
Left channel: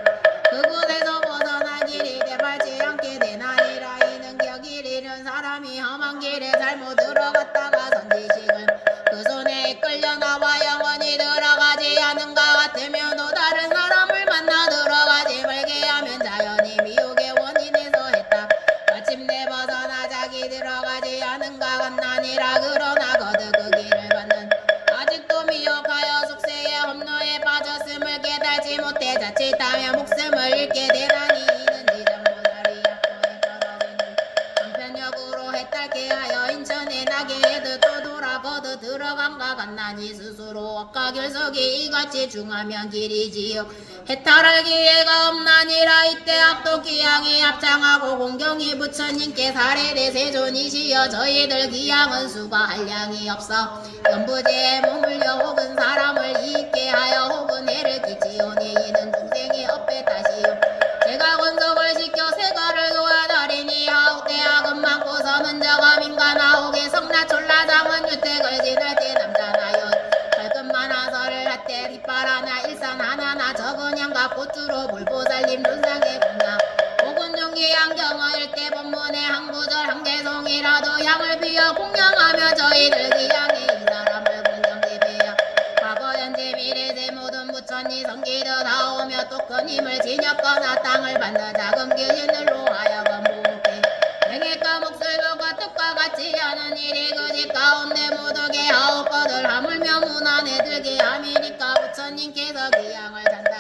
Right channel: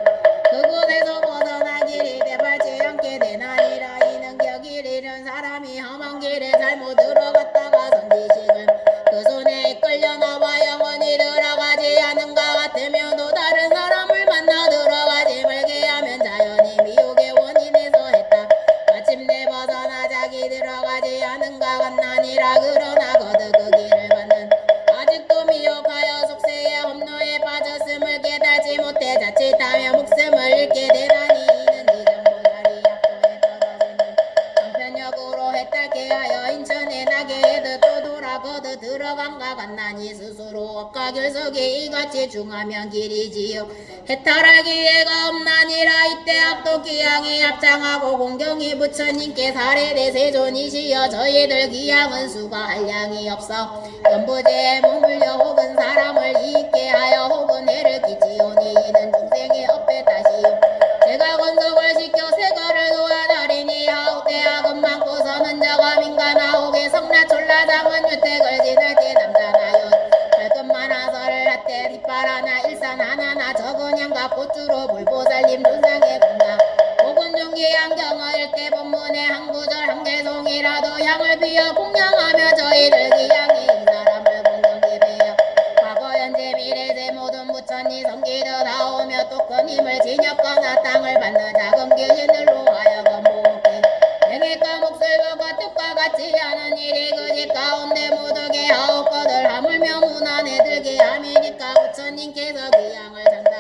그곳에서 벗어나 길이 되밟지 않게 되나니라 이는 길 잃은 사람이 험한 길에 잘못 들어갔다가 선지식은 그 손에 끌려 나와 영원히 들어가지 않은가 같으며 또 다른 사람을 만나 들어가지 말게 하면 자연히 미혹의 원인에서 했다 마침내 벗어나 자기 들어가지 않은가 같나니라 그러나 거듭 그 길을 받는 아직도 미혹하여 숙세의 험로에 빠졌음을 깨달지 못해 자칫하며 목숨을 잃게 되나니 이는 지정보살이 약도에 떨어지는 방편역으로 해탈게 하여 인천에 나게 해도 또 돌아 거듭 들어간가 같나니 스스로 억가 결석이 이같이 중하면 길이지요 해탈할 기회가 없나니라 이때 악도 기양이 합장하고 공경이 부처님께 사례대 세존이시여 저희들 기양은 수가 한량이 없어 연부제에 머물려 혹은 사람을 이익게 하여 혹은 해를 끼치오니 이는 중생이 업에 다시요 제가 건석을 시켜 세가를 도와다리니 하옥대학은 많고서는 저가 민간하옥에 성나촐라장은 주택을 지낼 때 남자나요 발끝만 하설을 할때 뒷발 하나 일산 하나나 적은 양과 꽃주로 불보살님 눈상에 공양 혹은 종기 안경을 때 본문의 한 구절 한 개송이라도 향을 비어 공양하며 저희들 기양이 이 사람을 공경게 배야 과거 현재 미래세 모든 부처니 성기도 나오며 또 큰 힘을 지녔거나 땅을 받는 작은 귀신들로 하여금 모혹해 행해가 목설과 뜻과 같지 않은 일이 그 집 가운데 모두게 하옵거들 하물며 문안에 들게 함이니까 부처님께서 귀양을 잔다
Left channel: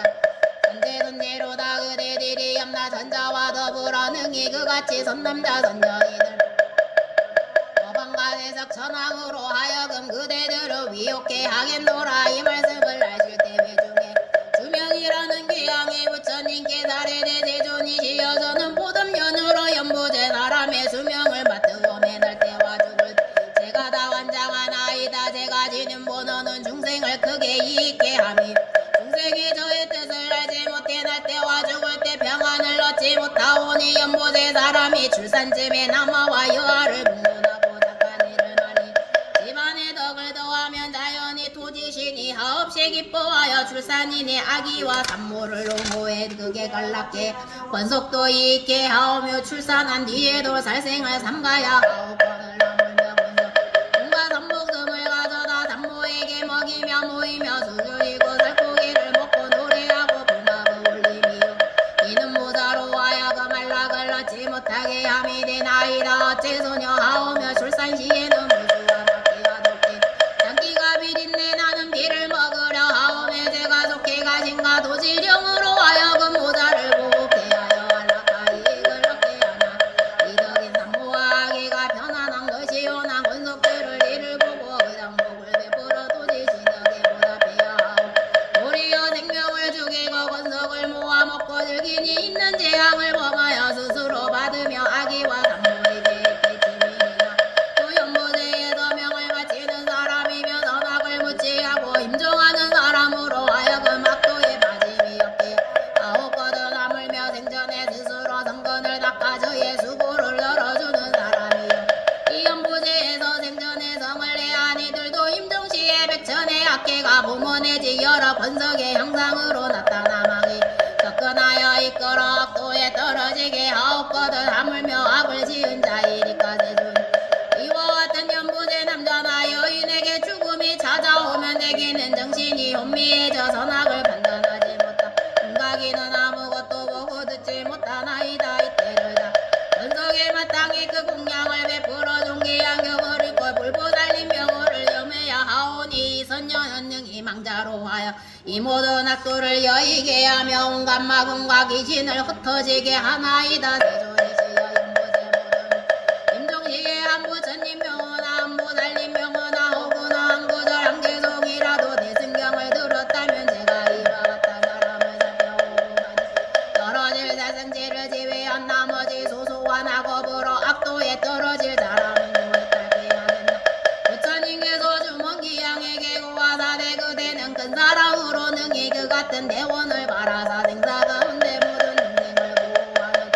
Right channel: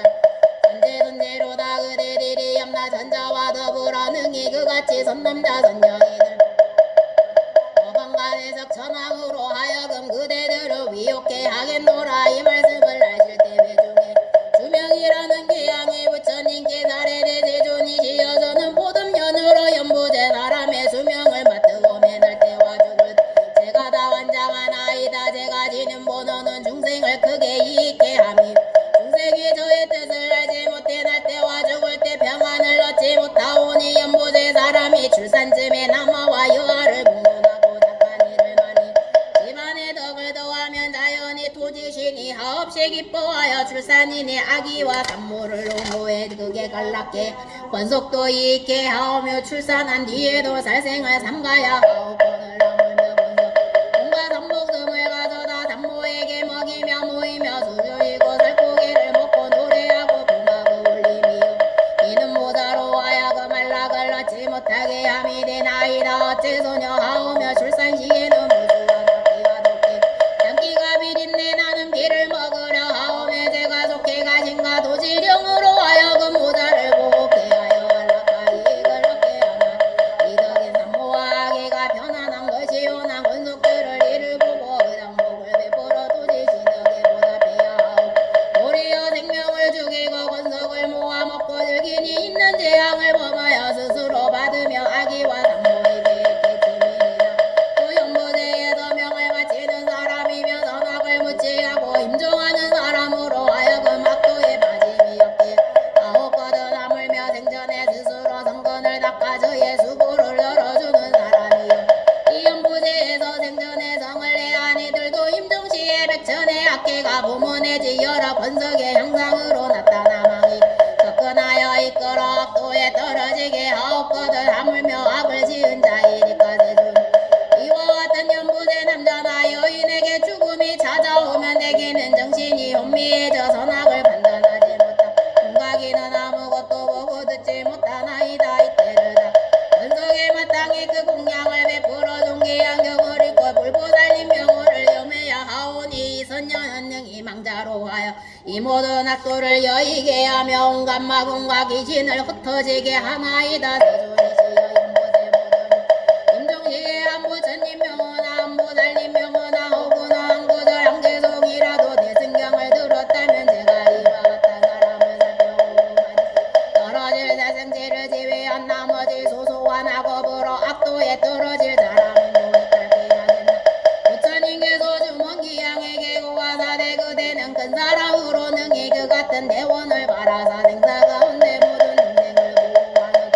선제선제로다 그대들이 염라 전자와 더불어 능히 그같이 선남자 선녀이들 어방간해석 천왕으로 하여금 그대들을 위혹해 하겠노라 이 말씀을 하실 때 외중에 주명이라는 귀양의 부처님께 사례대 세존이시여 저는 보듬연으로 연보제 사람의 수명을 맡으고 매날 때와 죽을 제가 다 완장한 아이다 제가 지는 본어는 중생을 크게 이익해 함이 중생이 저의 뜻을 알지 못해 날 때와 죽을 때 평안을 얻지 못하오니 연보제 사람이 출산쯤에 남아와 유아를 공론하고 착한 일을 많이 집안의 덕을 더하면 자연히 토지신이 하없이 기뻐하여 출산인의 아기와 산모를 농구해 극에 갈락해 권속도 이익해 하오며 출산한 뒤에도 살생을 삼가야 하옵거늘 하물며 권속 온갖 산목숨을 가져다 산모에게 먹이며 모이며 수주이고 살코기를 먹고 노래하고 부막을 울리며 이는 모자로 하여금 안락을 얻지 못하게 함이 되나이다 어째 소녀 하오며 출산 시에는 물수가 낫기가 좋게 장기가 비린내 나는 비를 먹으려 하오며 제가 속해 가신가 도지령으로 하여금 모자를 보게 하여 안락하기 이익을 얻게 하나 이덕인 산모와 아기가 편안한 것이요 난 권속들을 이를 보고 의당복을 베풀어 도지신에게 보답해야 하오 도리어 생명을 죽이고 권속을 모아 먹고 즐기니 있는 재앙을 범하여 스스로 받으며 아기와 산모에게 깨침이니라 또 연보제에서 명을 바치는 사람이며 선악을 무치하고 임종하는 사람으로 하여금 악도에 빠짐이 없게 아홉거든 하물며 생전에 스스로 성건을 닦아 저의 수고를 덜어주는 사람이요 이 연보제에서 생전에 성을 내한 이들도 임종시에 백천의 악계가 부문해지 여러 권석의 형상으로 나타나망이 접근하여 이끌어 악도에 하옵거든 하물며 악을 지은 자이니까 세준 이와 같은 연부제 남자나 여인에게 죽음이 찾아오면 내게는 정신이 혼미해져 선악을 판단하지 못하 궁각이는 아무것도 보고 듣지 못하나이다. 이때를 다 원석의 마땅히 그 공양을 베풀어 존귀한 경을 읽고 불보 달린 명호를 염해야 하오니 선녀는 능히 망자로 하여 이 모든 악도를 여의게 하며 온갖 마군과 귀신을 흩어지게 하나이다. 세존이시여 연보세 모든 임종시에 한부처님 명호나 한부 달린 명호나 혹은 한구절 한계송이라도 내 승경을 들었다면 제가 이와 같은 사람을 살펴보고만 떨어질 세생지를 지휘한 나머지 소소한 악업으로 악도에 떨어질 사람은 도에 딸게 하겠나. 부처님께서 주문기양에게 고하사대 그대는 큰 사랑으로 능히 그 같은 대원을 바라사 생사 가운데 모든 동생을 보호하는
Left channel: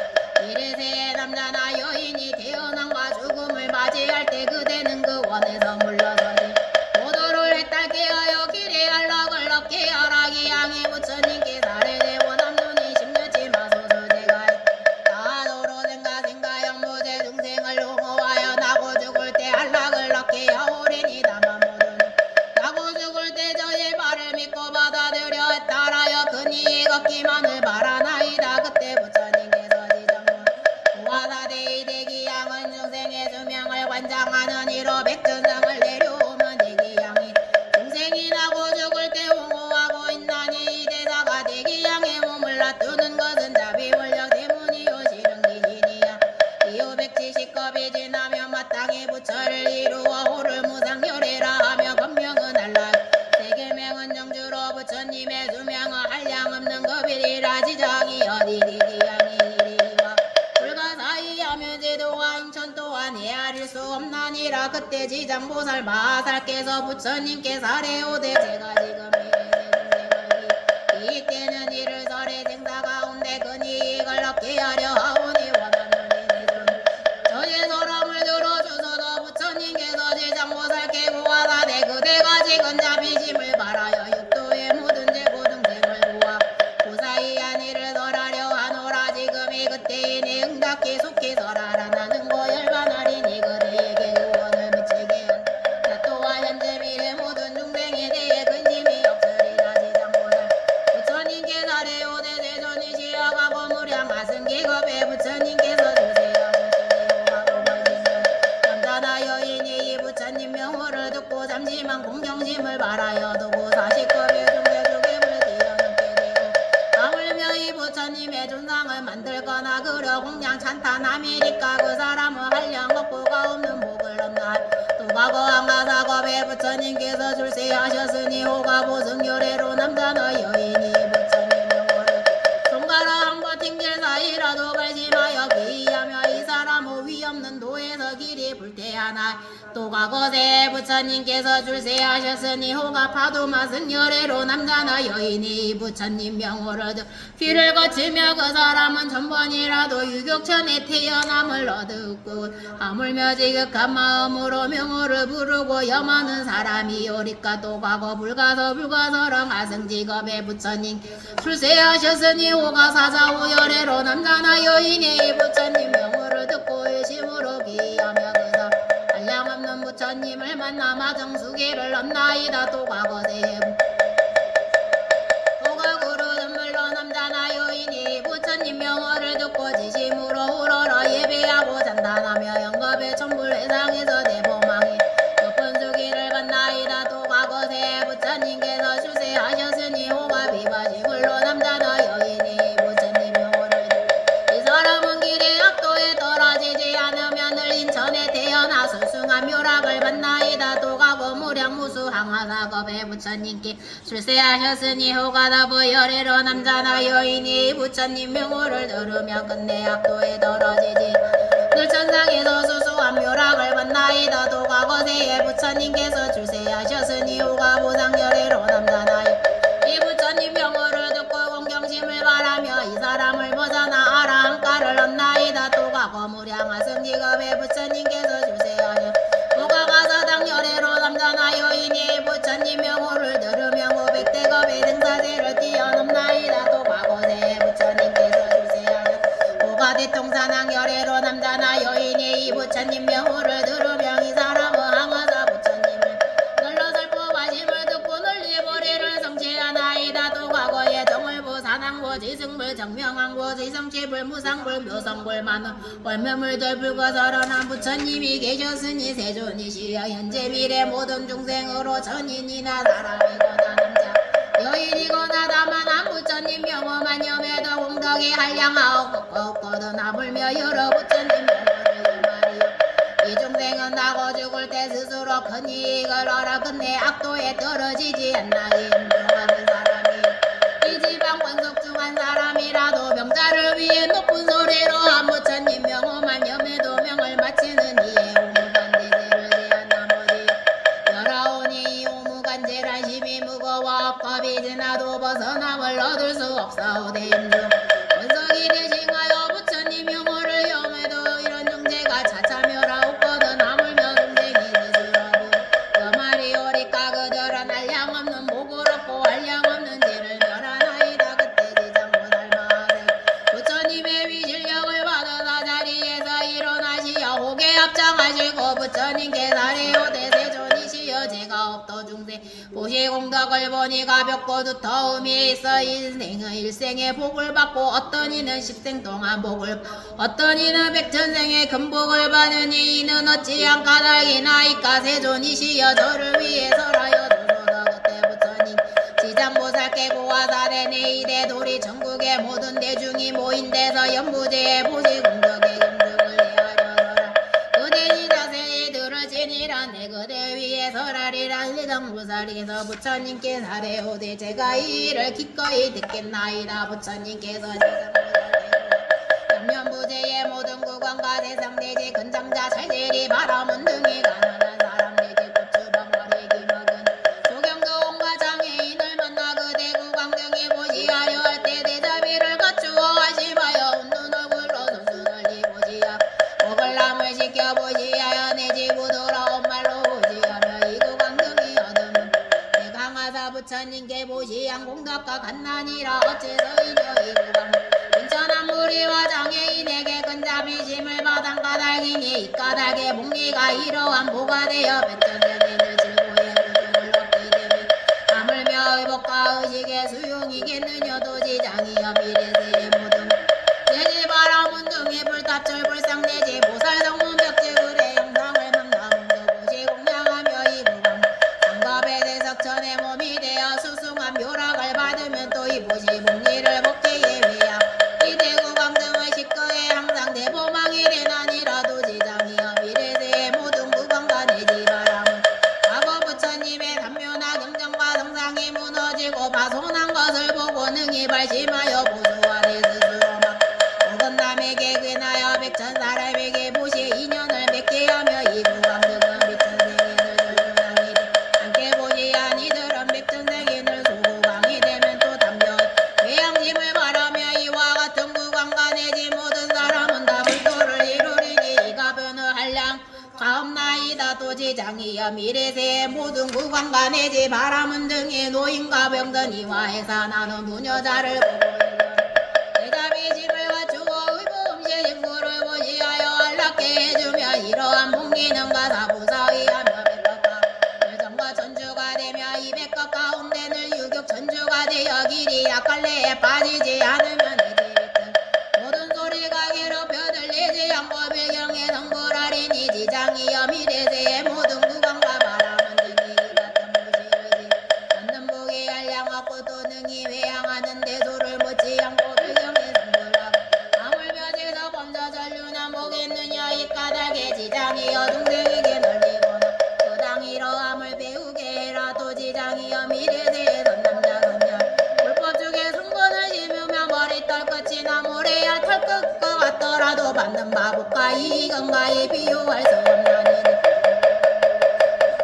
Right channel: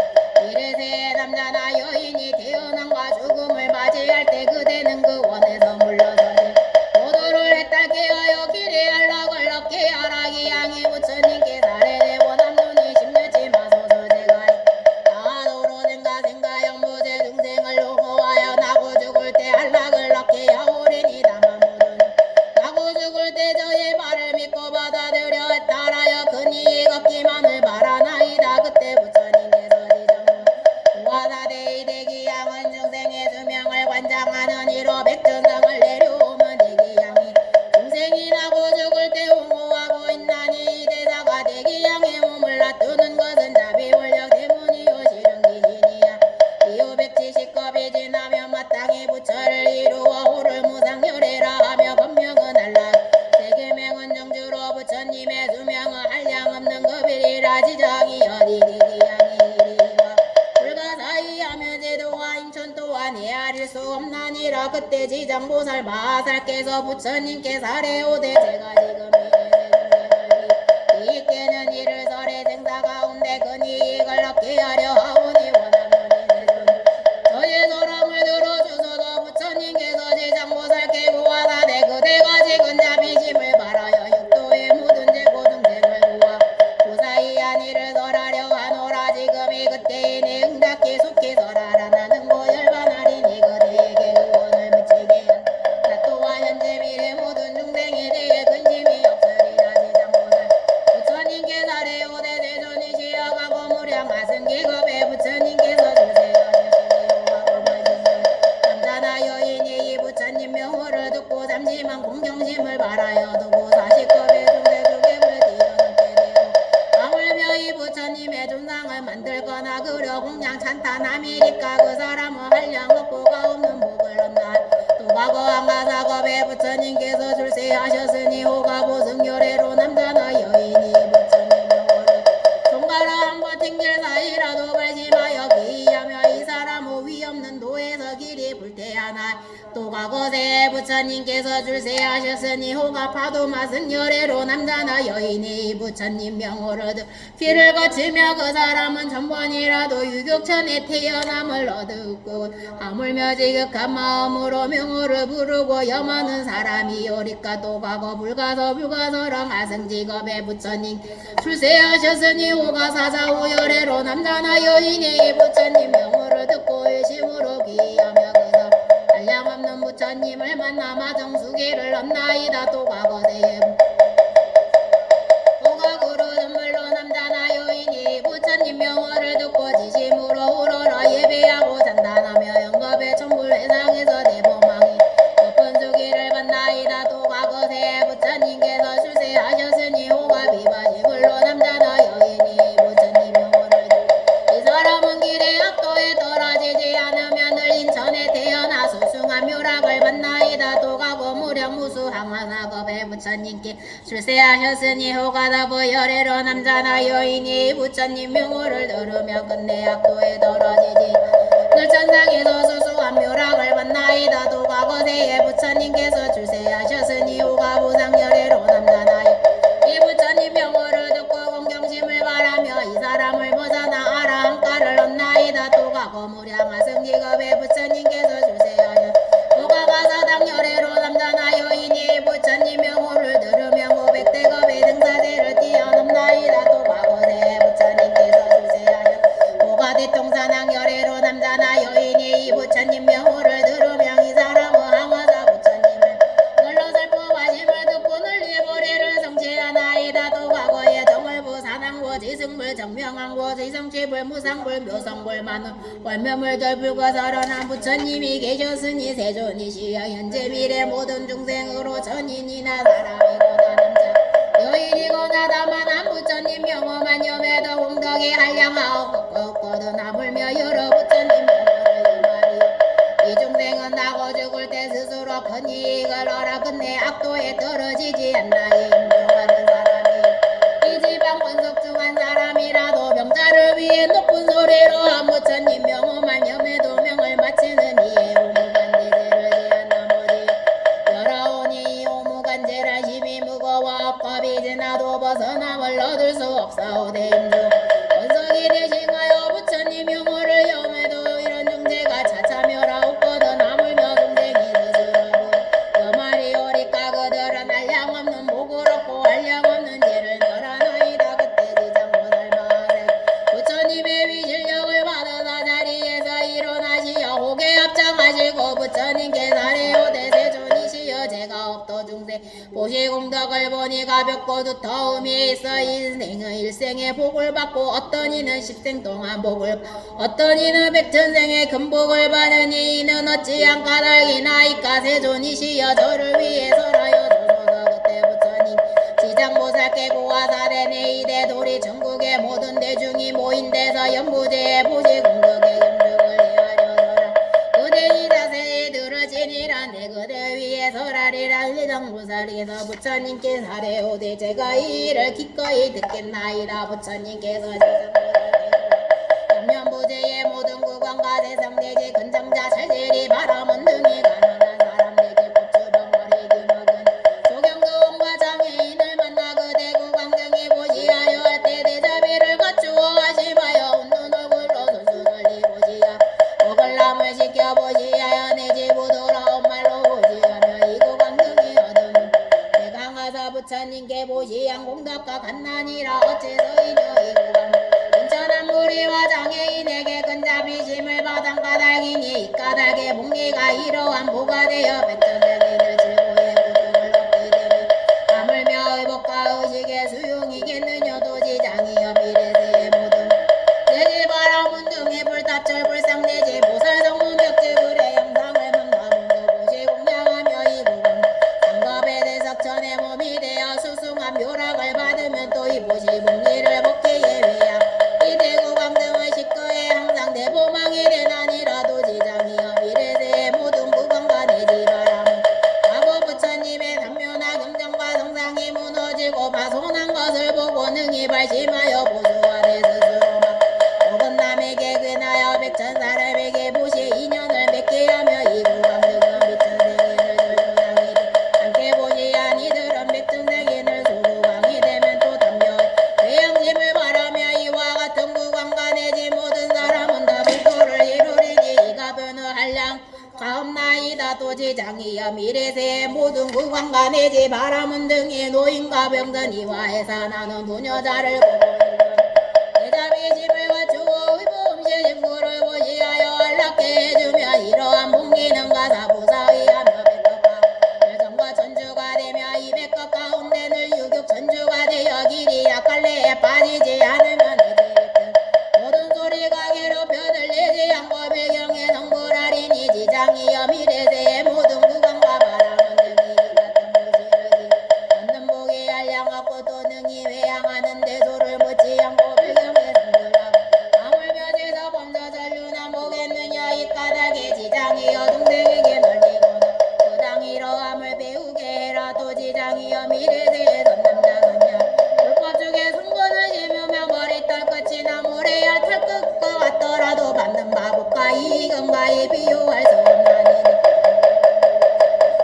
이래세 남자나 여인이 태어남과 죽음을 맞이할 때 그대는 그 원에서 물러서지 모두를 해탈게 하여 길에 안락을 얻게 하라. 기양의 부처님께 사례되고 남눈이 심려치 마소서. 제가 나도로 생가 영무제 중생을 옹호하여 나고 죽을 때 안락을 얻게 하오리니 다만 모두는 나고 죽을 때 저의 말을 믿고 받아들여 따라여 그니 걷기만을 바라나이다. 그때 부처님께서 지정문 고하사대의 대기양은 중생의 수명을 관장하는 이로 백전상을 내려오면 대기양이 중생이 나고 죽을 때 옹호하고 있나니 이 대사가 대기양의 몸을 놔두는 것은 자비원력 때문이요 실은 기신이야. 이후 170겁이 지나면 마땅히 부처를 이루어 호를 무상열애라 하며 법명은 알라. 세계명은 정주로 부처님의 수명은 한량없는 겁이리라. 지장이 어디리 기양이 이리와 불가사의하며 제도와 인천 또한 헤아릴 수 없나니라. 그때 지장보살 마살께서 부처님께 사례오되 제가 지금 이때는 이를 설의 생사 가운데 그니 이익을 얻게 하려 하오니 원하는 이세준 저의 소람을 들어주소서. 부처님께서 지장보살께 고하사대 그대가 지금 자비심을 바라여 육도에 묻은 제고등생을 구하 고사이한 이를 설하려 하노라. 지금이 그때이니 응답기 속히 설하라. 나는 고열반하리니 그대에게 의원을 미치게 한나 또한 현재 미래 모든 중생에 대해 근심이 없으리라. 지장보살 부처님께 사례오되 세존이시여 가고 무량 하승기겁에 부처님께서 주세하셨으니 호가고 말지면 남자나 여인이 이 부처님 명호를 듣고 잠시만 공경심을 바라여 두고 40겁의 중대주gem을 뛰어넘게 되고 하물며 이 부처님의 존상을 만들거나 그려 공양 찬탄함이니까 그 사람은 한량 없고가 없는 복을 얻나. 또 과거 한가사겁에 부처님께서 출세하셨으니 호가보 승열애로 남자나 여인이 부처님 명호를 손가락 한번 튕길 사이라도 발심하여 기이하며 이 사람 호위 없는 도에서 길이 불태하나. 또 과거세 부처님께서 출세하셨으니 호가 파도마 승열애로 남자나 여인이 부처님 명호를 길을 거치며 그 사람은 천번이라도 유격천에 태어남을 얻었고 하물며 지극한 마음으로 명호를 부르고 염하는 사람이 오리까. 또 과거 불가서랑 하승직업에 부처님 출세하셨으니 호가 사사오열애로 남자나 여인이 부처님 명호를 듣고 의심으로 기하며 그사 한량없는 부처님을 만나 마정수계를 얻나이다. 또 과거세에 호가구로 눈물로 남자나 여인이 부처님 명호를 듣고 지심으로 우러러 예배하고 잔단하며 영겁의 천불회상에서 대보망이 높은 수기를 받나이다. 또 과거세에 부처님께서 출세하셨으니 호가 비바시불로 남자나 여인이 부처님 명호를 듣고 이 사람은 길의 악도에 떨어지지 않으면 늘 인천에 태어나 수승한 묘락을 받나이다. 또 과거 무량 무수항하사겁에 부처님께 출세하셨으니 호가다보 열애로 남자나 여인이 부처님 명호를 들으며 끝내 악도에 떨어지지 늘 천상에서 수수한 묘락을 받나이다. 또 과거세에 부처님께서 출세하셨으니 호가 보상열애로 남자나 이 부처님 명호를 듣고 공경심을 바라며 이 사람을 벗어나 아라한가를 얻나이다. 또 과거 무량 하승직업에 부처님께서 출세하셨 호가 가사당 열애로 남자나 여인이 부처님 명호를 들으며 500대겁의 등사세를 뛰어넘나이다. 또 과거세에 부처님께서 출세하셨 호가 대통사 부산항 열애로 남자나 여인이 이 부처님 명호를 들으며 이 사람은 항하사 부처님을 널로 살포하심을 듣고 널리 보리를 성취하나이다. 또 과거에 정을부 산항부 지승불 정명항부 지성취불 무상불 묘성불 만원 월묘물들 불거설원한 부처님이 계셨으니 세존이시여 현재 미래 모든 중생으로 전인이나 사람이거나 남자 여인이거나 다만 한 부처님 명호만 염에도 공덕이 한량하옵거든 아물며 여러 부처님 명호를 말이요 이 중생은 나고 죽을 때 스스로 큰 이익을 얻어 끝내 악도에 떨어지지 않나이 인정하는 사람이 이 지방 권속 중 한 사람이라도 병자를 위해 높은 소리로 한 부처님 명호만 염에도 명을 마치는 이에 오무간대제를 제한 나머지 열아오니 이 오무간제란 힘이 무거워 업겁이 지나도 벗어남을 얻을 수 없사오되 임중 원석이 대신하여 부처님 명호를 염해도 이런 중재가 차차멸하옵거든 아물며 중생이 지수라고 여말이 오리까 그들은 한량없는 복을 얻고 한량없는 죄를 멸하나이다. 그때 지장 못할만하세 부처님의 위실력을 받으사 자리에서 일어나시어 호계 합장하시고 부처님께 사례오 대세존이시여 제가 없도 중생 보시공덕을 보니 가볍고 두터움이 있어 인생의 일생의 복을 받고 어떤 이는 10생 동안 복을 어떤 이는 백천생의 금복을 받으니 이는 어찌한 까닭이나이까 세존이시여 저를 위해서라여 주소서. 그때 부처님 지장보살 깨고와 사대내 이대 도리 전국의 모든 대중이 모인 데서 연부제의 보시공덕의 염득을 헤아려라 그대니 자세히 들으시니라 내 그대 위에 설하리라 지장보살에서 부처님께 사례오되 제가 이 일을 기꺼이 듣겠나이다. 부처님께서 염면부제의 모든 구간과 대상대지 근장자 살제리 바람은 등이 가난한 사람들에게 고추방머리기 먹은 조경도원과 장애인을 만나 그대 구광등이 보시하여 할 때 대자비를 갖추어 하심하여 웃는 얼굴로 손수 널리 보시야 먹을남을 시켜보시하여 내 집으로 돌아온 말로 보시하며 이 구광등이 얻으면 대강하사 부처님께 보시한 공덕과 갓난이라 어째서 이녀 이 구광 괜찮은 무리와 장애인에게 근자비심을 받은 까닭이니 이 까닭의 복리가 이러한 보가 되어 백전생인을 즐거의 고통을 얻게 되니 하물며 의복과 의식의 수용이겠느냐 도지장이여 미래세의 모든 내지 바라문 등의 불탑철 불상내지 보살성문 벽지불의 영상을 망가문도 보시 공양하며 이 구강 상갑의 대석천의 몸이 되어 수승한 묘락을 받으면 또 이 보시 복리를 복제의 외양 이대 구강 등의 식거에 항상 대보망이 되나니라도 지장이여 미래세의 모든 구강과 내지 바람은 과거 부처님의 단묘나 경전과 성상이 무너지고 파손한 것을 보고 능히 발심하여 보수하되 스스로 막 혹은 남에게 근하여 백천사람에게 보시 인연을 맺게 하며 이 구강 등은 백천생인을 절조양이 돼 함께 보시 아니들은 백천생인을 소구강이 되면 또 담요 외양심을 바라며 이와 같은 구강과 내지 모든 사람은 다 불도를 이루리니 이가 변을 한량 가옵나이다. 또 지장이여 미래세의 모든 구강과 내지 바람은 등의 노인과 병든 이와 해사 나는 부녀자를 보고 대자비심을 갖추고 의부음시 증거를 보시하여 안락게 해주며 이러한 복리는 가사부사의하며 백각과 열정과 천주가 되며 이 백각 가운데 늘 유격 천주가 되어 길이 약할래에 빠지지 않으면 이제든 모든 소리가 괴롭혀 들리지 않고 배경에 성불하리니 지장이여 미래세의 모든 구강과 바람은 등이 같은 무시르지 얻는 복이 한량없고 또 능히 회양하는 대소를 묻지 않고 배경에 성불하고 아물며지서 범저 전류나 보겠느냐 이 까닭에 지장이여 동생에게 널리거나 그 당이러함을 배우게 해라. 또 지장이여 미래세의 선남자 선녀 불법 중에 승분을 심으며 머리털 끝이나 모래알 털끝과 같더라도 받는 바보가 이익은가에 비유할 수 없나니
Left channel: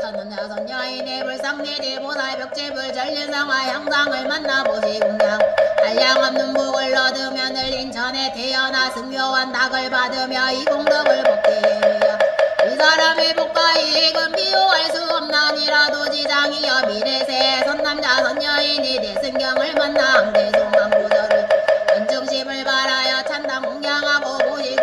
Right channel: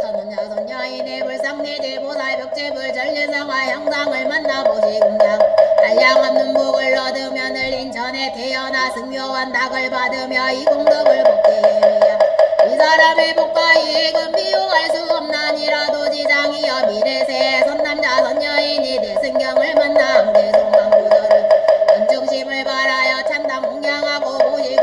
선녀 선녀인의 불상내지 보살 벽제불 전례상화 형상을 만나보시 공양 한량없는 복을 얻으며 늘 인천에 태어나 승묘한 닭을 받으며 이 공덕을 복게 해야 이 사람의 복과 이익은 비유할 수 없나니라도 지장이여 미래세의 선남자 선녀인이 대승경을 만나 항대송한 구절을 연중심을 바라여 찬당 공양하고 보시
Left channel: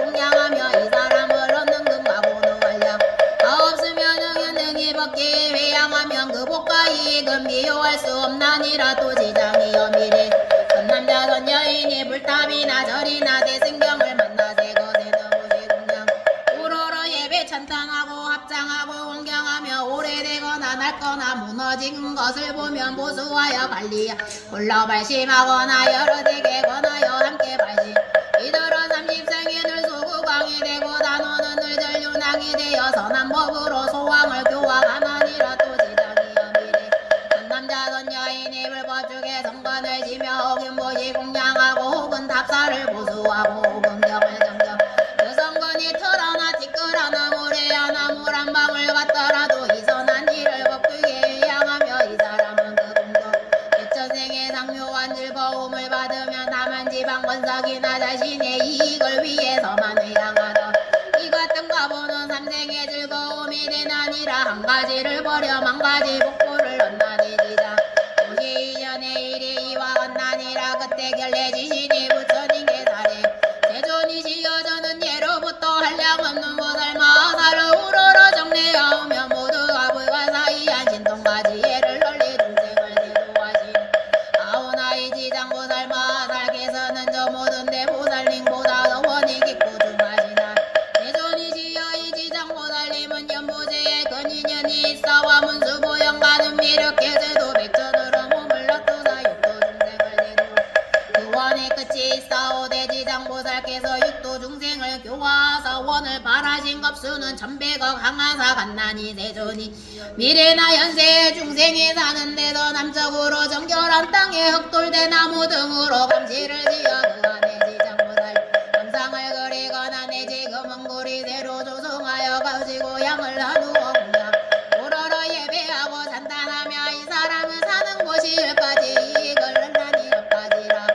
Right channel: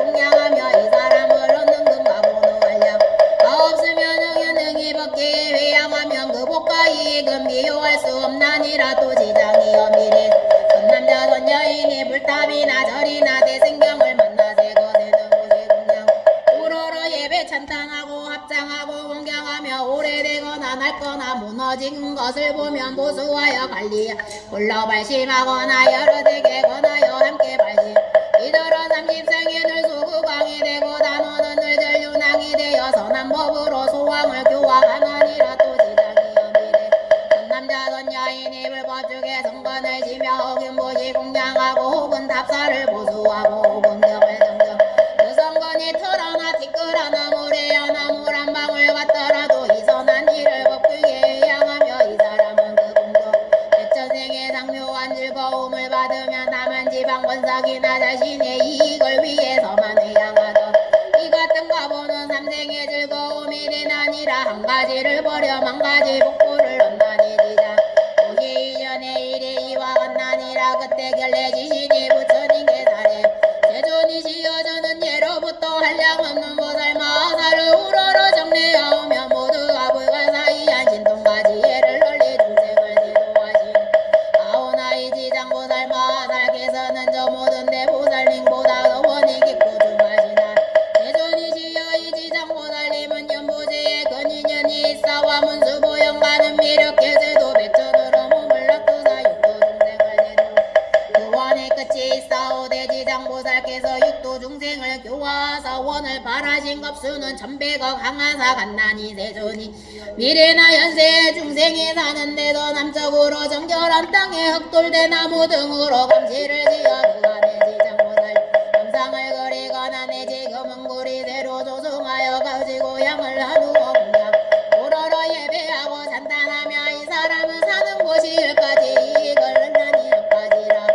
아니라 또 지장이여 미래 선남자 선여인이 불탑이나 절이나 대승경을 만나세 거세는 오시 공양 우러러 예배 찬탄하고 합장하고 공경하며 오래되거나 낡거나 무너진 것을 보면 보수하여 관리 홀러 발심하거나 여러 세계 권하여 함께 발심 이더러 30생에는 소구광이 되고 단원은 늘 전륜왕이 되어 선한 법으로 소왕을 교화가나니라 또 지장이여 미래 선남자 선여인이 불법중에 성관을 지며 혹은 보시 공양하고 혹은 답사를 보수하고 혹은 경을 정경 그 성관이 털어나 티끌하나 모래하나 물 한 방울 같더라도 이 선한 일을 법되게 향하며 이 사람은 그 공덕 백천생의 상묘한 즐거움을 받으면 남한 지방 권삭이나 자신의 이익을 위해서만 회양하던 이 같은 가보는 삼생의 즐거움이 되나니라 한 가지를 버려 만 가지 복보를 얻나니 지장 52년의 일이 이와 같나니라 그때 결례 지신이 부처님께 사례 제존이시여 저는 예로부터 한량 없는 보살 마살을 우러러 정례하오며 모두가 불가사의한 신통까지 예를 널리 중생을 대도하시네 아오나이 지장보살 마살께서는 저 모든 대보살님보다 의원이 깊고 중하시나 제존이시여 이 지장보살님은 연보제에 근인연이 있사와 문수보영가는 미륵계제도 백전으로 몸을 놔두사 육도 중생을 대도 교원의 끝이 있사오 대지장보살께서 육도 중생을 교화하사 원을 바라신 겁수는 1100억 항하사 갔나니 세존이 미래나 현세의 중생이 사는데도 남쪽으로 정결한 땅에 흑돌대 나무 등으로 감시를 지어 그간의 지장보살 감상을 그리거나 내지 금은구리 새로 조성하여 가지고 양을 나누어 공양 오러러 예배하고 산탄하며 이 사람은 사는 곳이 일까지 이익을 얻나니 여까지라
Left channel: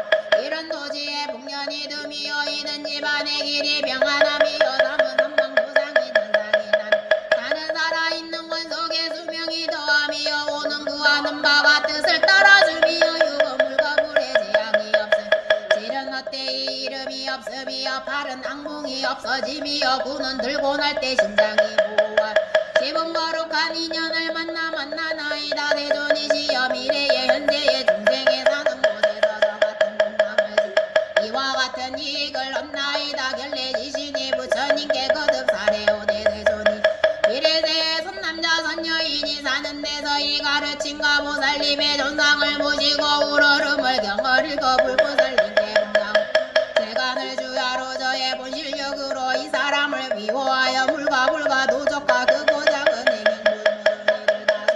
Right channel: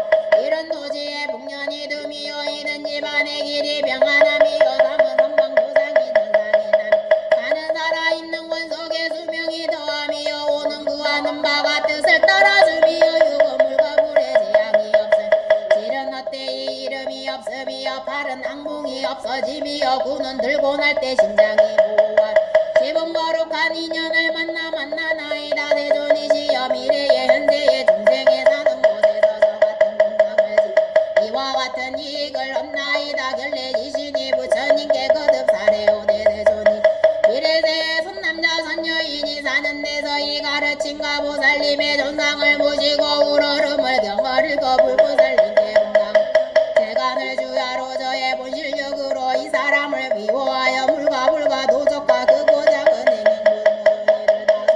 이런 도지에 복년이 듬이여 이는 집안의 길이 평안함이여 삼은 선방부상이 능상이 난 사는 살아있는 권속의 수명이 더함이여 오는 구하는 바가 뜻을 따라주미여 유금물과 물의 재앙이 없음 질은 헛되이 이름이 없음이여 팔은 악몽이 없어짐이여 구는 들고 날 때 심장이 보호한 집은 거룩한 인연을 만나나이다 세존이시여 미래의 현재의 중생에 사는 곳에서 저 같은 공양을 이와 같은 이익을 얻나이다 결례지신이 부처님께 거듭 사례오되 세존이 미래세의 선남자 선여인이 사는 데서 이 가르침과 보살님의 존상을 모시고 우러름을 경을 읽어 불보살님께 공양 세간을 주야로 저의 본실력으로 이 사람을 미워하여 물과 도적과 그 고장은 행행불문을 다소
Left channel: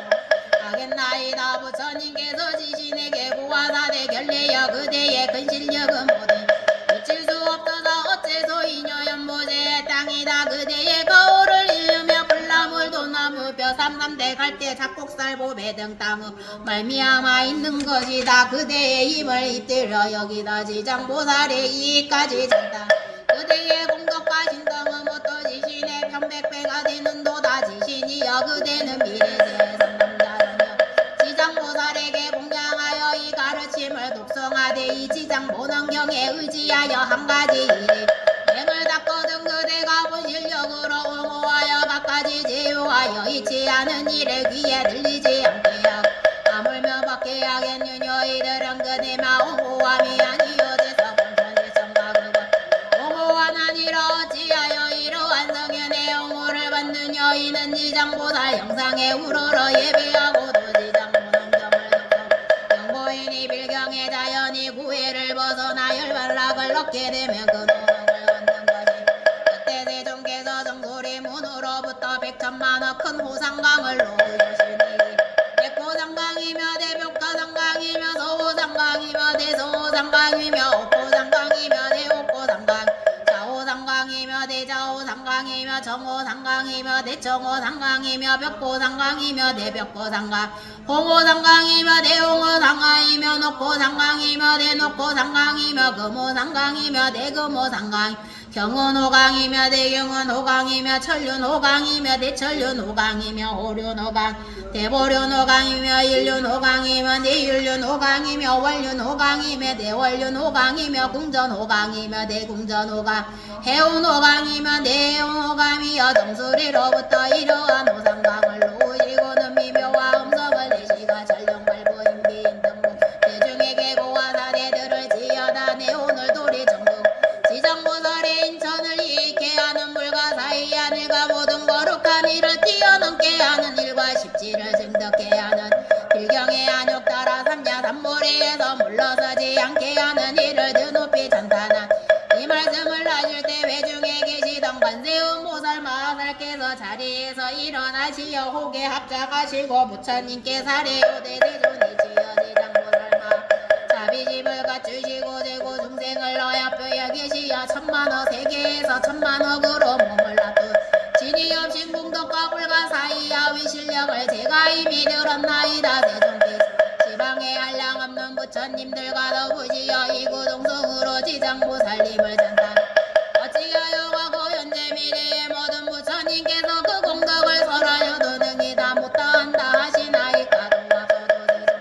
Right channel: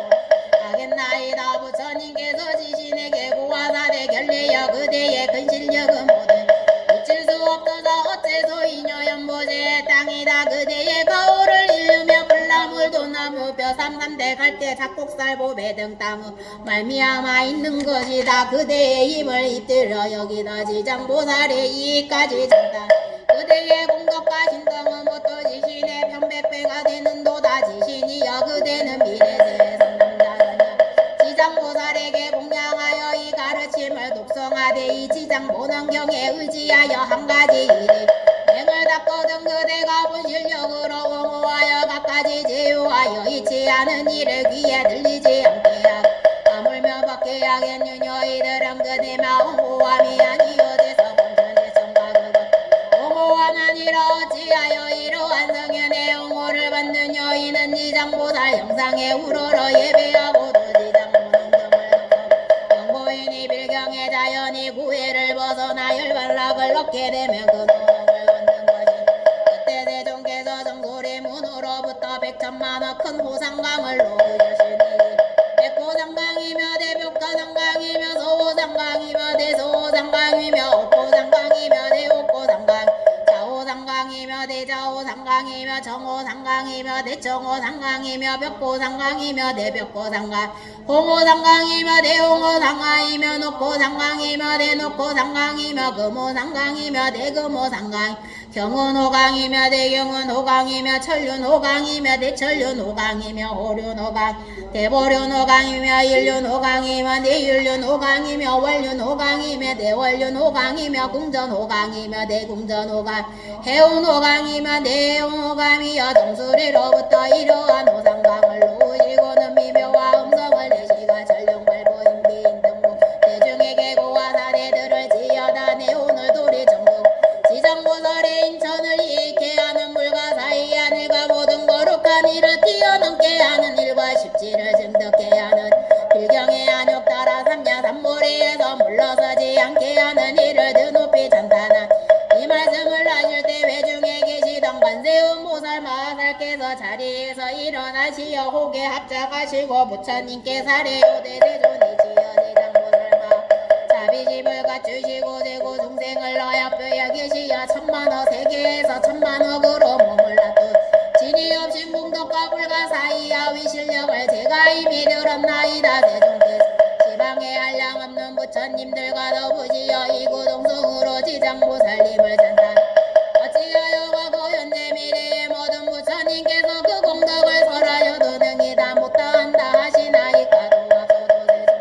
하겠나이다 부처님께서 지신에게 고화사대 결례여 그대의 근실력은 모든 미칠 수 없어서 어째서 이녀 연보제의 땅이다 그대의 거울을 일으며 불나물 도나무 뼈 삼남대 갈대 작곡살 보배 등 땅의 말미암아 있는 것이다 그대의 힘을 잇들여 여기다 지장보살의 이까지 전다 그대의 공덕과 신성은 못도 지신의 편백배가 되는 도다 지신이여 그대는 미래세의 선남자라냐 지장보살에게 공양하여 이 가르침을 독성하되 이 지장보능경에 의지하여 한 가지 일이 맹을 닦거든 그대가 본실력으로 옹호하여 갖가지 제휴하여 잊지 않은 일에 귀에 들리지 않게 하고 아물며 받게 하겠느냐 이들은 그대마 옹호함이 아니여 돼서 본전의 성각을 옹호한 아니라 어찌하여 이러한 성현의 옹호를 받는 여인은 지장보살 형상에 우러러 예배하고 도지장보능경을 덕하고 영고인이 빌경의 자연이 구애를 벗어나 열반락을 얻게 되면 그 노력을 얻는 것이 그때 세종께서 정구리 문으로부터 100천만원 큰 호상강을 놓으시니 백호상강이며 대벽가상강이며 서호상강이며 대서호상강이며 옥호상강이며 대옥호상강 좌호상강이며 대좌호상강이며 정호상강이며 대청호상강이며 벽호상강이며 대벽호상강 홍호상강이며 대홍호상강이며 녹호상강이며 대녹호상강이며 금호상강이며 대금호상강 경운호강이며 대경운호강이며 천륜호강이며 대천륜호강이며 호륜호강 대보륜호강이며 일륜호강이며 대율륜호강이며 월륜호강이며 대월륜호강이며 궁전호강이며 대궁전호강 해운호강이며 대해운호강이여 정수리로부터 이러한 호상강을 놓으시고는 미묘와 음성을 내시가 전령발보인비인 등부 관세음보살 마살께서 자리에서 일어나시어 호계 합작하시고 부처님께 사례요 대세존이시여 대장보살마 자비집을 갖추시고 제고 중생을 어여뼈에 계시어 천만억 세계에서 천만억으로 몸을 놔둔 진이 없인 공덕과 불가 사이야 위실력을 제가 이미 들었나이다 대종께서 지방에 한량 없는 부처님들과 더부시어 이구동성으로 지장보살님을 전탄 어찌하여 과거 현재 미래의 모든 부처님께서 그 공덕을 설하여도 능히 다 못다한다 하시나이까 도와서도 대종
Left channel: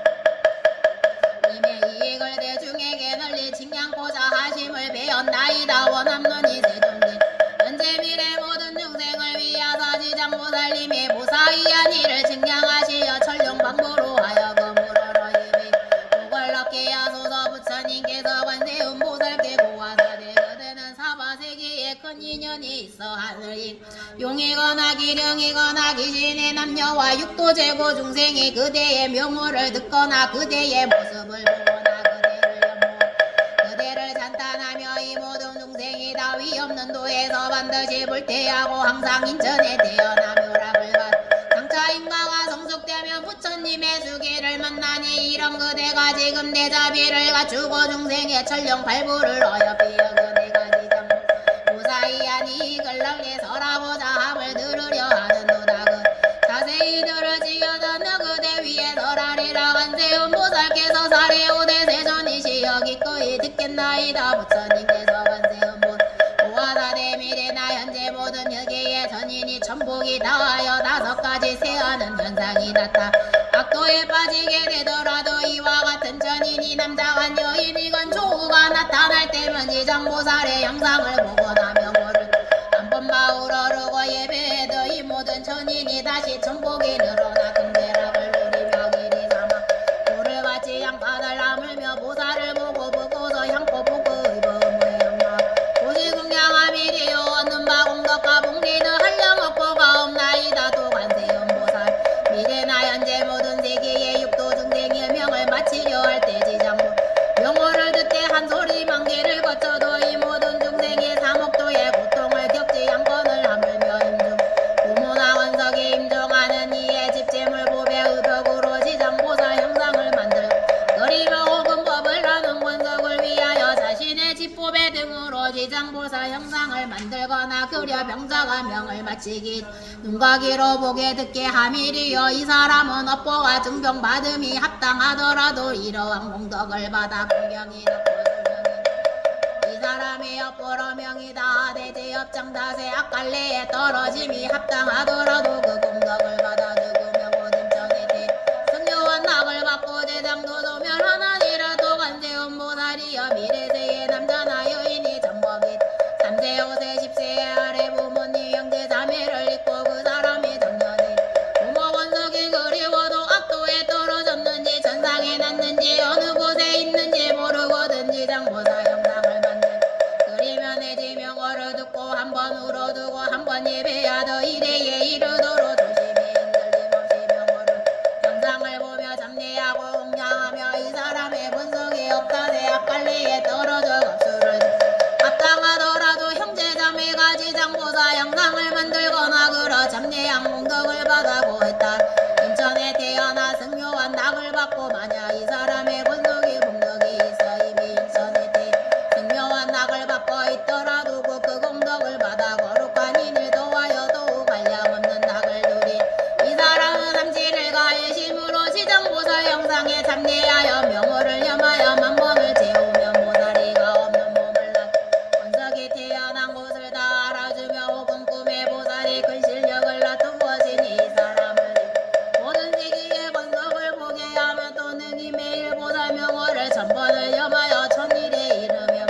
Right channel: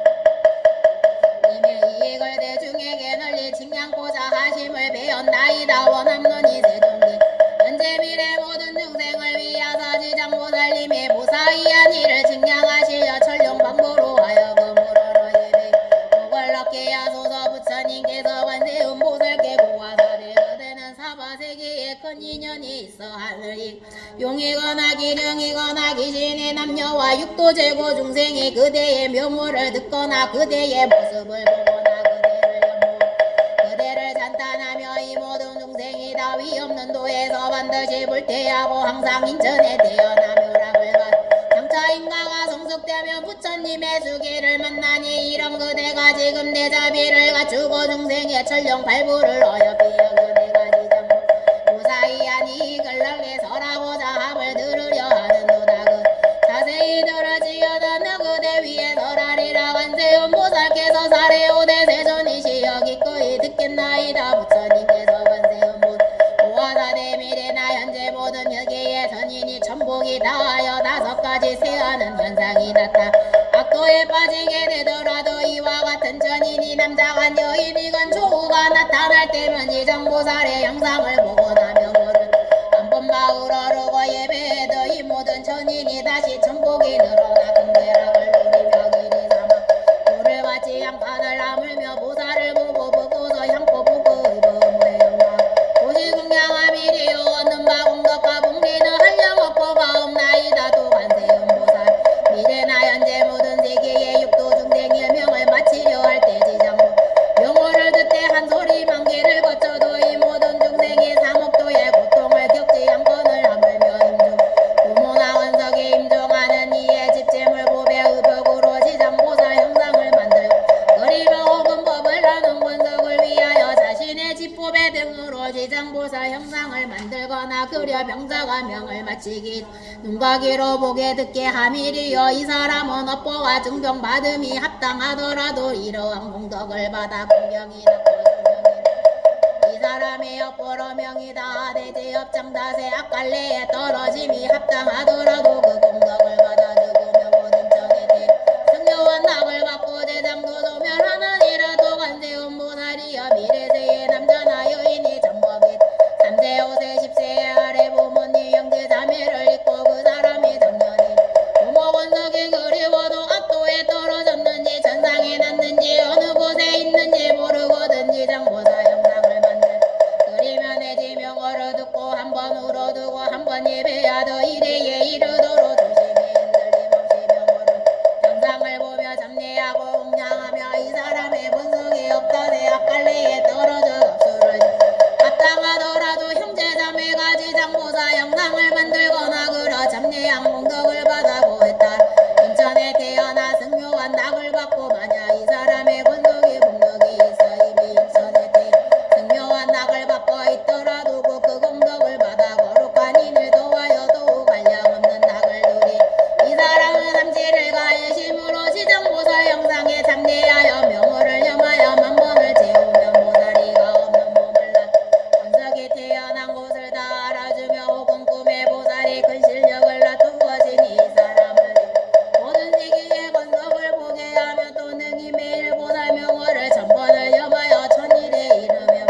님의 이익을 대중에게 널리 칭양고자 하심을 배웠나이다 원함론이 세종님 현재 미래 모든 중생을 위하사 지장보살님의 무사히한 일을 칭양하시어 천룡방보로 하여금 우러러 예배 복을 얻게 하소서 부처님께서 관세음보살께 고하사대 그대는 사바세계에 큰 인연이 있어 하늘이 용이거나 기령이거나 귀신의 남녀와 육도제고 중생이 그대의 명호를 듣거나 그대의 모습을 보거나 그대를 연모 그대를 찬탄하며 이 모든 중생이 다 위없는 도에서 반드시 불태하고 항상 인천에 태어나 묘락을 받 장차 인가가 성숙되면 부처님의 수기를 만나니 이런 그대가 지금 내 자비를 갖추고 중생의 천룡 발부를 어여삐어 그대가 지장 무사히한 이익을 널리 설하고자 함을 들으려 하는도다 그 자세히 들으시어도 그대 위에 설하리라 관세음보살께서 사례오대 세존이시여 기꺼이 듣겠나이다 부처님께서 관세음보 고화사대 미래나 현재 모든 혈계의 전인이 천복이 다하여 5가지 세하는 현상이 나타 악도에 빠지게 되더라도 이와 같은 전인이 남자간 여인이건 조우가 나타날 때면 지장보살의 형상을 보고 나면 모를 한번 마우러르고 예배해도 이 모든 전인이 다시 천복이 늘어나 금대락을 누리며 길이 삼아 불을 받지 양판을 나물며 보살을 보고서 향포 보고 의범의 영광 고지궁양함 이리요 얻는 바 공덕과 복리는 한량없고가 없나이다 또 관세음보살 미래나 현재 모든 세계의 육도 중생의 명을 마치려 할 때 지장보 명호를 듣되 한 소리 만기를 거쳐도 이 모든 중생이 삼옥도의 고통을 겪지 않거늘 하물며 임중 부모나 원석에 임종하는 이의 집재물 보배 의벽으로 지장보살 형상을 만들고 그리며 혹은 법을 나눈 원석을 위하여 자신의 집보배 등으로 지장보살 형상을 만들거나 그려 병자가 명을 마치기 눈과 귀로 보게 듣게 함이리요 이 사람은 업보와 증병 받음이 합당하더라도 이러한 공덕을 받아 공경이 낳고 이 사람의 업보로 명이 다하되 제업장다세 악갈래에 떨어짐이 합당하더라도 그 공덕을 받아 누구며 모든 전에 대 승려한 낙을 받고 대장도 도면하는 이라도 관세음보살이여 미래세의 남자나 여인이 전법이 3세 5세 10세 아래 부모님 형제 자매를 잊고 그 사람이 정년이 부모 원석이 그리워도 악도에 떨어졌는지 천상에 났는지 어느 곳에 있는지 모르거든지 장보살 형상을 만들 그리면 내 지명어를 듣고 한번 울어두고 한번 예배하더 이래에 이르도록 조심히 흔들림없이 명어를 형상을 보며 잡례하고 공양하며 이 사람의 본성이 없다세 악갈래에 떨어져 겁수를 합당하더라도 형제자매가 지장보살 형상을 만들거나 그러 잡례한 공덕을 받아고 했다 인천에 태어나 승묘한 낙을 받고 만약 이 사람의 본성이 공덕이 있어 이미 인천에 태 승묘한 낙을 받고 있더라도 그 공덕을 받아 거룩한 인을 도와여 더욱 한량 없는 낙을 누리 이 사람은 삼지를 가해심으로 지장보살 형상에 잡례하여 명호를 염하여 만번을 채우며 보살이가 없는 몸을 낳 원석이 태어난 곳을 다 알아주며 혹은 꿈에 보살이 큰 실력을 낳은 것이니 이 사람은 모든 시기에 권석을 보게 하며 또 능히 매일 보살 명호를 천번을 염하여 천일에 이르며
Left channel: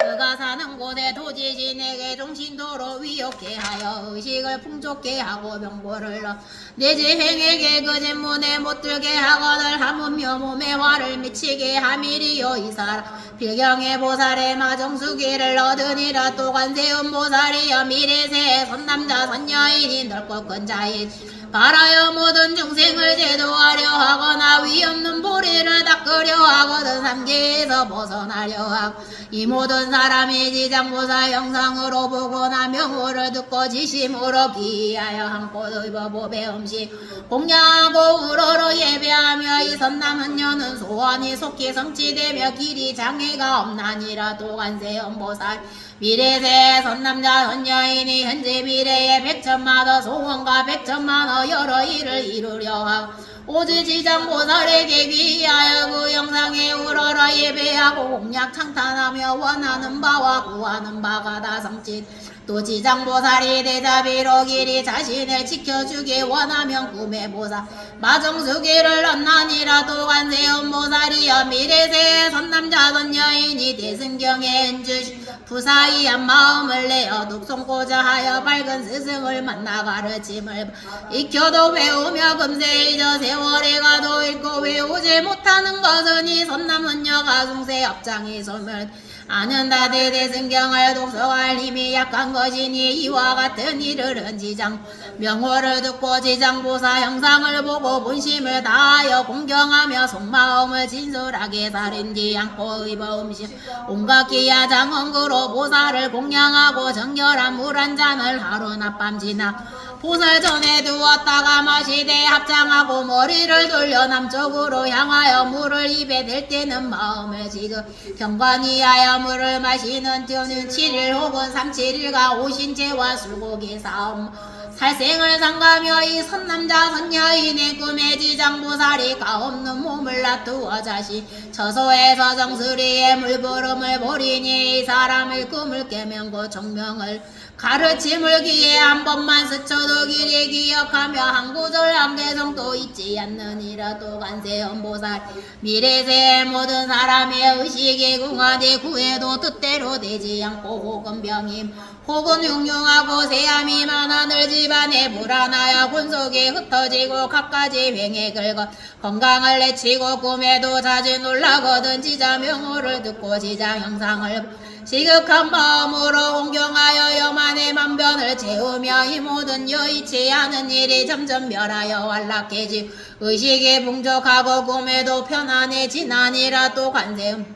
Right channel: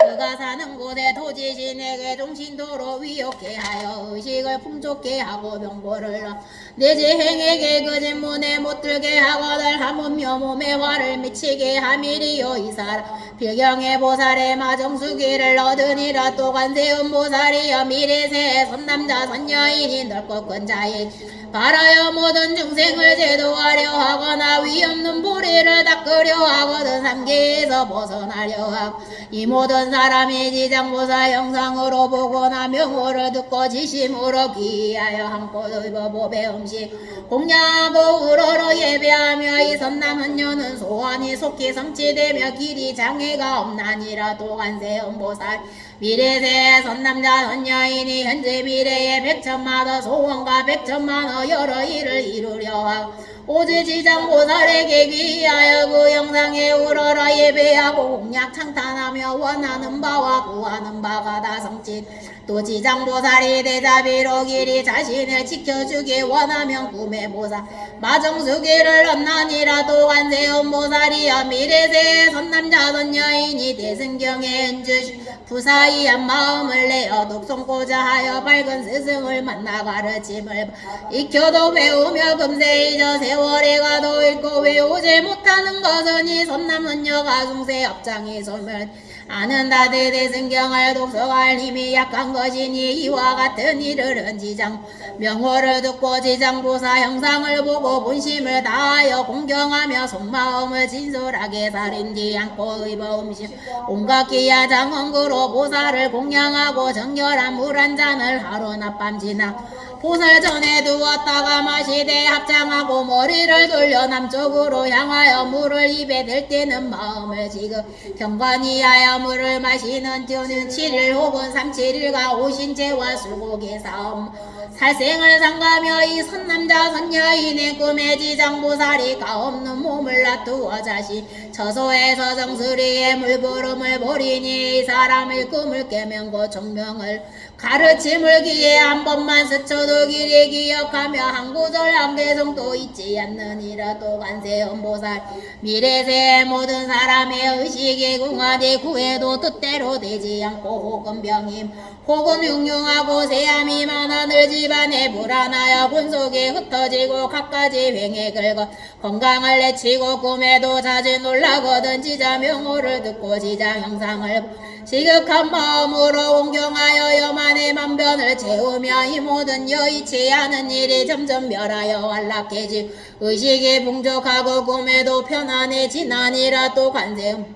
그가 사는 곳에 도지신에게 종신도로 위욕해 하여 의식을 풍족해 하고 명보를 넣어 내지행에게 그 진문에 못 들게 하거늘 하무며 몸에 화를 미치게 함이리요 이 사람 필경의 보살의 마정수기를 얻으니라 또 관세음보살이여 미래세의 선남자 선여인이 넓고 큰 자인 바라여 모든 중생을 제도하려 하거나 위없는 보리를 닦으려 하거든 삼계에서 벗어나려 하고 이 모든 사람이 지장보살 형상으로 보거나 명호를 듣고 지심으로 귀하여 한꽃 입어 보배 음식 공양하고 우러러 예배하며 이 선남은녀는 소원이 속히 성취되며 길이 장애가 없나니라. 도관세 음보살 미래세 선남자 선여인이 현재 미래에 백천마더 소원과 백천만의 여러 일을 이루려 하고 오지 지장보살에게 귀하여 그 영상에 우러러 예배하고 공약 창탄하며 원하는 바와 구하는 바가 다 성취. 또 지장보살이 대자비로 길이 자신을 지켜주기 원하면 구매보살 마정수기를 얻나니라. 또 관세음보살이여 미래세 선남자 선여인이 대승경에 은주시 부사이한 마음을 내어 독송고자 하여 밝은 스승을 만나 가르침을 익혀도 외우며 금세 잊어 세월이 가도 읽고 외우지 못하는 것은 이 선남은녀가 중세 업장이 소멸 아는 다들 대승경을 독서할 힘이 약한 것이니 이와 같은 일을 지장 명호를 듣고 지장보사 형상을 보고 본심을 다하여 공경하며 속마음을 진솔하게 다른지 않고 의버 음식 온갖 기야 장언그로 보살을 공양하고 정결한 물 한 잔을 하루 낮밤 지나 보살 전에 두었다가 마시되 합장하고 머리를 돌려 남쪽으로 향하여 물을 입에 댈 때는 마음을 지금 경관이하여 물을 마시는 저는 7일 혹은 37일간 오신채와 술고기 싸움 살생을 상가며 이 선남자 선여인의 꿈에 지장보살이 가없는 몸을 놔두어 자신 처소에서 정수리에 물구름을 보리니 이 사람의 꿈을 깨면 그 정명을 가르침을 기해 한 번만 스쳐도 길이 기억하며 한 구절 한 개성도 잊지 않느니라. 또 관세음보살 미래세 모든 사람의 의식이 궁하되 구해도 뜻대로 되지 않고 혹은 병임 혹은 흉흉하고 세함이 많아 늘 집안에 불안하여 군속이 흩어지고 갖가지 횡에 긁어 건강을 내치고 꿈에도 자주 놀라거든 지자 명호를 듣고 지장 형상을 지극한 마음으로 공경하여 여만의 만변을 채우며 이 모든 여의치 않은 일이 점점 멸하여 안락해지 의식이 풍족하고 꿈에도 편안해지나니라. 또 관세음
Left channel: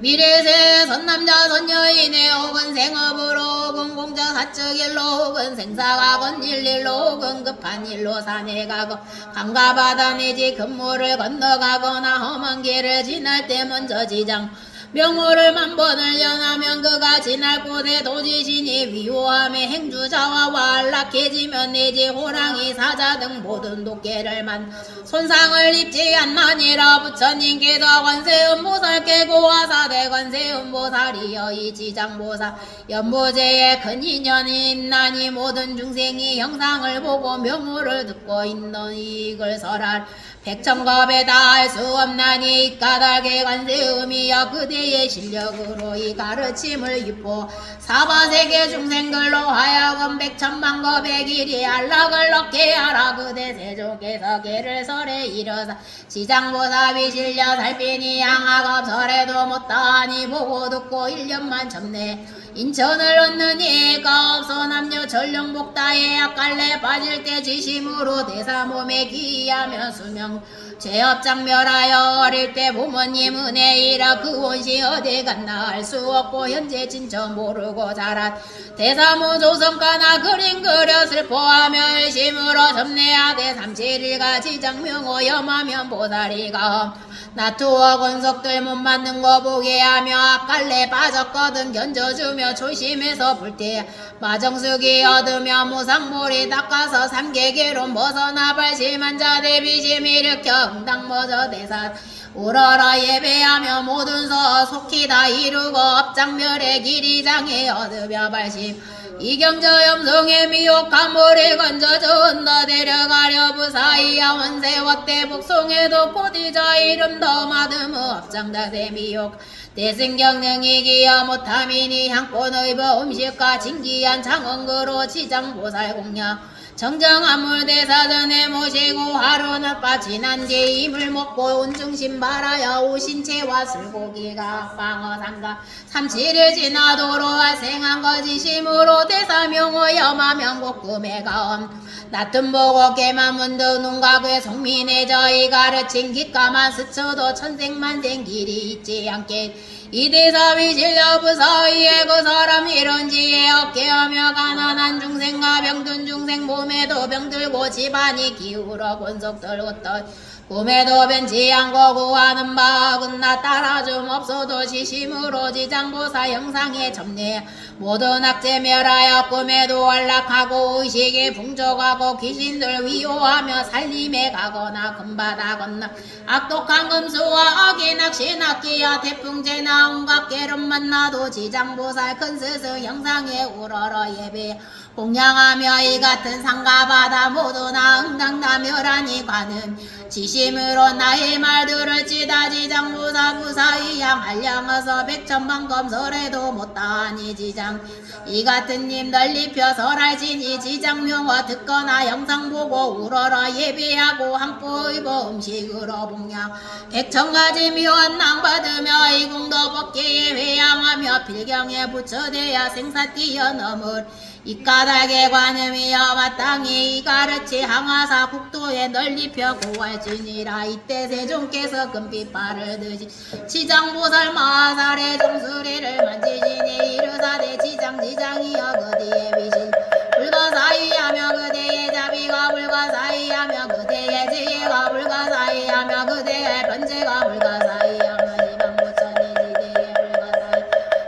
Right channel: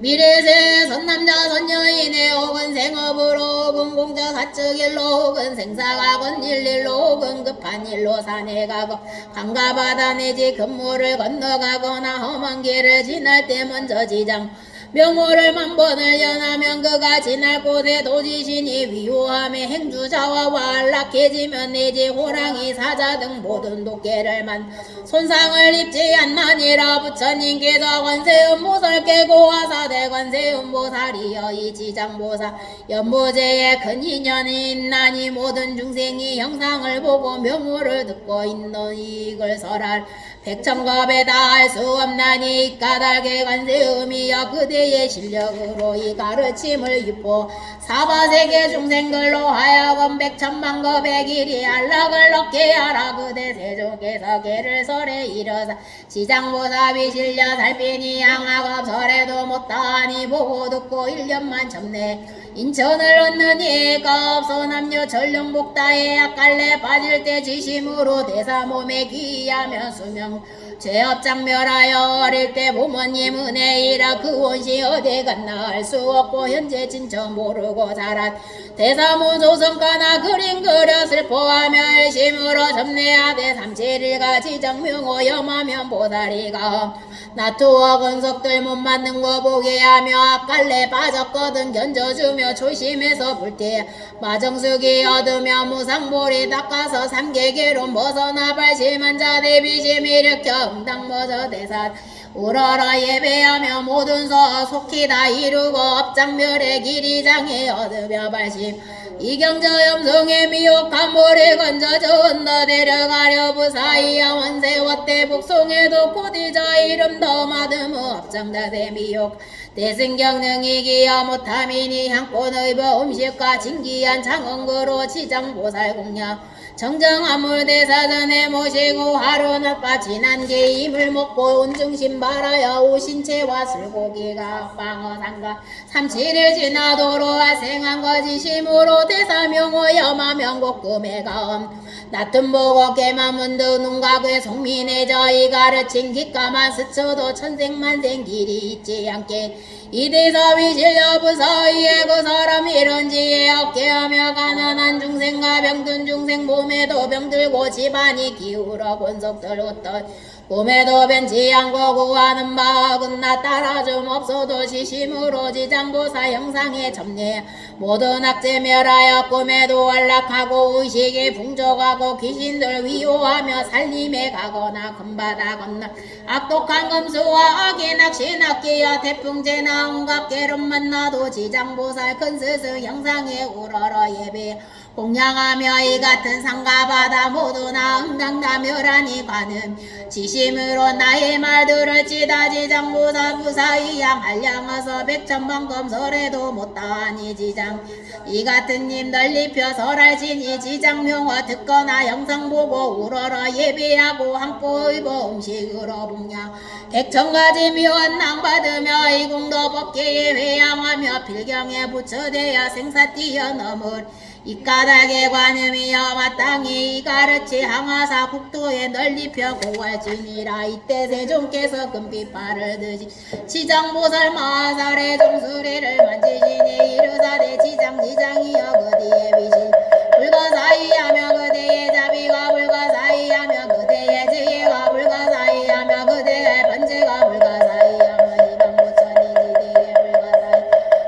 미래세 선남자 선여인의 혹은 생업으로 혹은 공자 사측 일로 혹은 생사가 건일일로 혹은 급한 일로 산에 가고 강가 바다 내지 금물을 건너가거나 험한 길을 지날 때 먼저 지장 명호를 만번을 연하면 그가 지날 곳에 도지신이 위호함에 행주자와 안락해지면 내지 호랑이 사자 등 모든 독개를 만 손상을 입지 않나니라. 부처님께서 관세음보살께 고하사대 관세음보살이여 이 지장보살 연보제에 큰 인연이 있나니 모든 중생이 형상을 보고 명호를 듣고 있는 이익을 설할 백천겁에 다할 수 없나니 까닭에 관세음이여 그대의 실력으로 이 가르침을 유포 사바세계 중생들로 하여금 백천만겁의 길이 안락을 얻게 하라. 그대 세족에서 개를 설에 이르사 지장보살이 실려 살피니 양학업 설에도 못다하니 보고 듣고 1년만 접내 인천을 얻느니까 없소 남녀 전령복다에 약갈래 빠질 때 지심으로 대사 몸에 기하며 수명 죄업장멸하여 어릴 때 부모님 은혜이라 그 원시 어디 갔나 알 수 없고 현재 진짜 모르고 자란 대사모 조성가나 그림 그려 슬퍼하며 열심으로 접내야돼 37일가 지정명호 염하면 보살이가 나투어 건석들 못 맞는 거 보게 하며 앞갈래 빠졌거든 견져주며 조심해서 불태 마정숙이 얻으며 무상보리 닦아서 삼계계로 벗어나 발심한 자 대비심 일으켜 응당 머저 대사 우러러 예배하며 모든 서 속히 다 이루고 업장멸의 길이 장에 얻으며 발심 이경저 염성의 미혹한 모래 건져져 언더 데려가려 부사이야 원세워때 북송에도 곧이자 이름 더 마드무 업장다대 미혹 대승경능이 기여 못함이니 향꽃의 음식과 진기한 장언그로 지장보살 공략 정정한 물대사전에 모시고 하루 낮바 지난 뒤 이물 먹고 온중심 말하여 오신채와 술고기가 방어상가 37일 지나도록 발생한 거지심으로 대사명호 염하명곡금의 가엄 낮든 보고 깨만 문득 눈각의 성민의 저희 가르친 기가만 스쳐도 천생만생 길이 있지 않게 이대사위 실려부사위에 그 사람 이런지에 어깨하며 가난한 중생과 병든 중생 몸에도 병들고 집안이 기울어 권속 들었던 꿈에도 변치 않고 구하는 마음은 나 따라 좀 없어도 시심으로 지장보사 형상에 점례 모든 악재 멸하여 꿈에도 안락하고 의식이 풍족하고 귀신들 위호하며 살림에 가거나 금바다 건너 악독한 금수와 악인 악신 악기야 태풍재나 온갖 괴름 만나도 지장보살 큰 스승 형상에 우러러 예배 공양하며 이 같은 산과 바다 모두나 응당다 멸하니 관음 지심으로 나의 말들을 지다 지장보사 무사히 양할량어서 백천만 검설해도 못다하니 지장 이 같은 님 널리 펴설할지니 지장명화 듣거나 영상 보고 우러러 예배하고 한포 입어 음식으로 봉양 백천가지 묘한 낭 받으며 이궁도 법계에 회양하며 필경에 부처되어 생사 뛰어넘을 이 까닭에 관음이여 마땅히 가르치 항하사 국토에 널리 펴 고할지니라. 이때 세종께서 금빛발을 드시 지장보살 마살의 종수리를 만지시니 이르사대 지장이여 그대의 위신 불가사의하며 그대의 자비가 불가사의하며 그대의 지혜가 불가사의하며 그대의 번제가 불가사의하며 지방부처니 지대의 불가사의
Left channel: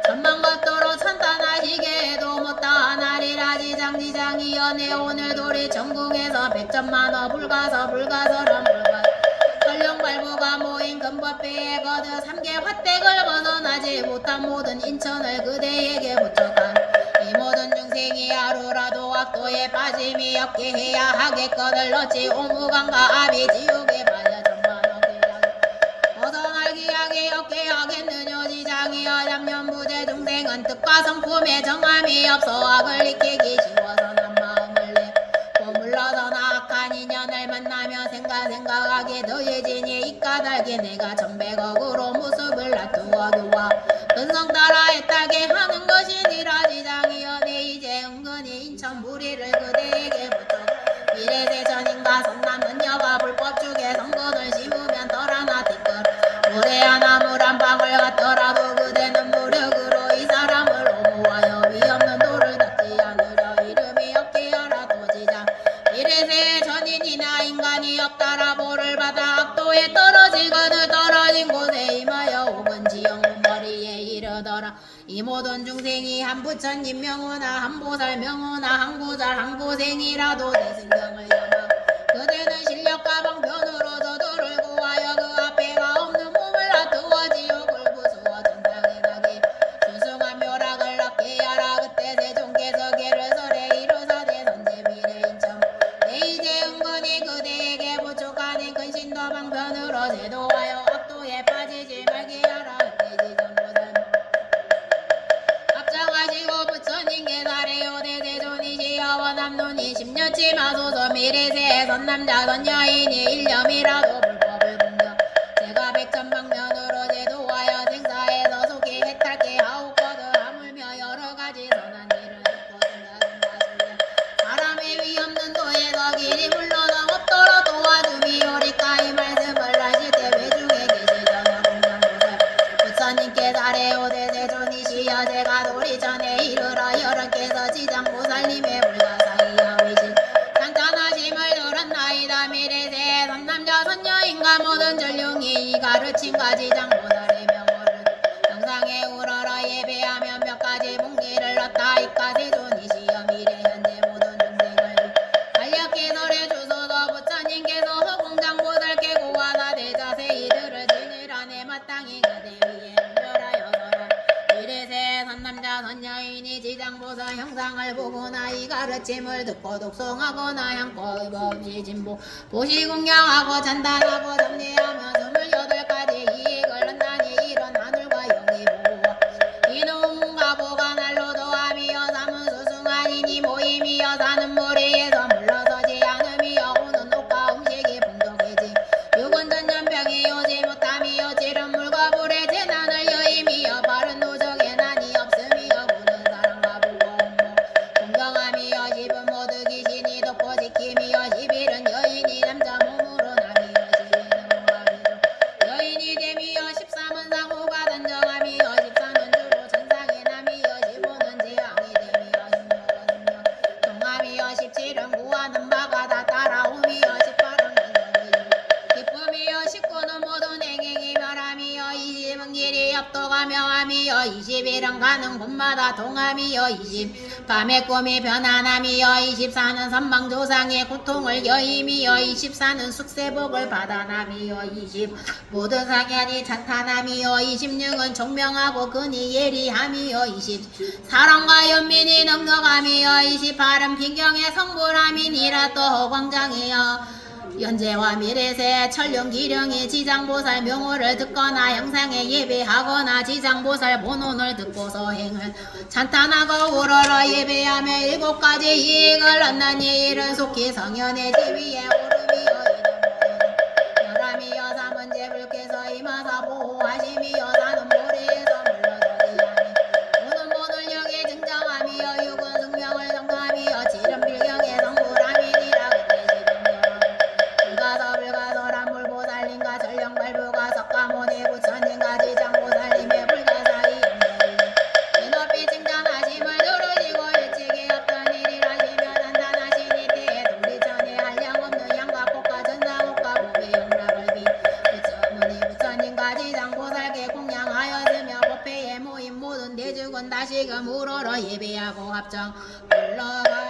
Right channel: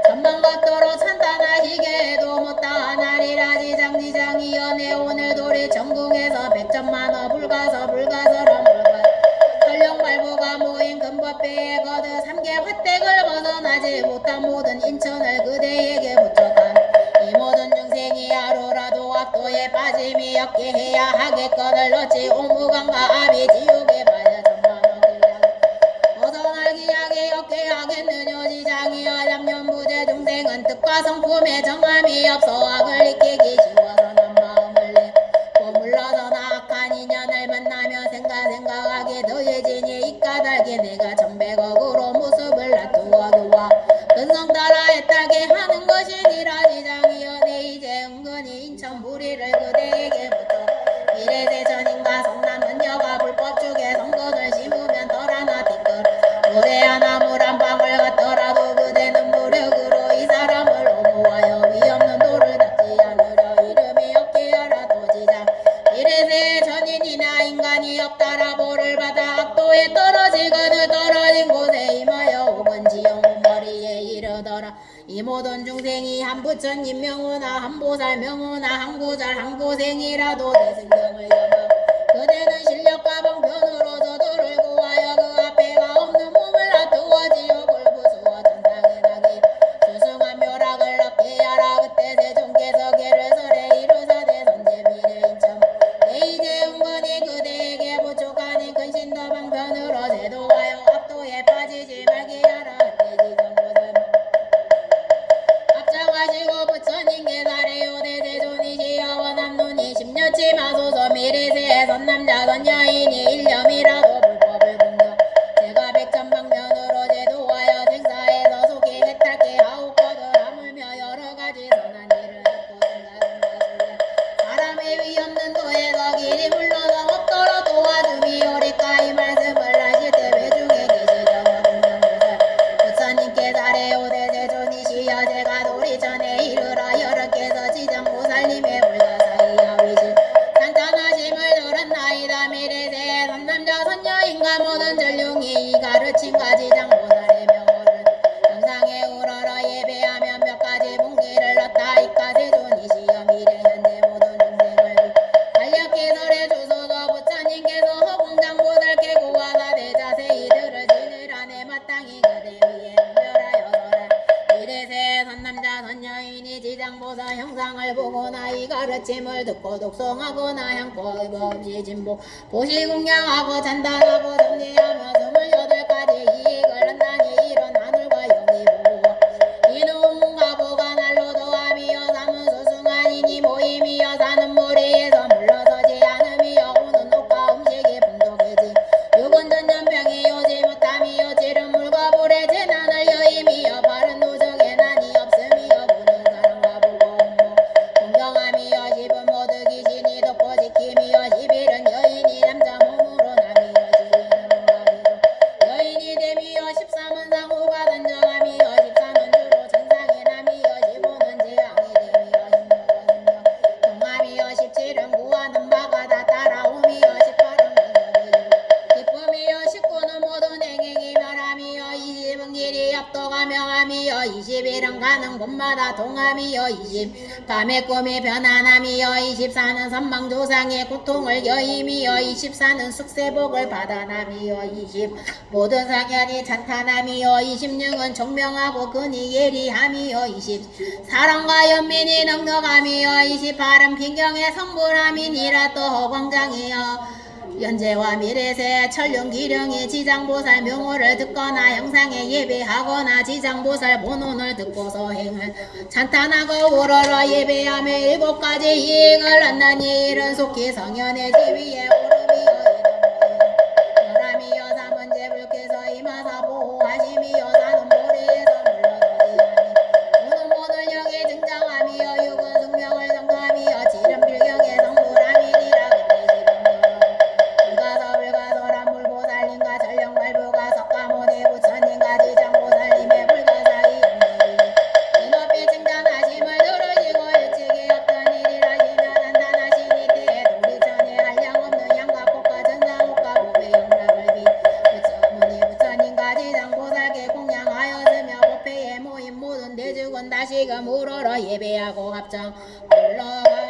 전망받도록 찬탄하시게 해도 못다하나리라. 지장이여 내 오늘 도리 전궁에서 백천만호 불가서란 설령발부가 모인 금법배에 거드 삼계 화택을 벗어나지 못한 모든 인천을 그대에게 부족한 이 모든 중생이 하루라도 악도에 빠짐이 없게 해야 하겠거늘 어찌 오무강과 아비 지옥에 봐야 벗어날 기약이 없게 하겠느냐. 지장이여 양념부재 중생은 뜻과 성품에 정함이 없어 악을 익히기 쉬워서 난 마음을 내 머물러서 악한 인연을 만나며 생각하게 더해지니 이 까닭에 내가 천백억으로 모습을 놔두어 교와 근성 따라 애타게 하는 것이니라. 지장이여 내 이제 은근히 인천 무리를 그대에게 붙여 미래대전인가 선남 은여가 불법 중에 성건을 심으면 덜하나 댓글 모래 하나 물 한 방울 같더라도 그대는 무력으로 이 사람을 옹호하여 위없는 도를 닦지 않으려 이름이 없게 하라도 지장 이래세 전인이나 인간이 없다라 보를 받아 악도에 떨어지거늘 떨어진 곳에 임하여 오건 지영문 머리에 이르더라. 이 모든 중생이 한 부처님 명우나 한 보살 명우나 한 구잘 한 고생이라도 내 생명을 여며 그대는 실력과 방편으로 저들을 구하여 그 앞에가 없는 몸을 놔두어 지옥을 부수어 전당에 나게 수승한 묘락을 낳게 하라. 그때 세종께서 개를 설해 이르사대 선제 미래인청 내 이제 은근히 그대에게 부족하니 근신도 방편으로 제도하여 악도에 빠지지 말게 하라. 그때 지정보살 합장하시고 부처님께 사래요 대세존이시여 원함론이 십년치 마소서 미래세에 선남자 선여인이 일념이라도 불법을 공격 제가 백천방면으로 제도하여 생사에서 속이 해탈게 하옵거든 하물며 여러가지 선한 일을 듣고 생각은 사람의 위없는 도에서 길이 물러서 없도록 도와주미오리까. 이 말씀을 하실 때 외중에 계시려나 공정보살 부처님께 사래요 대세존이시여 제가 도리 전에 이르러 여러께서 지장보살님의 불가사의하 위신 찬찬하심을 들었나이다. 미래세에 선남자 선여인과 모든 전룡이 가르침과 지장보살의 명호를 영상에 우러러 예배하면 몇 가지 봉기를 얻다. 이까 세존이시여 미래 현재 모든 중생을 간략히 설해 주소서. 부처님께서 허공장보살께 고하사 대자세 이들을 지내라네 마땅히 그대 위에 응별하여 설한 미래세 선남자 선여인이 지장보살 형상을 보거나 이 가르침을 듣고 독송하거나 향고의 법이 진보 보시공양하고 찬단하고 정리하며 28가지 이익을 얻나니 이런 하늘과 영이 보호와 이놈과 보가 날로도 함이여 삼은 수승하니니 모임이여 사는 모래에서 물러서지 않음이여 오는 옷과 음식이 풍족해지 육은 전염병이 오지 못함이여 지른 물과 불의 재난을 여임이여 바른 도적에 난이 없음이여 보는 사람과 보고 온모 공경함이여 집은 모두 귀신이 돕고 지킴이여 11은 여인이 남자 몸으로 남이여 12는 몸과 비로 여인이 됨이여 13은 상호가 단정함이여 길은 가는 곳마다 동함이여 20 밤의 꿈이 변화남이여 24는 선망조상의 고통을 여임이여 24는 숙세복을 받아남이여 20 모든 상현이 찬탄함이여 26은 총명하고 근이 예리함이여 20 사랑과 연민이 넉넉함이여 28은 비경의 성불함이니라 또 허광장이여 연재와 미래세 천륜 기령이 지장보살 명호를 듣거나 형상에 예배하거나 지장보살 본원을 듣고서 행을 찬탄하고 우러러 예배하며 7가지 이익을 얻나니 이른 속히 성현의 지위에 오름이여 열함이여 삼은제 불께서 임하사 보호하심이여 사는 모래에서 물러서리하니 오는 모든 역에 등장함이여 육은 숙명을 성감이여 지름 빌경의 성불함이니라 불가서란 불보살님과 전령발부가 석가모니 부처님과 지장보살님의 불가사의 연맹이 높이 칭찬하심을 들으시고 일찍이 없던 일이라시며 단단하시니 때에 도리천에 한량없는 양과 꽃과 전상옥과 보배 영락을 비 부처님과 지장보살께 공양하였으며 법회에 모인 모든 대중은 다시금 우러러 예배하고 합정 불러가